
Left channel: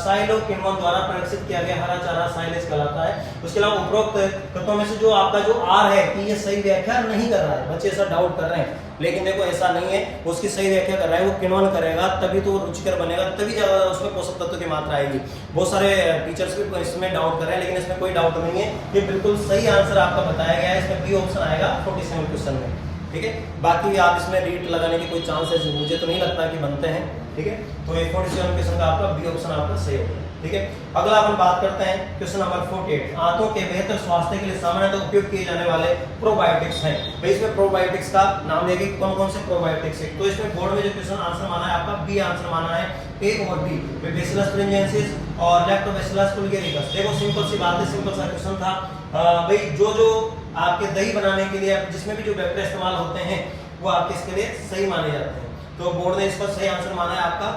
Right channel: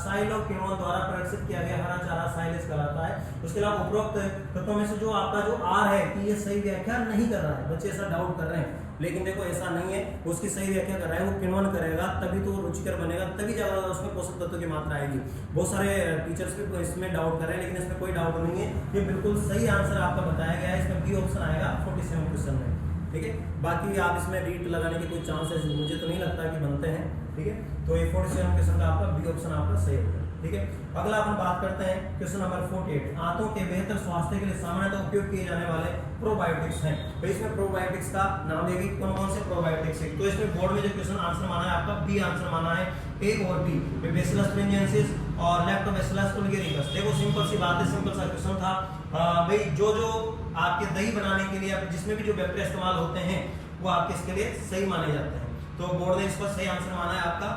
साइलो किण्वन द्वारा प्रदर्शित किया गया हरा चारा साइलेज कहलाता है। उसके अलावा उपरोक्त तत्वों में से जो आपका जो आर है कि ये सही व्याख्या नहीं कर रहा है, बच्चे ऐसा डाउट कर रहे हैं, लेकिन देखो ऐसा नहीं है, उसकी सही व्याख्या कर रहा है। वो किण्वन करेगा तभी तो वो रुचिकर बनेगा, तभी ज्यादा उसमें पोषक तत्व की मात्रा आएगी। बहुत सारे टीचर्स भी इसमें डाउट कर रहे हैं, लेकिन इसमें कोई डाउट नहीं है, ये बिल्कुल सही आंसर आपका बताया गया है। इसमें बी ऑप्शन आएगा 47 क्वेश्चन में, ठीक है। बाकी आप इसमें रीट लगाने के कोई चांसेस मुझे तो नहीं लगता कि बनते हैं, ठीक है। तो ये 47 क्वेश्चन का आपका बी ऑप्शन आपका सही होगा, ठीक है। अगला अपन बात करते हैं क्वेश्चन नंबर 48 आंतों के बेहतर स्वास्थ्य के लिए सामान्यतः उपयोग किए जाने वाले प्रोबायोटिक्स हैं। भाई इसमें प्रोबायोटिक्स का नाम लेंगे कौन कौन से प्रोबायोटिक्स है। तो इसमें बोर्ड में जो क्वेश्चन आंसर माना है आपका बी आंसर माना है, ए और बी, बैसिलस तुरिंजिएंसिस और लैक्टोबैसिलस बुल्गेरिकस। देखो सिंपल सी बात है, सिंपल सा क्वेश्चन था। भाई जो आपके दही बनाने के लिए जिसमें भी जो बैक्टीरिया इस्तेमाल होते हैं वो आपके इसके लिए सही माने जाते हैं। तो बोर्ड ने इसका सही आंसर माना है आपका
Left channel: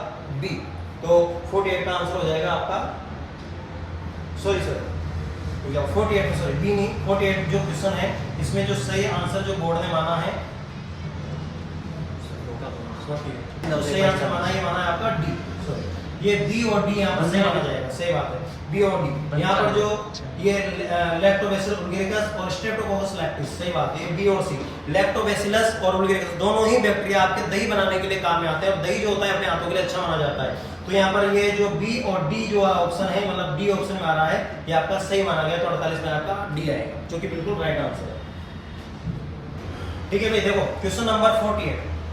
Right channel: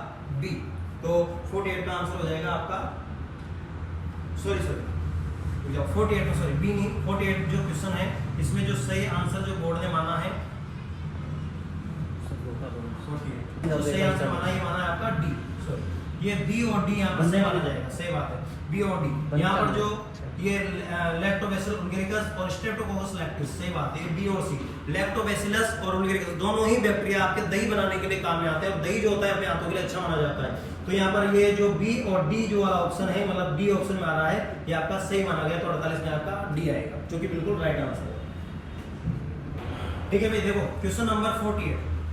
बी। तो 48 का आंसर हो जाएगा आपका सॉरी 48 बी नहीं, 48 जो क्वेश्चन है इसमें जो सही आंसर जो बोर्ड ने माना है तो सही आंसर माना ये माना है आपका डी। सॉरी ये बी और डी यहाँ पर सही माना जाएगा, सही बात है, बी और डी। यहाँ पर जो ये लैक्टोबैसिलस बुल्गेरिकस और स्ट्रेप्टोकोकस लैक्टिस, सही बात है, बी और सी। लैक्टोबैसिलस और बुल्गेरिकस दोनों ही बैक्टीरिया आपके दही बनाने के लिए काम में आते हैं और दही जो होता है अपने हाथों के लिए अच्छा माना जाता है। तो यहाँ पर ये जो बी और डी जो ऑप्शन है, मतलब डी ऑप्शन में आ रहा है, ये आपका सही माना गया। तो 48 में आपका डी आएगा, जो कि बिल्कुल राइट आंसर है, ठीक है भाई। देखो क्वेश्चन नंबर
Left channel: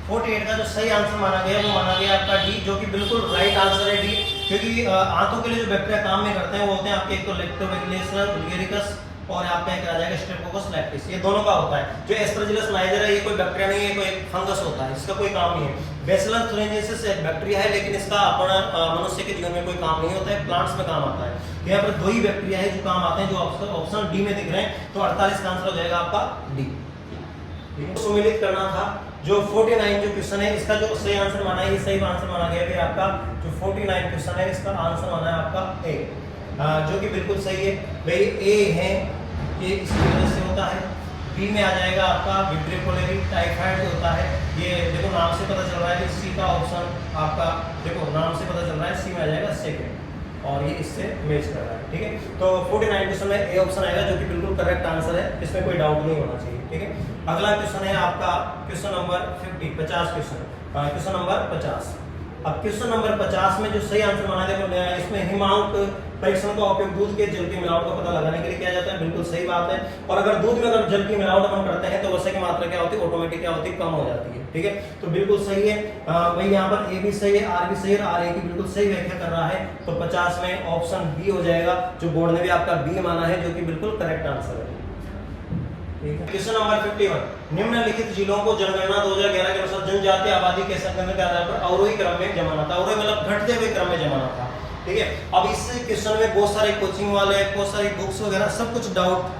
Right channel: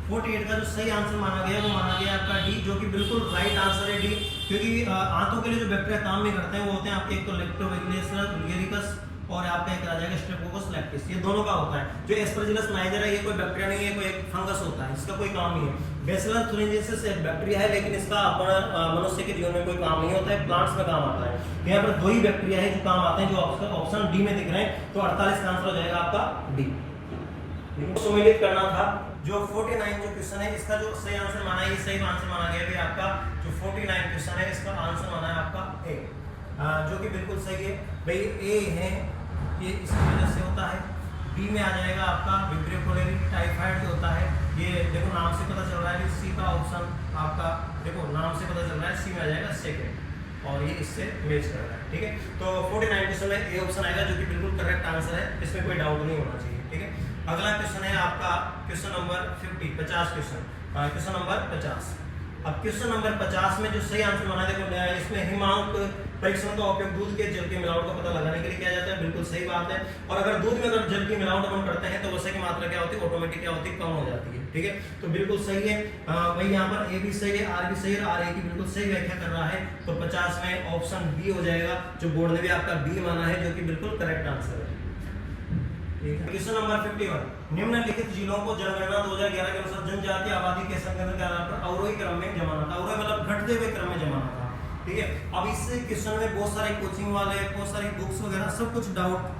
48 का जो सही आंसर माना गया वो माना गया आपका डी, जो कि बिल्कुल राइट आंसर है डी। क्योंकि आंतों के लिए जो बैक्टीरिया काम में करते हैं वो होते हैं आपके एक तो लैक्टोबैसिलस बुल्गेरिकस और आपका एक आ जाएगा स्ट्रेप्टोकोकस लैक्टिस, ये दोनों का होता है। जो एस्परजिलस नाइजर है ये कोई बैक्टीरिया नहीं है, कोई एक फंगस होता है, इसका कोई काम नहीं है। बैसिलस तुरिंजिएंसिस एक बैक्टीरिया है, लेकिन इसका अपना मनुष्य के जीवन में कोई काम नहीं होता है, प्लांट्स में काम आता है। यहाँ पर दो ही बैक्टीरिया है जो काम आते हैं, जो ऑप्शन डी में दिख रहे हैं। तो 48 का आंसर हो जाएगा आपका डी। सुमिलित करना था जो 49 जो क्वेश्चन है इसका जो सही आंसर माना है, ये सही आंसर माना गया है आपका जो 49 क्वेश्चन है इसका आंसर माना है आपका ए, जो कि बिल्कुल सही है भाई। ए है ये इसकी वजह से होता है। बी में आ जाएगा आपका विब्रियो कोलेरी टाइफाइड होता है, ये देखो नाम से पता चल रहा है कि सी का ऑप्शन आपका देखो नाम से पता चल रहा है, सी में आ जाएगा सेकंड और ये इससे मैच कर रहा है, ठीक है। तो 49 क्वेश्चन में ए ऑप्शन आएगा, जो कि बिल्कुल करेक्ट आंसर है, इसमें कोई डाउट नहीं होना चाहिए, ठीक है। अगला क्वेश्चन है आपका क्वेश्चन नंबर 50 क्वेश्चन नंबर 50। अब क्वेश्चन नंबर 50 में जो सही आंसर माना देखो इसमें हिमांक परीक्षण का उपयोग दूध के जल की मिलावट का पता लगाने के लिए किया जाता है, बिल्कुल सही बात है। और अगर दूध में अगर जल की मिलावट अपन करते हैं तो वसा की मात्रा क्या होती है, ऑटोमेटिक क्या होती है, कम हो जाती है, ठीक है। तो बिल्कुल सही है भाई, यहाँ पर ए भी सही है, आर भी सही है और आर ए की बिल्कुल सही व्याख्या कर रहा है। तो 50 में ऑप्शन बी हो जाएगा, जो बोर्ड ने भी आपका बी माना है, जो कि बिल्कुल करेक्ट आंसर है। क्वेश्चन नंबर 51 निम्नलिखित जिलों को जनगणना 2011 के अनुसार जनजातीय आबादी के संख्या के आधार पर अवरोही क्रम में जमाना था, अवरोही मतलब घटते हुए क्रम में जमाना था, ठीक है। अब इस क्वेश्चन में बहुत सारे कोचिंग वाले बहुत सारी बुक्स वगैरह सब कुछ डाउट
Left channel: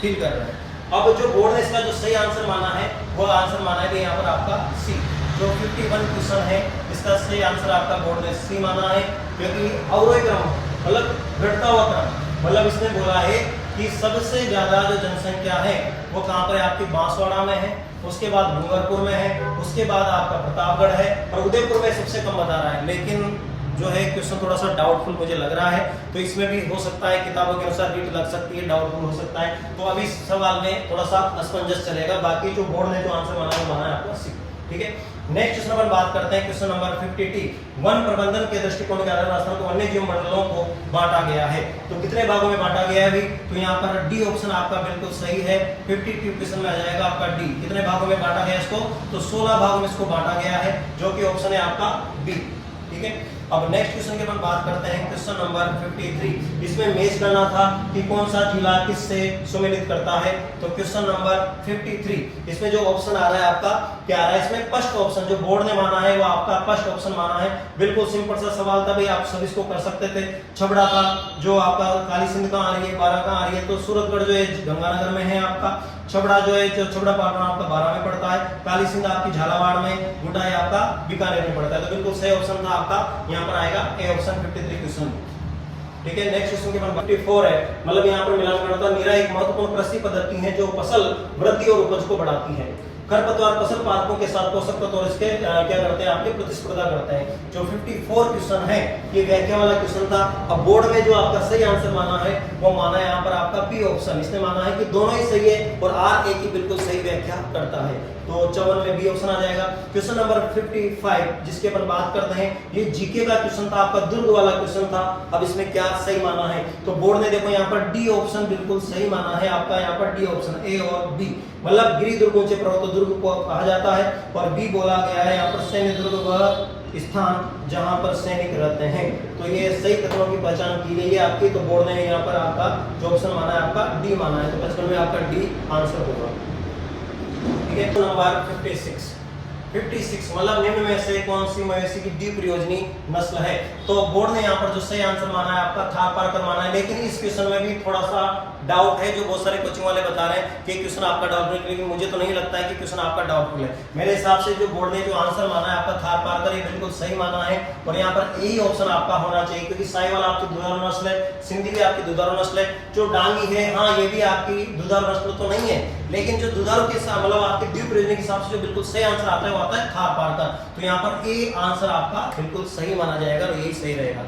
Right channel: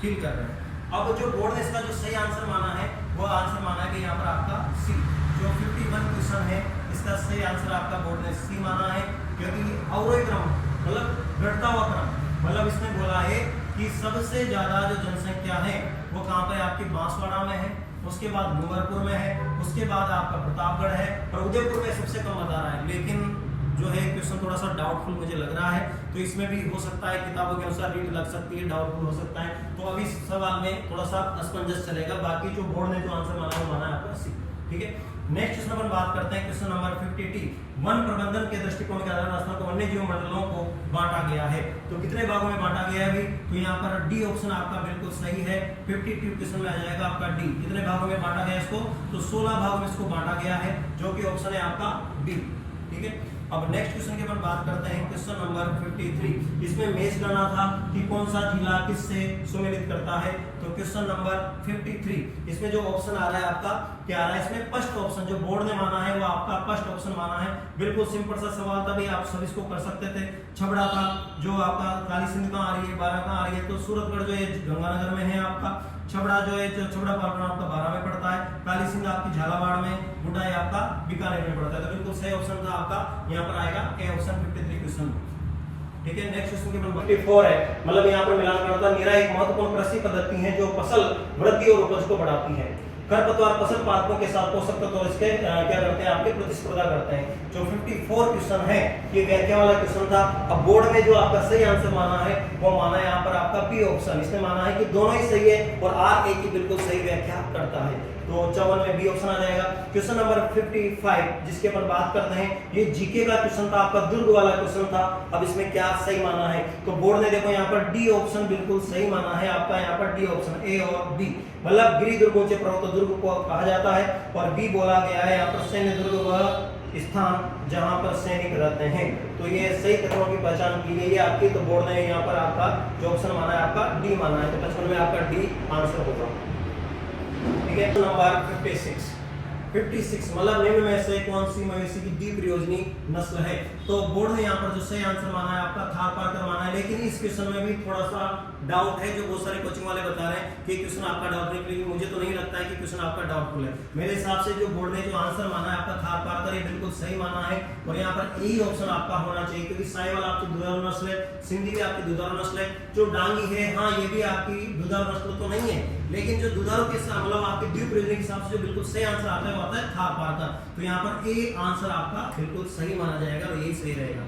फील कर रहे हैं। अब जो बोर्ड ने इसका जो सही आंसर माना है वो आंसर माना है यहाँ पर आपका सी। जो 51 क्वेश्चन है इसका सही आंसर आपका बोर्ड ने सी माना है, क्योंकि अवरोही क्रम मतलब घटता हुआ क्रम, मतलब इसने बोला है कि सबसे ज्यादा जो जनसंख्या है वो कहाँ पर है, आपकी बांसवाड़ा में है, उसके बाद डूंगरपुर में है, उसके बाद आपका प्रतापगढ़ है, और उदयपुर में सबसे कम बता रहा है। लेकिन जो है क्वेश्चन थोड़ा सा डाउटफुल मुझे लग रहा है, तो इसमें भी हो सकता है किताबों के अनुसार रीट लग सकती है, डाउटफुल हो सकता है। तो अभी इस सवाल में थोड़ा सा असमंजस चलेगा, बाकी जो बोर्ड ने जो आंसर माना है माना है आपको सी। ठीक है, नेक्स्ट क्वेश्चन अपन बात करते हैं, क्वेश्चन नंबर 50T। वन प्रबंधन के दृष्टिकोण के आधार राजस्थान को वन्य जीव मंडलों को बांटा गया है, तो कितने भागों में बांटा गया है अभी, तो यहाँ पर डी ऑप्शन आपका बिल्कुल सही है। 52 क्वेश्चन में आ जाएगा आपका डी। कितने भागों में बांटा गया इसको, तो 16 भागों में इसको बांटा गया है, जो कि ऑप्शन है आपका बी। ठीक है, अब नेक्स्ट क्वेश्चन की अपन बात करते हैं, क्वेश्चन नंबर 53। इसमें मेष करना था कि कौन सा जिला किससे सम्मिलित करता है, तो क्वेश्चन नंबर 53 इसमें जो ऑप्शन आ रहा है आपका क्या आ रहा है, इसमें फर्स्ट ऑप्शन जो बोर्ड ने माना है वो आपका फर्स्ट ऑप्शन माना है। बिल्कुल सिंपल सा सवाल था भाई, आप सब इसको कर सकते थे। छबड़ा का जो आपका काली सिंध कहाँ आ रही है, 12 कहाँ आ रही है, तो सूरतगढ़ जो है गंगानगर में है आपका, छबड़ा जो है छबड़ा पाटन आपका 12 में पड़ता है, काली सिंध आपकी झालावाड़ में, गुड्डा आपका बीकानेर में पड़ता है। तो बिल्कुल सही ऑप्शन था आपका, यहाँ पर आएगा ए ऑप्शन 53 क्वेश्चन। ठीक है, नेक्स्ट क्वेश्चन के बाद 54 है, मतलब यहाँ पर मिलान करना था। मेरा एक महत्वपूर्ण कृषि पद्धति है जो फसल वृद्धि और उपज को बढ़ाती है। खरपतवार फसल पादपों के साथ पोषक तत्व और इसके क्या करते हैं, आपके प्रतिस्पर्धा करते हैं। जो 54 क्वेश्चन है ये व्याख्या वाला क्वेश्चन था। अब बोर्ड में जो आपका सही आंसर माना है वो माना है यहाँ पर आपका बी ऑप्शन। इसने माना है कि दोनों ही सही है और आर ए की बिल्कुल सही व्याख्या करता है, तो 54 में बी ऑप्शन आ जाएगा। क्वेश्चन नंबर 55 जिसके अपन बात करते हैं, ये जीके का क्वेश्चन था आपका, दुर्ग वाला क्वेश्चन था। अब इसमें क्या सही माना है, तो बोर्ड ने देखो यहाँ पर डी ऑप्शन बिल्कुल सही माना है आपका, यहाँ पर डी ऑप्शन ए और बी, मतलब गिरि दुर्ग ऊंचे पर्वत दुर्ग को कहा जाता है, और बी बोला गया है यहाँ पर सैन्य दुर्ग वह स्थान जहां पर सैनिक रहते हैं। तो ये सही कथनों की पहचान की गई है आपकी, तो बोर्ड ने यहाँ पर आपका जो ऑप्शन माना है आपका डी माना है, तो 55 में आपका डी आंसर होगा। ठीक है, नंबर 56 मतलब निम्न में से कौन सी मवेशी की द्विप्रयोजनी नस्ल है, तो बोर्ड ने यहाँ पर जो सही आंसर माना है आपका थारपारकर माना है। लेकिन इस क्वेश्चन में भी थोड़ा सा डाउट है, जो बहुत सारे कोचिंग वाले बता रहे हैं कि क्वेश्चन आपका डाउटफुल है, लेकिन मुझे तो नहीं लगता है कि क्वेश्चन आपका डाउटफुल है। मेरे हिसाब से जो बोर्ड ने जो आंसर माना है आपका थारपारकर, ये बिल्कुल सही माना है, और यहाँ पर यही ऑप्शन आपका होना चाहिए, क्योंकि साहिवाल आपकी दुधारू नस्ल है, सिंधी भी आपकी दुधारू नस्ल है, जो डांगी है हाँ ये भी आपकी दुधारू नस्ल तो नहीं है, लेकिन जो दुधारू के साथ मतलब आपके द्विप्रयोजनी के हिसाब से जो बिल्कुल सही आंसर आता है वो आता है थारपारकर। तो यहाँ पर ए आंसर आपका बिल्कुल सही माना जाएगा और यही सही रहेगा।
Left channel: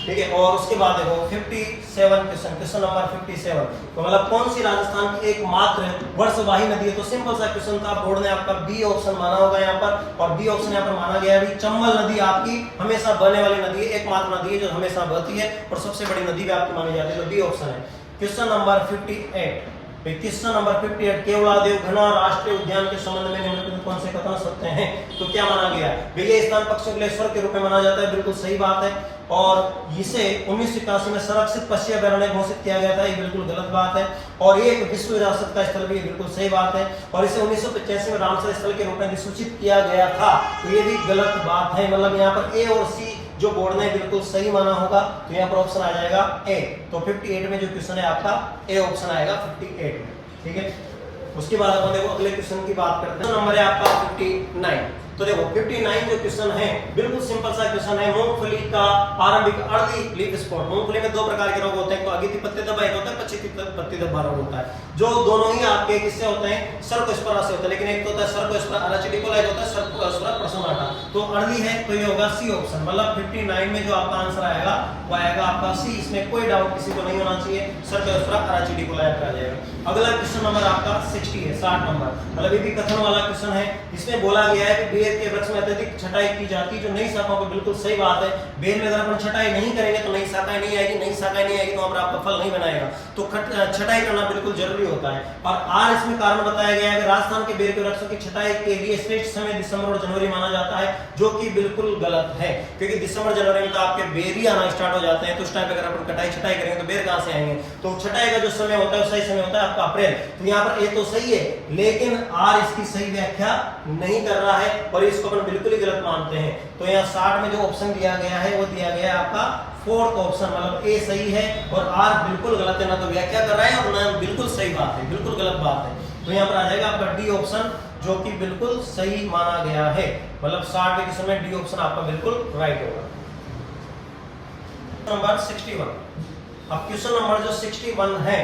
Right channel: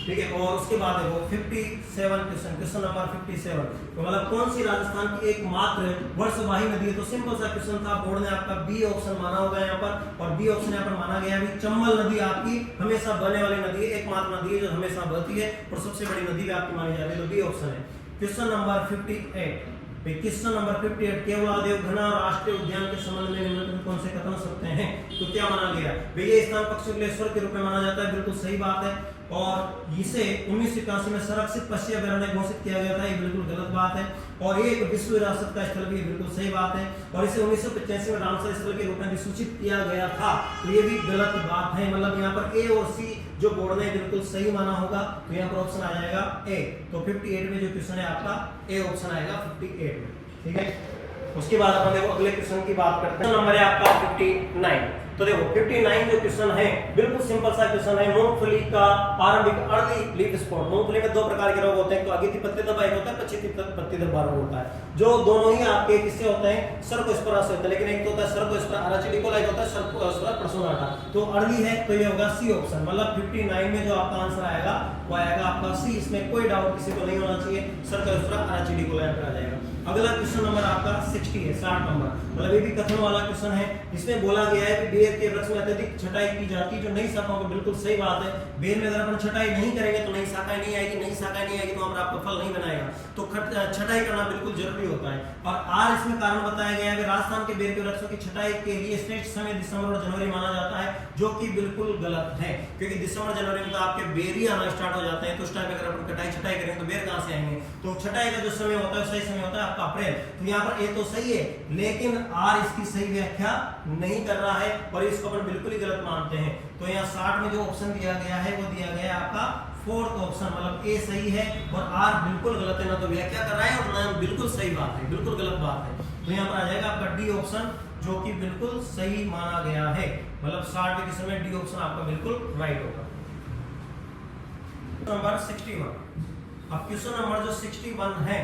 ठीक है, और उसके बाद देखो 57 क्वेश्चन नंबर 57, तो मतलब कौन सी राजस्थान की एकमात्र वर्षवाही नदी है, तो सिंपल सा क्वेश्चन था। बोर्ड ने आपका बी ऑप्शन माना होगा यहाँ पर, और बी ऑप्शन यहाँ पर माना गया है। चंबल नदी आपकी हमेशा बहने वाली नदी है, एकमात्र नदी है जो हमेशा बहती है और सबसे बड़ी नदी भी आपकी मानी जाती है, तो बी ऑप्शन है। Question number 58 question number 58 Keoladeo घना राष्ट्रीय उद्यान के संबंध में निम्नलिखित कौन से कथन सत्य हैं, तो क्या माना गया, ये स्थान पक्षियों के लिए स्वर्ग के रूप में माना जाता है, बिल्कुल सही बात है। और इसे 1981 में संरक्षित पक्षी अभयारण्य घोषित किया गया था, ये बिल्कुल गलत बात है। और ये एक विश्व विरासत का स्थल भी बिल्कुल सही बात है। और इसे 1985 में रामसर स्थल के रूप में अधिसूचित किया गया था, तो ये भी गलत बात है। मतलब यहाँ पर ए और सी जो बोर्ड ने बिल्कुल सही माना होगा, तो यहाँ पर ऑप्शन आ जाएगा ए। तो 58 में जो क्वेश्चन है आपका ए ऑप्शन आएगा 58 में। ठीक है, उसके बाद अपन देखो अगले क्वेश्चन की बात करते हैं। नंबर है आपका 59। तो देखो 59 जो क्वेश्चन है बिल्कुल सिंपल सा क्वेश्चन है। मूंगफली का आरंभिक अर्ली लीफ स्पॉट, मूंगफली में दो प्रकार के रोग होते हैं, तो अगिति पत्ती धब्बा एक होता है, पछिती पत्ती धब्बा रोग होता है, जो दोनों ही आपके किससे होते हैं, सर्कोस्पोरा से होते हैं। लेकिन एक तो होता है सर्कोस्पोरा अराचिडिकोला, एक होता है सर्कोस्पोरा पर्सोनाटा। तो अर्ली है तो ये होगा सी ऑप्शन, मतलब 59 में जो आपका आंसर आएगा वो आएगा आपका सी। इसमें कोई डाउट किसी को नहीं होना चाहिए, सर्कोस्पोरा अराचिडिकोला आ जाएगा। अगला क्वेश्चन नंबर आपका 60 है, 60 नंबर, मतलब ये भी कथन वाला क्वेश्चन है। इसमें बोला गया है कि बेर के वृक्ष में अत्यधिक छटाई की जाती है, जो नई शाखाओं को बिल्कुल सही बात है। बेर में अगर अपन छटाई नहीं करेंगे तो नई शाखाएं नहीं आएगी, नई शाखाएं नहीं आएगी तो वहां पर आपका फल नहीं बनाएगा, तो छटाई करना बिल्कुल जरूरी होता है। और आर इसमें कारण बताया गया है कि राजस्थान के बेर के वृक्षों की छटाई के लिए श्रेष्ठ समय दिसंबर और जनवरी माना जाता है, जो कि बिल्कुल गलत है, क्योंकि दिसंबर जनवरी में तो आपके बेर ही आना स्टार्ट हो जाते हैं, तो उस टाइम पे अगर अपन कटाई छटाई करेंगे तो बेर कहां से आएंगे। तो छटाई का जो समय होता है सही समय होता है आपका अप्रैल। तो यहाँ पर ए तो सही है, लेकिन आर इसकी सही व्याख्या नहीं कर रहा है और इसको अपन बिल्कुल ही गलत मानते हैं। तो यहाँ 60 में जो ऑप्शन दिया गया है वो दिया गया है आपका फोर्थ ऑप्शन, मतलब ए सही है और आर बिल्कुल गलत है, ना तो व्याख्या कर रहा है और ना बिल्कुल सही बात है, बिल्कुल गलत बात है। तो यहाँ पर आ जाएगा आपका डी ऑप्शन, जो कि बिल्कुल सही माना गया है, मतलब 60 के क्वेश्चन में डी ऑप्शन आपका बिल्कुल राइट होगा। नंबर 61, अब क्वेश्चन नंबर जो 61 है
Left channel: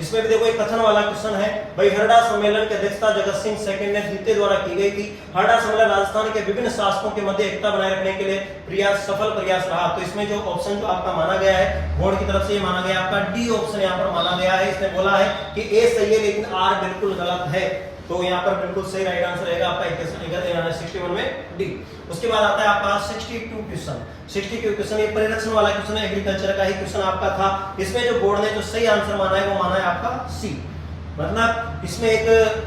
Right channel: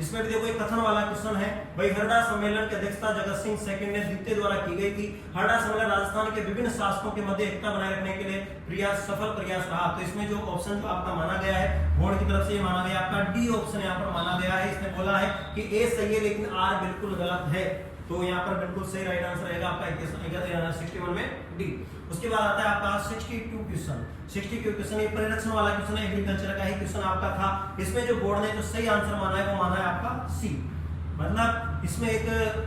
इसमें भी देखो एक कथन वाला क्वेश्चन है भाई, हरडा सम्मेलन की अध्यक्षता जगत सिंह सेकंड ने द्वितीय द्वारा की गई थी। हरडा सम्मेलन राजस्थान के विभिन्न शासकों के मध्य एकता बनाए रखने के लिए सफल प्रयास रहा। तो इसमें जो ऑप्शन जो आपका माना गया है बोर्ड की तरफ से, ये माना गया आपका डी ऑप्शन यहाँ पर माना गया है। इसने बोला है कि ए सही है लेकिन आर बिल्कुल गलत है। तो यहाँ पर बिल्कुल सही राइट आंसर रहेगा आपका 61 में डी। उसके बाद आता है आपका 62 क्वेश्चन। 62 क्वेश्चन ये परिरक्षण वाला क्वेश्चन है, एग्रीकल्चर का ही क्वेश्चन आपका था। इसमें जो बोर्ड ने जो सही आंसर माना है वो माना है आपका सी। मतलब इसमें एक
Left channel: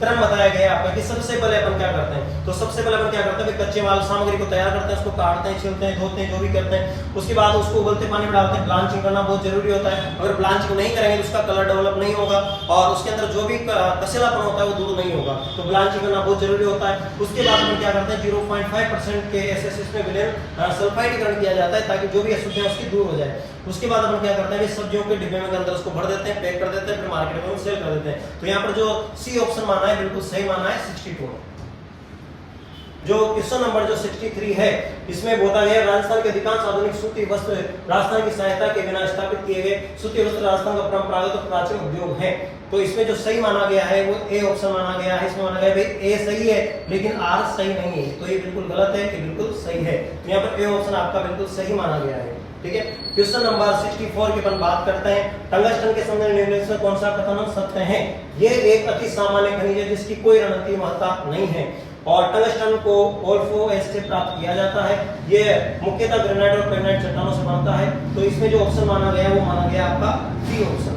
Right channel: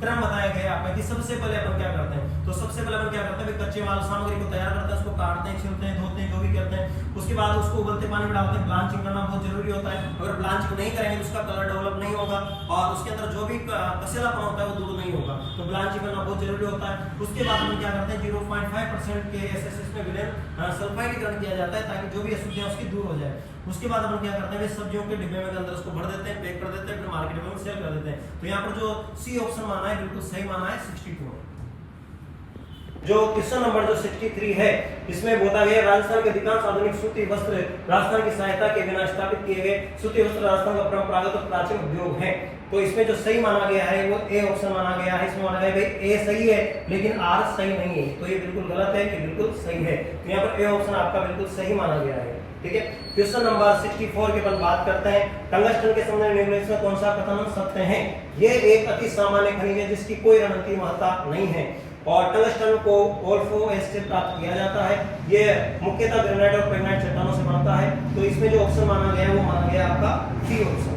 क्रम बताया गया है आपका कि सबसे पहले अपन क्या करते हैं, तो सबसे पहले अपन क्या करते हैं, कच्चे माल सामग्री को तैयार करते हैं, उसको काटते हैं, छीलते हैं, धोते हैं, जो भी करते हैं। उसके बाद उसको उबलते पानी में डालते हैं। ब्लांचिंग करना बहुत जरूरी होता है। अगर ब्लांचिंग नहीं करेंगे तो उसका कलर डेवलप नहीं होगा और उसके अंदर जो भी कसेलापन होता है वो दूर नहीं होगा। तो ब्लांचिंग करना बहुत जरूरी होता है। उसके बाद अपन क्या करते हैं, 0.5% के एसएसएस में विलेन सल्फाइडीकरण किया जाता है ताकि जो भी अशुद्धियां उसकी दूर हो जाए। उसके बाद अपन क्या करते हैं, सब्जियों के डिब्बे में अंदर उसको भर देते हैं, पैक कर देते हैं, फिर मार्केट में सेल कर देते हैं। तो यहाँ पर जो सी ऑप्शन माना है बिल्कुल सही माना है 62। जो क्वेश्चन नंबर जो 63 है, इसमें बोला गया राजस्थान के अधिकांश आधुनिक सूती वस्त्र राजस्थान की सहायता के बिना स्थापित किए गए सूती वस्त्र राजस्थान का परंपरागत और प्राचीन उद्योग है। तो इसमें जो सही माना गया है वो ए ऑप्शन माना गया है। इसमें माना गया भाई ए सही है लेकिन आर सही नहीं है। तो ये बिल्कुल गलत है, ये बिल्कुल सही है। तो यहाँ पर ए ऑप्शन आपका बिल्कुल सही माना गया है। ठीक है, क्वेश्चन नंबर 64 की अपन बात करते हैं। टंगस्टन के संबंध में कौन सा कथन सत्य है? ये एक अति सामान्य खनिज है जिसकी कोई रणनीतिक महत्ता नहीं है और टंगस्टन को ओल्फो एस से प्राप्त किया जाता है। ये मुख्यतः ग्रेनाइट और पेग्नाइट चट्टानों से बनता है। तो इसमें जो ऑप्शन माना गया वो माना गया आपका डी ऑप्शन।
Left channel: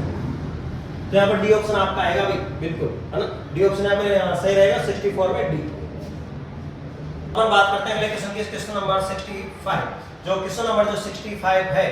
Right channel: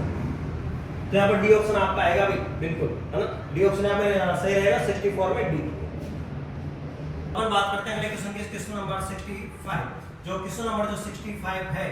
तो यहाँ पर डी ऑप्शन आपका आएगा भाई, बिल्कुल है ना, डी ऑप्शन यहाँ पे सही रहेगा 64 में डी। अपन बात करते हैं अगले क्वेश्चन की, क्वेश्चन नंबर 65। जो क्वेश्चन नंबर जो 65 है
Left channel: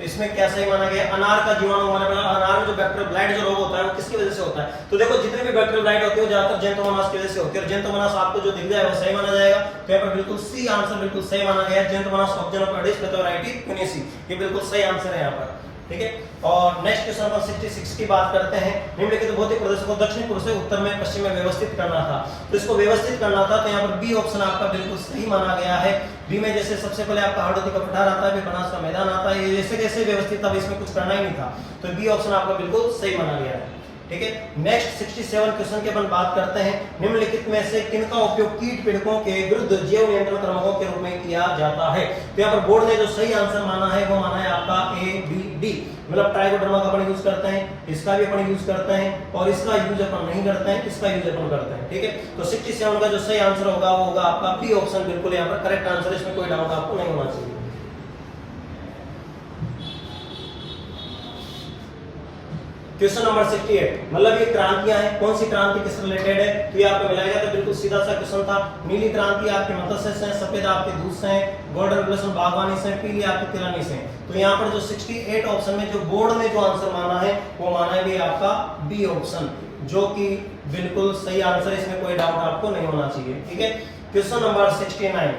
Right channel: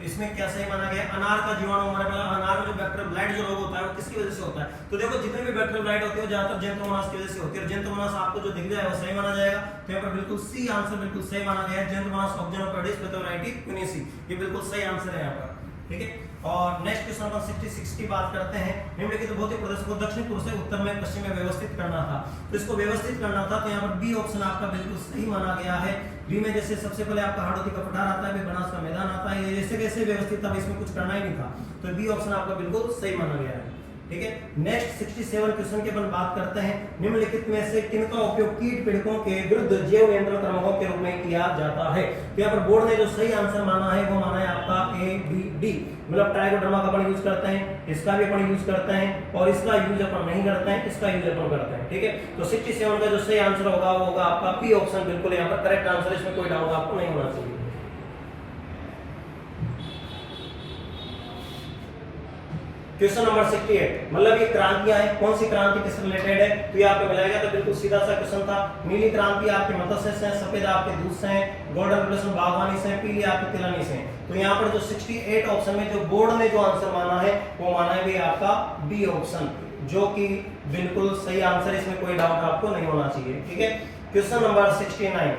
इसमें क्या सही माना गया, अनार का जीवाणु माना गया। अनार में जो बैक्टीरियल ब्लाइट जो रोग होता है वो किसकी वजह से होता है? तो देखो जितने भी बैक्टीरियल ब्लाइट होती है ज्यादातर जेंटोमोनास की वजह से होती है और जेंटोमोनास आपको जो दिख जाए वो सही माना जाएगा। तो यहाँ पर बिल्कुल सी आंसर बिल्कुल सही माना गया है, जेंटोमोनास ऑक्जेनोपर्डिस पेथोराइटी क्विनेसी, ये बिल्कुल सही आंसर है यहाँ पर। ठीक है, और नेक्स्ट क्वेश्चन नंबर 66 की बात करते हैं। निम्नलिखित भौतिक प्रदेशों को दक्षिण पूर्व से उत्तर में पश्चिम में व्यवस्थित करना था। तो इसको व्यवस्थित करना था तो यहाँ पर बी ऑप्शन आपका बिल्कुल सही माना गया है। बी में जैसे सबसे पहले आपका हाड़ौती का पठार आता है, फिर बनास का मैदान आता है, ये जैसे जैसे व्यवस्थित था इसमें कुछ करना ही नहीं था। तो बी ऑप्शन आपका बिल्कुल सही माना गया है। ठीक है, नेक्स्ट 67 क्वेश्चन की अपन बात करते हैं। निम्नलिखित में से किनका उपयोग कीट पीड़कों के विरुद्ध जैव नियंत्रण क्रमों के रूप में किया जाता है? तो यहाँ पर बोर्ड ने जो सही आंसर माना है वो माना है आपका ए बी डी। मतलब ट्राइकोडर्मा का अपन यूज करते हैं, इसका भी अपन यूज करते हैं और इसका यूज अपन नहीं करते हैं, इसका यूज अपन करते हैं। ठीक है, तो 67 का जो सही आंसर होगा वो होगा आपका बी ऑप्शन, बिल्कुल यहाँ पर करेक्ट आंसर, इसमें कोई डाउट आपको नहीं होना चाहिए। क्वेश्चन नंबर 68, मतलब ये क्रांतियां हैं, कौन सी क्रांति किस रिलेटेड है? तो ये आपको मिलेगा। तो बिल्कुल सीधा सा क्वेश्चन था। नीली क्रांति आपके मत्स्य से, सफेद आपके दूध से, गोल्डन रेवोल्यूशन बागवानी से, पीली आपकी तिलहनी से। तो यहाँ पर जो 68 ऑप्शन में जो बोर्ड ने जो आंसर माना है वो माना है भी आपका बी ऑप्शन, जो कि बिल्कुल सही आंसर, इसमें कोई डाउट आपको नहीं होना चाहिए। ठीक है, क्वेश्चन नंबर 69,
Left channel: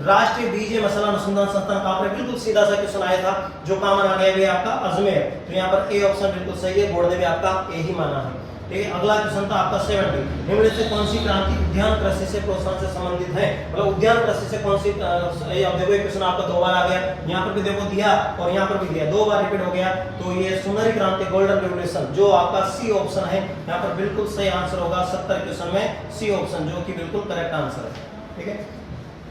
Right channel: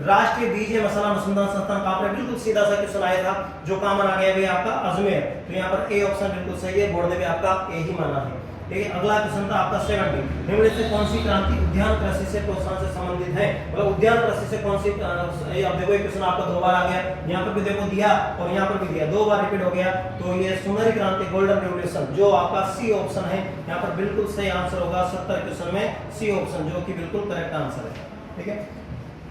राष्ट्रीय बीज मसाला अनुसंधान संस्थान कहाँ पर? बिल्कुल सीधा सा क्वेश्चन आया था, जो कॉमन आ गया भी आपका अजमेर। तो यहाँ पर ए ऑप्शन बिल्कुल सही है, बोर्ड ने भी आपका ए ही माना है। ठीक है, अगला क्वेश्चन था आपका 70, निम्नलिखित से कौन सी क्रांति उद्यान कृषि से प्रोत्साहन से संबंधित है? मतलब उद्यान कृषि से कौन सी, अब देखो ये क्वेश्चन आपका 2 बार आ गया, यहाँ पर भी देखो दिया और यहाँ पर भी दिया, 2 बार रिपीट हो गया। तो ये सुनहरी क्रांति, गोल्डन रेवोल्यूशन, जो आपका सी ऑप्शन है यहाँ पर बिल्कुल सही आंसर होगा 70 क्वेश्चन में सी ऑप्शन, जो कि बिल्कुल करेक्ट आंसर है। ठीक है,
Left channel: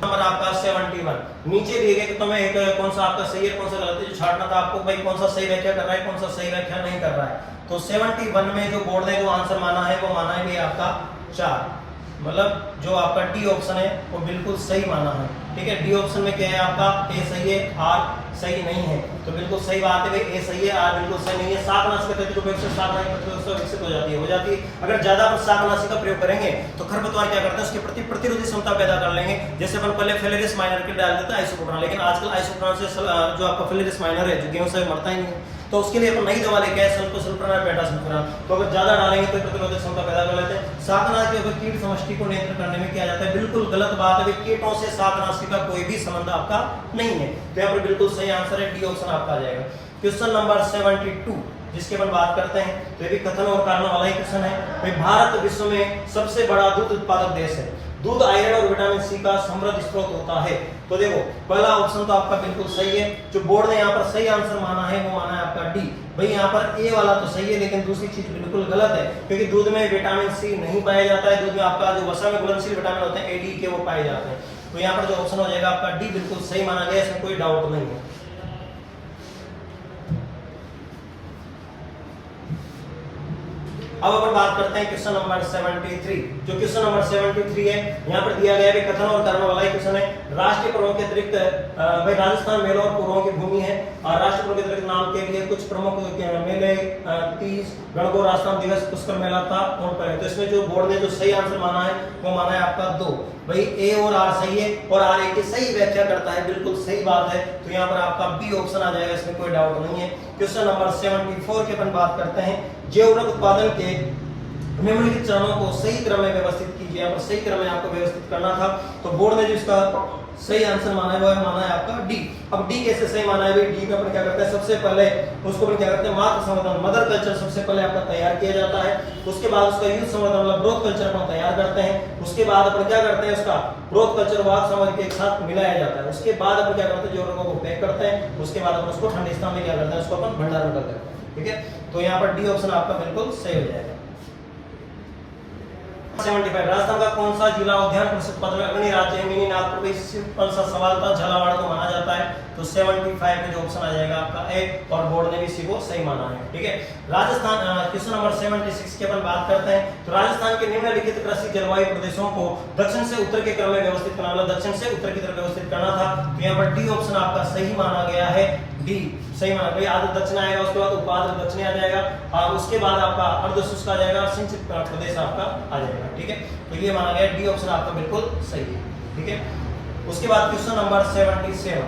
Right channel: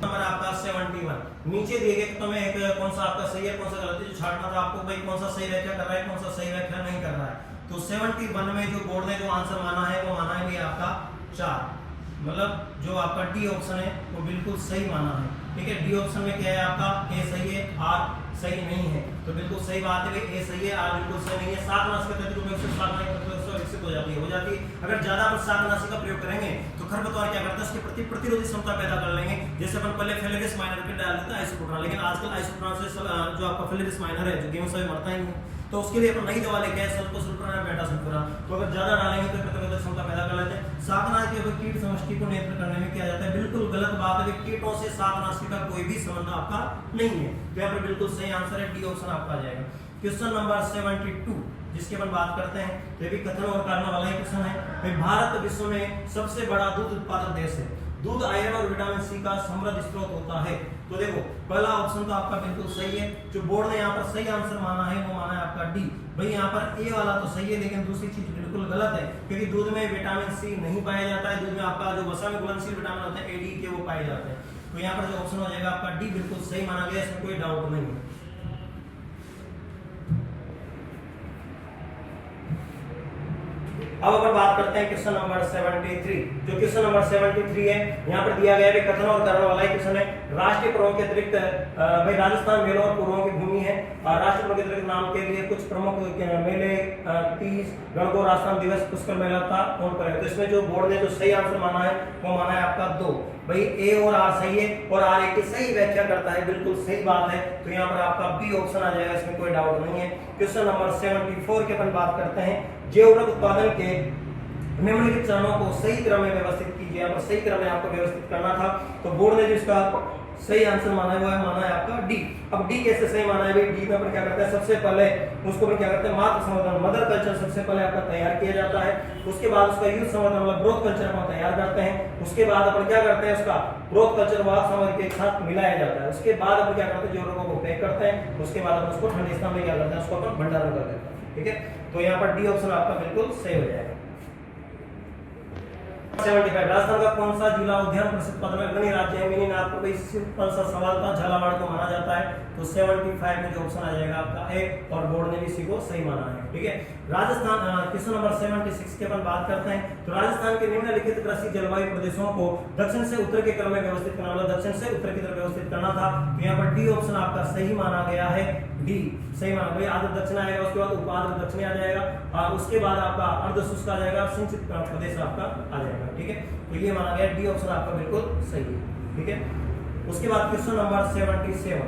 नंबर आपका 71, नीचे दिए गए कि तुम्हें एक कौन सा आपका सही है कौन सा गलत है, जो छांटना था आपको भाई कौन सा सही व्याख्या कर रहा है कौन सा सही व्याख्या नहीं कर रहा है। तो 71 में जो बोर्ड ने जो आंसर माना है वो माना है आपका 4, मतलब जो आपका डी ऑप्शन है वो बिल्कुल सही माना है। ठीक है, डी ऑप्शन में क्या है आपका ए सही है, आर सही नहीं है। तो बिल्कुल सही बात है भाई, ए सही है, आर बिल्कुल सही नहीं है। शाकनाशी का विकसित हो जाती है। अगर ज्यादा पर शाकनाशी का प्रयोग करेंगे तो खरपतवार क्या करते हैं, उसके प्रति प्रतिरोधी क्षमता पैदा कर लेंगे। जैसे अपन पहले फेलेरिस माइनर के डाल देते हैं आइसोप्रोपान, लेकिन आजकल आइसोप्रोपान से जो आपका फेलेरिस माइनर है जो गेहूं से मरता ही नहीं, तो उसके लिए अपन नई दवा लेके आए सल्फोसल्फोरान बेटासल्फोरान। तो अगर ज्यादा डालेंगे तो प्रतिरोधक क्षमता पैदा कर लेते हैं। शाकनाशी के कीट समष्टि को नियंत्रण करने में किया जाता है, बिल्कुल गलत बात है। कीटों से शाकनाशी का कोई भी संबंध आपका नहीं है। तो यहाँ पर बिल्कुल सही आंसर है, डी ऑप्शन आपका आ जाएगा। क्वेश्चन नंबर 72 जिसके अपन बात करते हैं, तो ये भी कथन और कारण वाला ही क्वेश्चन है। भारत विश्व में सबसे बड़ा दूध उत्पादक देश है। दूध आयरन और विटामिन सी का समृद्ध स्रोत होता है। तो देखो पहला ऑप्शन तो आपका बिल्कुल सही है। जो बोर्ड ने यहाँ पर सही आंसर माना है वो माना है आपका डी। भाई यहाँ पर ए वाला तो सही है लेकिन दूसरी चीज बिल्कुल गलत है, क्योंकि दूध में विटामिन सी नहीं पाया जाता है। दूध में आपका जो वसा में घुलनशील विटामिन होते हैं ए डी के वो पाए जाते हैं। तो यहाँ पर जो ऑप्शन हो जाएगा आपका डी बिल्कुल सही माना गया, इसमें कोई डाउट नहीं है। अब अपन बात करते हैं क्वेश्चन नंबर 73। जो क्वेश्चन नंबर 73 है यहाँ पर दिया गया है कथन और कर्म वाला क्वेश्चन है। राष्ट्रीय पर्वों के अतिरिक्त भाई राजस्थान मेलों और पुरों की भूमि है और राष्ट्रीय पर्वों के अतिरिक्त नाम के लिए कुछ प्रमुख मेले 30 गणगौर राजस्थान दिवस पुष्कर मेला था कौन पर है। तो इसमें जो बोर्ड ने जो सही आंसर माना है वो माना है आपका 2। भाई ए और आर सही है और आर ए की सही व्याख्या करता है, बिल्कुल सही बात है। तो यहाँ पर आपका बी ऑप्शन आ जाएगा, इसमें कोई डाउट नहीं है। क्वेश्चन नंबर 74 के अपन बात करते हैं। जैव ऊर्वक उत्पादन के निम्नलिखित चरणों को सही क्रम में व्यवस्थित कीजिए। यहाँ पर सही क्रम में आपको व्यवस्थित करना था। तो बोर्ड ने जो इसका सही आंसर माना है वो माना है आपका डी। अब डी कैसे सही माना है? डी में अपन क्या करते हैं, सबसे पहले उसको अपन क्या करते हैं, मातृ संवर्धन मदर कल्चर सबसे पहले आपका तैयार किया जाता है। उसके बाद उसका यूथ संवर्धन मतलब ग्रोथ कल्चर अपन तैयार करते हैं। उसके बाद अपन क्या करते हैं, उसका ग्रोथ कल्चर वाद सामग्री के एक साथ मिलाया जाता है। उसके बाद अपन क्या करते हैं, जो रोगों को पैक करते हैं। उसके बाद अपन उसको ठंडे स्थान में क्या करते हैं, उसको अपन भंडारण करते हैं। ठीक है, तो यहाँ पर डी ऑप्शन आपका बिल्कुल सही हो जाएगा। 75 राजस्थान का कौन सा जिला उद्यान परिषद पद अग्रणी राज्य है? मिनी नागपुर में कौन सा सवाल था, झालावाड़ को माना जाता है। तो 75 में जो ऑप्शन आ जाएगा आपका ए और बोर्ड ने भी इसी को सही माना है। ठीक है, राजस्थान क्वेश्चन नंबर 76 की अपन बात करते हैं। तो राजस्थान के निम्नलिखित कृषि जलवायु प्रदेशों को दक्षिण से उत्तर के क्रम में व्यवस्थित करना, मतलब दक्षिण से उत्तर की तरफ व्यवस्थित करना था। तो यहाँ पर डी ऑप्शन आपका सही माना गया है। डी सही माना। भाई आर्द्र दक्षिण आएगा, उसके बाद उपाद्र दक्षिण आ जाएगा और उसके बाद आपका अर्ध शुष्क आ जाएगा, सिंचित प्रदेश आपका आ जाएगा। ठीक है, तो ये माना गया डी ऑप्शन आपका बिल्कुल सही है। ठीक है, उसके बाद क्वेश्चन नंबर 77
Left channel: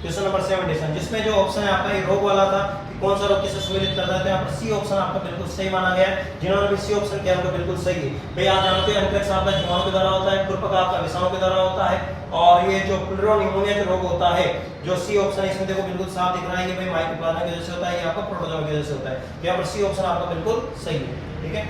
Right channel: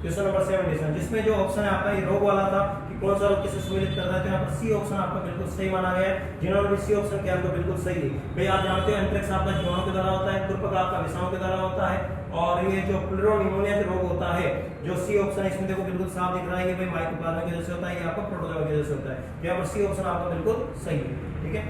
क्वेश्चन नंबर 77 जिसमें जो ऑप्शन है आपका ये रोग वाला था कि कौन सा रोग किसे सम्मिलित करता है। तो यहाँ पर सी ऑप्शन आपका बिल्कुल सही माना गया है। जिन्होंने भी सी ऑप्शन किया तो बिल्कुल सही है। भाई आप जानते हैं एंथ्रेक्स आपका जीवाणु के द्वारा होता है, खुरपका आपका विषाणु के द्वारा होता है और ये जो प्लूरोनिमोनिया जो रोग होता है, जो सी ऑप्शन है इसमें देखो बिल्कुल साफ दिख रहा है, ये भाई माइकोप्लाज्मा की वजह से होता है, ये आपका प्रोटोजोआ की वजह से होता है। तो यहाँ पर सी ऑप्शन आपका बिल्कुल सही है। ठीक है,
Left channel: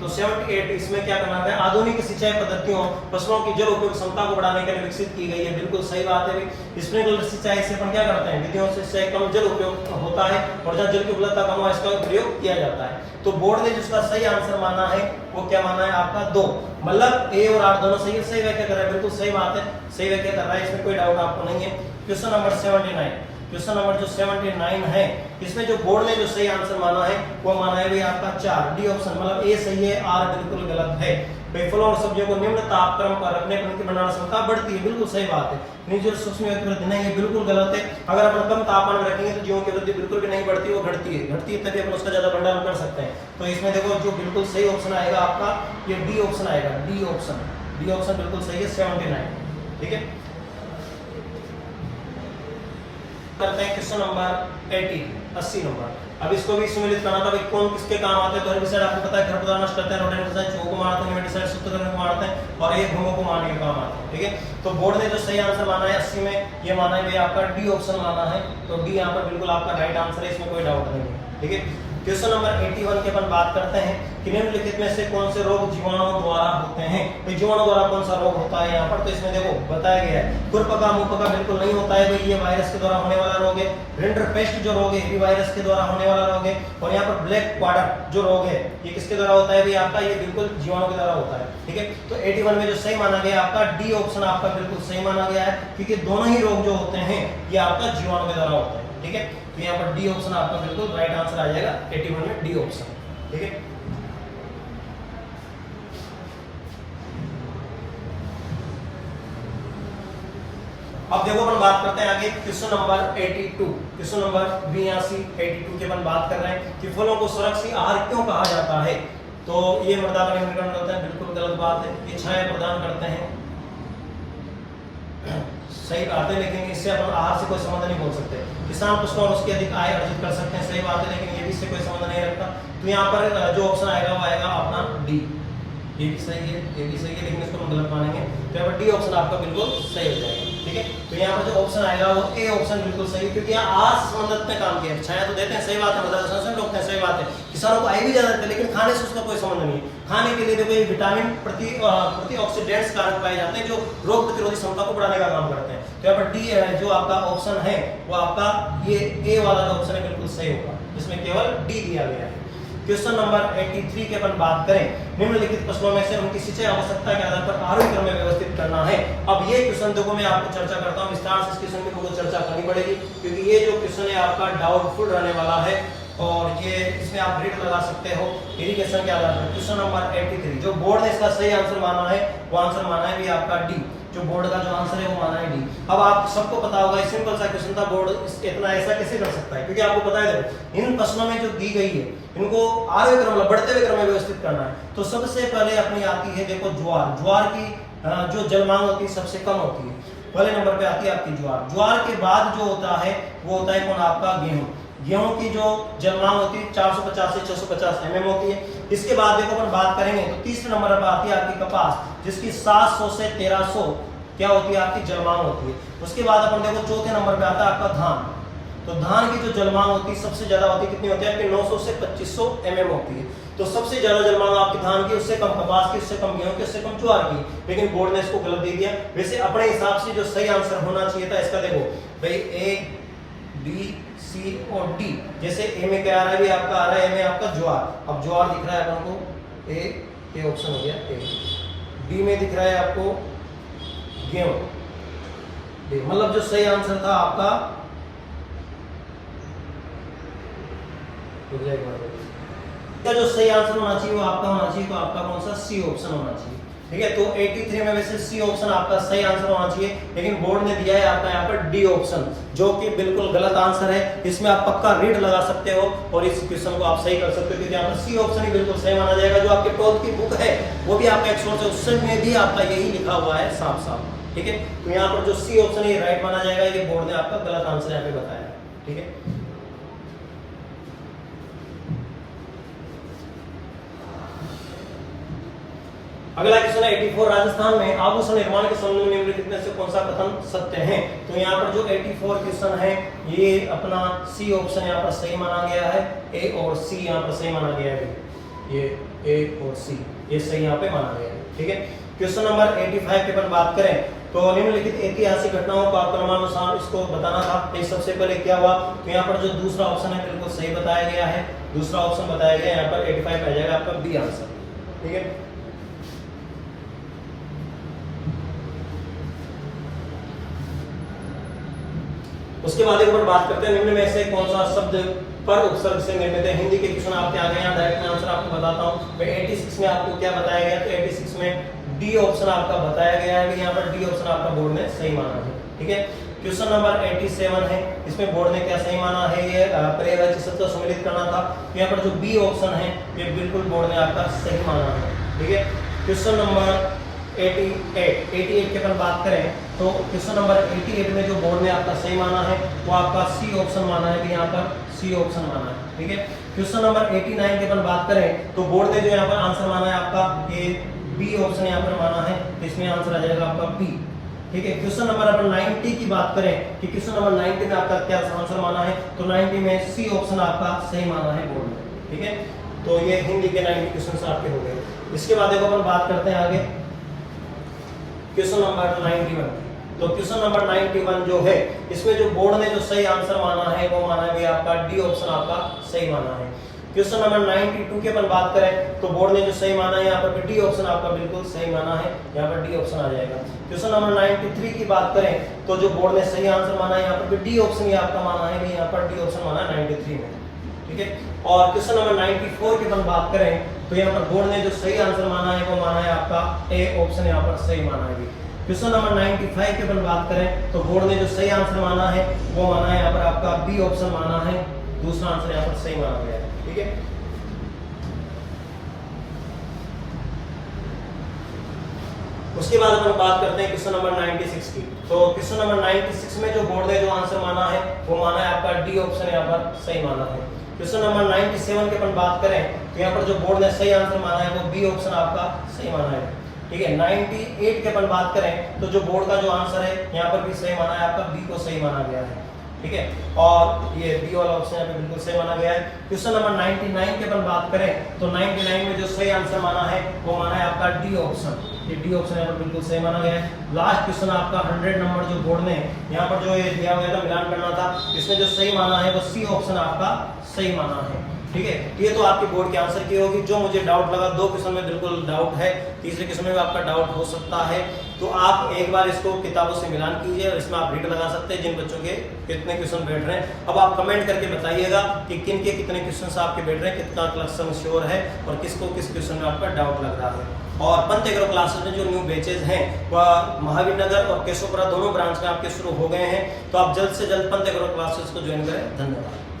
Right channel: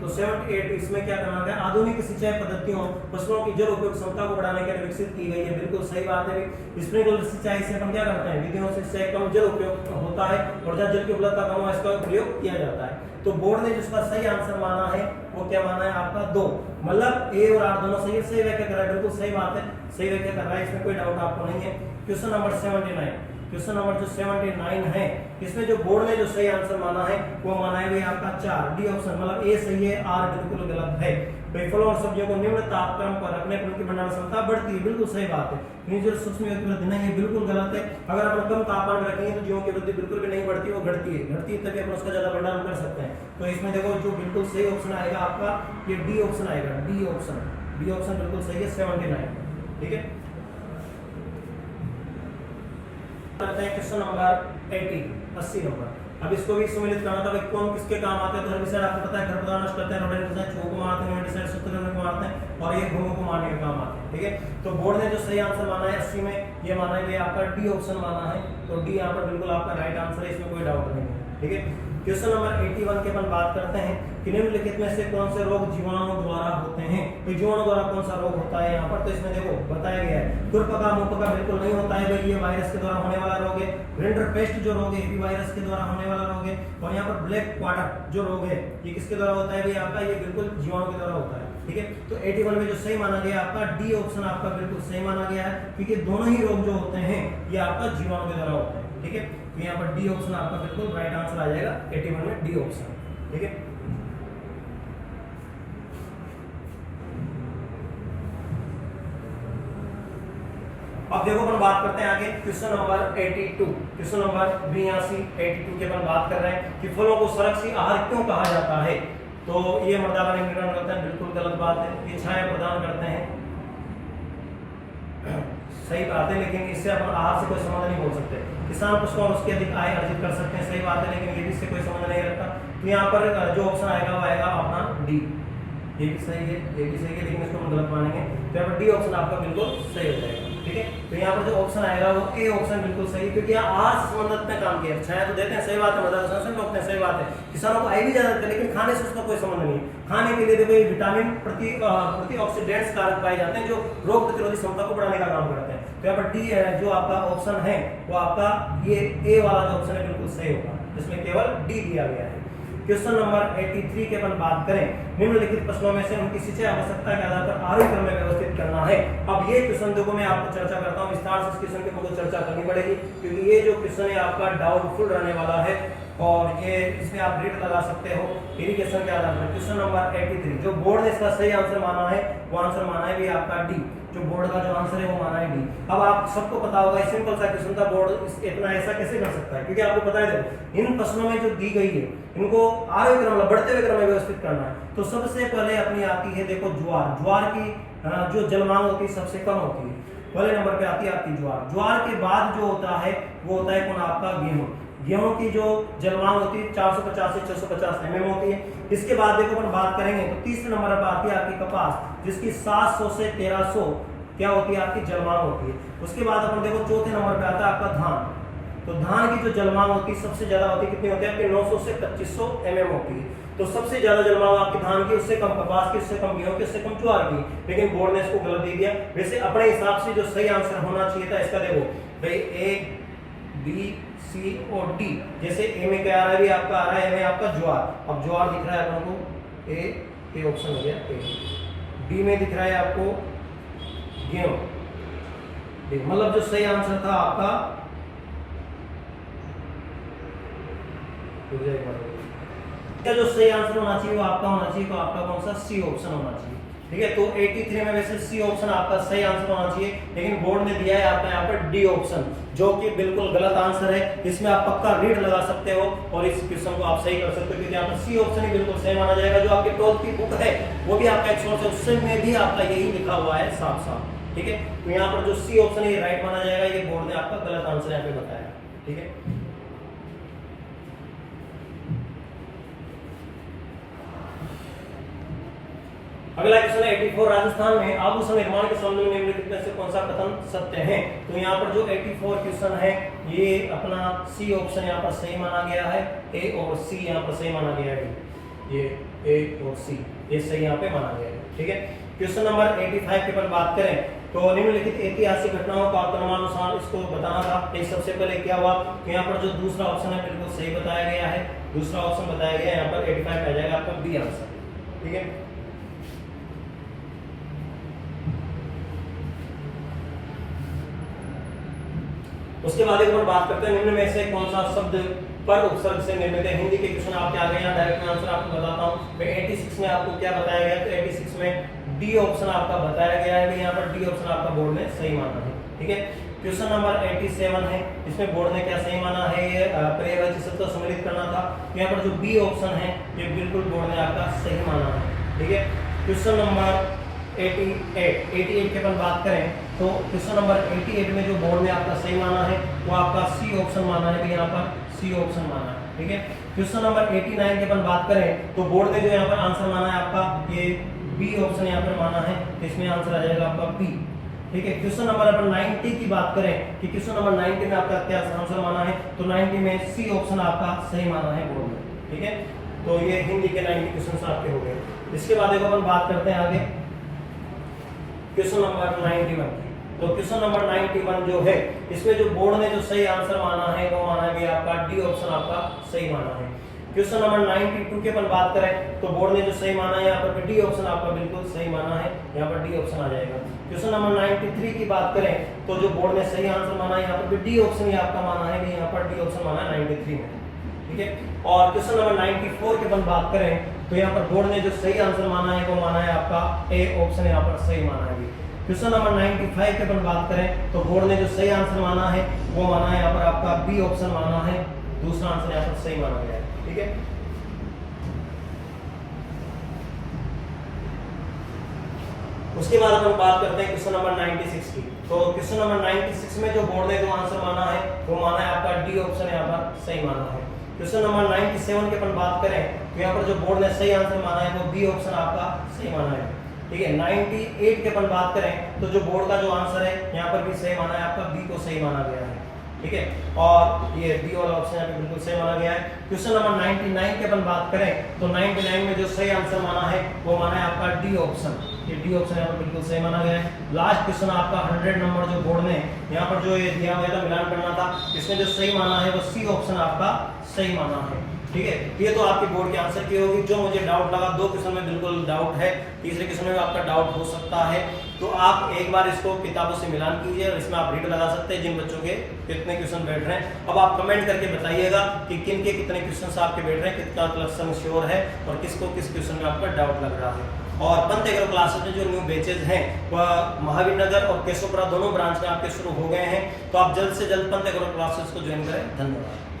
तो 78 इसमें क्या करना है, आधुनिक सिंचाई पद्धतियों फसलों की जल उपयोग क्षमता को बढ़ाने के लिए विकसित की गई है। बिल्कुल सही बात है। स्प्रिंकलर सिंचाई से अपन क्या करते हैं, विधियों से सिंचाई कम जल उपयोग होता है और जहाँ जल की उपलब्धता कम हो इसका प्रयोग किया जाता है। तो बोर्ड ने जिसका सही आंसर माना है वो क्या माना है आपका 2, मतलब ए और आर दोनों सही है। सही व्याख्या कर रहा है, बिल्कुल सही बात है, सही व्याख्या कर रहा है, इसमें कोई डाउट आपको नहीं है। क्वेश्चन नंबर 79 क्वेश्चन नंबर जो 79 है इसमें जो बोर्ड ने जो सही आंसर माना है वो माना है भाई आपका 4, डी ऑप्शन, मतलब ए सही है, आर बिल्कुल गलत है। भाई फलों और सब्जियों को निम्न तापक्रम पर रखने पर उनकी भंडारण क्षमता बढ़ती है, बिल्कुल सही बात है। नीचे सूक्ष्म जीवों की वृद्धि नहीं है, बिल्कुल गलत है। अगर अपन कम तापमान में रखेंगे तो जीवों की वृद्धि बिल्कुल भी नहीं बढ़ती, वो घटती है तभी अपन उसका ज्यादा भंडारण कर सकते हैं। तो इसमें देखो जो बिल्कुल सही ऑप्शन आएगा आपका ये डी ऑप्शन आएगा, डी ऑप्शन बिल्कुल सही है 79। ठीक है, करते हैं क्वेश्चन नंबर 80 नंबर। अब इसको भी सम्मिलित करना था, भाई कौन किसके काम आते हैं। तो हेर्बिसाइड आपको पता है खरपतवार नष्ट करते हैं, रोडेंटिसाइड चूहों को मारते हैं, नेमेटिसाइड सूत्रकृमि को मारते हैं और ये घुमों को मारने के काम आते हैं। ठीक है, तो बोर्ड ने जो सही आंसर माना है 80 में ये माना है भाई आपका डी ऑप्शन माना है। तो डी यहाँ पर बिल्कुल आपका राइट आंसर है, इसमें कोई डाउट नहीं है। ठीक है, क्वेश्चन नंबर 81 के अपन बात करते हैं कि निम्नलिखित में से कौन से रोग जीवाणु द्वारा होते हैं। तो जीवाणु द्वारा कौन सा रोग होता है यहाँ पर, तो इसमें देखो बताया गया है खुरपका मुंहपका बिल्कुल नहीं होता है भाई, ये वायरस के द्वारा होने वाला रोग है। रिंडरपेस्ट जो रोग है ये वायरस के द्वारा होने वाला रोग है। और यहाँ पर ब्लैक क्वार्टर जो रोग है ये किसके द्वारा होता है भाई आपका, ये बिल्कुल जीवाणु के द्वारा होता है। ठीक है, तो 81 में जो सही माना गया आपका डी ऑप्शन आपका बिल्कुल सही माना गया है, क्योंकि दोनों ही रोग जो होते हैं ये आपका जीवाणु के द्वारा होता है। ठीक है, तो यहाँ पर डी ऑप्शन आपका बिल्कुल राइट आंसर आ जाएगा 81 में डी ऑप्शन। ठीक है, अब देखो अपन बात करते हैं आगे क्वेश्चन नंबर 82 क्वेश्चन नंबर 82 की अपन बात कर रहे हैं कि फलों को सुरक्षित आहार क्यों कहा जाता है। तो ये मृदा का निम्नीकरण होता है, बिल्कुल गलत बात है। ये छाया प्रदान करते हैं, सही बात है, लेकिन इससे अपन आहार से कोई संबंध नहीं बोल सकते। किसान पशु और उसकी अधिक आय अर्जित कर सकते हैं, सही बात है, लेकिन ये भी इससे कोई संबंध नहीं रखता। तो यहाँ पर जो ऑप्शन आएगा वो आएगा अपना डी। ये भी सही है, ये भी सही है, लेकिन इसको हम गलत मानेंगे। तो यहाँ पर डी ऑप्शन आपका बिल्कुल सही हो जाएगा। ठीक है, तो यहाँ पर जो ऑप्शन आएगा वो ए ऑप्शन बिल्कुल सही, क्योंकि यहाँ आज संबंधित में काम किया। छाया तो देते हैं, सही बात है, मदद संरक्षण रोकते हैं, सही बात है, किसानों को आई भी ज्यादा देते हैं, लेकिन खाने से उसका कोई संबंध नहीं है। खाने के लिए देखो ये विटामिन प्रतिऑक्सीडेंट्स कारक पाए जाते हैं जो रोग प्रतिरोधी क्षमता को बढ़ाने का काम करते हैं। तो यहाँ पर डी जो आपका ऑप्शन है वो आपका ये ए वाला जो ऑप्शन है बिल्कुल सही होगा, जिसमें केवल डी दिया गया है। क्वेश्चन नंबर 83 के अपन बात करें, निम्नलिखित फसलों में से उनकी सिंचाई आवश्यकता के आधार पर आरोही क्रम में व्यवस्थित करना है। अब ये क्वेश्चन देखो मैं आपको चर्चा करता हूं, विस्तार से इस क्वेश्चन की मुझे चर्चा करनी पड़ेगी, क्योंकि ये जो क्वेश्चन है आपका डाउटफुल रहने वाला है और ये इसमें आप ग्रेड लगा सकते हो इरिगेशन के आधार पर। क्वेश्चन नंबर 83 जो बोर्ड ने इसका सही आंसर माना है वो आंसर माना है भी आपका डी, जो बोर्ड का जो आंसर है वो माना है डी। अब आप सबको पता होगा सिंपल सा क्वेश्चन था, बोर्ड इतना ऐसा कैसे कर सकता है, क्योंकि आपको पता है इन फसलों में जो दी गई है इनको आरोही क्रम बढ़ते हुए क्रम में व्यवस्थित करना है। तो सबसे पहले अपनी आती है देखो ज्वार, ज्वार की जो जलमांग होती है सबसे कम होती है, पहले नंबर पे आती है आपकी ज्वार। ज्वार के बाद जो होता है वो होता है कौन आपका गेहूं। गेहूं की जो जलमांग होती है 450 से 650 mm होती है। इसके बाद देखो अपन बात करेंगे तो तीसरे नंबर पर आती है आपकी कपास, जिसकी 700 से 1300 क्या होती है आपकी जलमांग होती है। उसके बाद अपन देखो चौथे नंबर पे आता है आपका धान। तो धान की जो जलमांग होती है सबसे ज्यादा होती है, कितनी होती है आपकी 900 से 2500 mm होती है। तो सबसे ज्यादा जलमांग आपकी धान की, उससे कम कपास की, उससे कम गेहूं की, उससे कम ज्वार की, लेकिन बोर्ड ने इसको गलत दे दिया। वैसे अपने हिसाब से जो सही आंसर होना चाहिए था इसका देखो भाई ए बी सी और डी, जैसे ए में क्या आ रहा है भी आपका आ रहा है ए में आपका ज्वार। अब ज्वार दिख रहा है अपन को ए ऑप्शन हो गया ए। बी में दिख रहा है आपको गेहूं, मतलब जो सही आंसर था आपका क्या जो सही आंसर होना चाहिए वो आपका होना चाहिए, तो आपका कौन सा सी ऑप्शन होना चाहिए। ठीक है, तो 83 में वैसे सी ऑप्शन आपका सही आंसर होना चाहिए, लेकिन बोर्ड ने दिया है आपका यहाँ पर डी ऑप्शन, जो कि बिल्कुल गलत आंसर है। इसमें आप पक्का रीड लगा सकते हो और इस क्वेश्चन को आप सही कर सकते हो, क्योंकि यहाँ पर सी ऑप्शन ही बिल्कुल सही माना जाएगा। जो आपके 12th की बुक है वो भी आपका 100 उसमें भी आपका यही लिखा हुआ है साफ साफ। ठीक है, तो यहाँ पर जो सी ऑप्शन है राइट माना जाएगा, ये बोर्ड ने आपका गलत आंसर यहाँ पे बताया। ठीक है, अगला क्वेश्चन है 84 राजस्थान में आभूषण निर्माण के संबंध में निम्नलिखित में से कौन सा कथन सत्य है। तो यहाँ पर जो 84 क्वेश्चन है ये अपना सी ऑप्शन यहाँ पर सही माना गया है, ए और सी यहाँ पर सही माना गया है, ये ए और सी ये सही यहाँ पे माना गया है। ठीक है, क्वेश्चन नंबर 85 के पर बात करें तो निम्नलिखित ऐतिहासिक घटनाओं को आपको क्रमानुसार इसको बताना था। एक सबसे पहले क्या हुआ, तो यहाँ पर जो दूसरा ऑप्शन है बिल्कुल सही बताया गया है, दूसरा ऑप्शन बताया गया यहाँ पर 85 आ जाएगा आपका बी आंसर। ठीक है, उसके बाद एक बार बात करते हैं निम्न में से कौन सा शब्द पर उपसर्ग से निर्मित है। हिंदी के क्वेश्चन आपके आ गए हैं, डायरेक्ट आंसर आपको बताता हूं। मैं 86 में आपको क्या बताया गया, तो 86 में डी ऑप्शन आपका बताया गया है, यहाँ पर डी ऑप्शन आपका बोर्ड ने सही माना है। ठीक है, क्वेश्चन नंबर 87 है, इसमें बोर्ड ने क्या सही माना है, ये पर्यायवाची शब्द सम्मिलित करना था। यहाँ पर जो बी ऑप्शन है ये बिल्कुल बोर्ड ने आपका सही माना है। ठीक है, क्वेश्चन नंबर 88 के अपन बात करें तो क्वेश्चन नंबर 88 में जो बोर्ड ने आपका सही माना है वो आपका सी ऑप्शन माना है, यहाँ पर सी ऑप्शन माना है। ठीक है, क्वेश्चन नंबर 89 के अपन बात करें तो बोर्ड ने जो यहाँ पर आंसर माना है आपका ये बी ऑप्शन यहाँ पर माना है, इसमें आंसर आ जाएगा आपका बी। ठीक है, क्वेश्चन नंबर अपन 90 की बात करें कि क्वेश्चन नंबर 90 में आपका क्या आंसर माना है, तो 90 में सी ऑप्शन आपका सही माना है बोर्ड ने। ठीक है, तो ये हिंदी के 90 क्वेश्चन आपके हो गए। इसके बाद देखो अपन बात करते हैं आगे क्वेश्चन नंबर 91। तो क्वेश्चन नंबर 91 जो है इसमें जो बोर्ड ने जो सही आंसर माना है वो माना है आपका डी ऑप्शन आपका सही माना है। क्वेश्चन नंबर 92 की अपन बात करें तो बोर्ड ने जो सही माना है यहाँ पर डी ऑप्शन आपका बिल्कुल सही माना है, यहाँ पर डी ऑप्शन आ जाएगा। क्वेश्चन नंबर 93 की बात करें तो जो बोर्ड ने सही आंसर माना है यहाँ पर डी ऑप्शन ही आपका माना है, यहाँ पर डी ऑप्शन माना है 93 में। ठीक है, और क्वेश्चन नंबर 94 की अपन बात करें तो यहाँ पर बोर्ड ने जो सही आंसर माना है वो माना है आपका ए ऑप्शन यहाँ पर सही माना है। क्वेश्चन नंबर 95 की अपन बात करें तो बोर्ड ने जो सही आंसर माना है वो माना है यहाँ पर आपका बी ऑप्शन माना है, दूसरा आंसर यहाँ पर सही माना गया है। ठीक है, उसके बाद अपन बात करते हैं क्वेश्चन नंबर 96 की। तो क्वेश्चन नंबर 96 में जो बोर्ड ने जो आंसर माना है वो माना है आपका डी ऑप्शन यहाँ पर सही माना है। क्वेश्चन नंबर 97 की अपन बात करें तो यहाँ पर जो बोर्ड ने सही आंसर माना है वो बी ऑप्शन आपका सही माना है। ठीक है। 98 की अपन बात करें तो जो बोर्ड का जो आंसर है यहाँ पर भी सही माना है, आपका बी को सही माना गया है, ठीक है। और ये बी वाला ऑप्शन यहाँ पे बिल्कुल सही माना गया है। क्वेश्चन नंबर 99 की अपन बात करें तो 99 में जो सही आंसर माना है वो माना है आपका डी ऑप्शन, ये डी ऑप्शन यहाँ पर बिल्कुल सही माना गया है। लास्ट क्वेश्चन आपका 100 नंबर जो बोर्ड में यहाँ पर जो ये दिया हुआ था मिलान करना था, इसमें जो सही माना है वो सी ऑप्शन आपका सही माना है, ठीक है। ये तो आपके बोर्ड के आंसर की होगी। जो मुझे डाउट लगा, 2 क्वेश्चन में बिल्कुल डाउट है, तीसरे क्वेश्चन में आपका डाउट हो सकता है, तो आप एक बार इसको किताबों से मिलान कीजिए और इसमें आप रीड लगा सकते हैं जिन बच्चों के कितने क्वेश्चन बैठ रहे हैं। अब आप कमेंट करके बताइएगा कि किन के कितने क्वेश्चन आपके बैठ रहे हैं, कितना क्वेश्चन श्योर है और किसको किस क्वेश्चन में आपका डाउट लग रहा है। और पंत एग्रो क्लासेस में जो न्यू बैचेज हैं वह महावीर नगर और केशवपुरा दोनों ब्रांच में आपके शुरू हो गए हैं, तो आप जल्द से जल्द पंत एग्रो क्लासेस को ज्वाइन करें। धन्यवाद।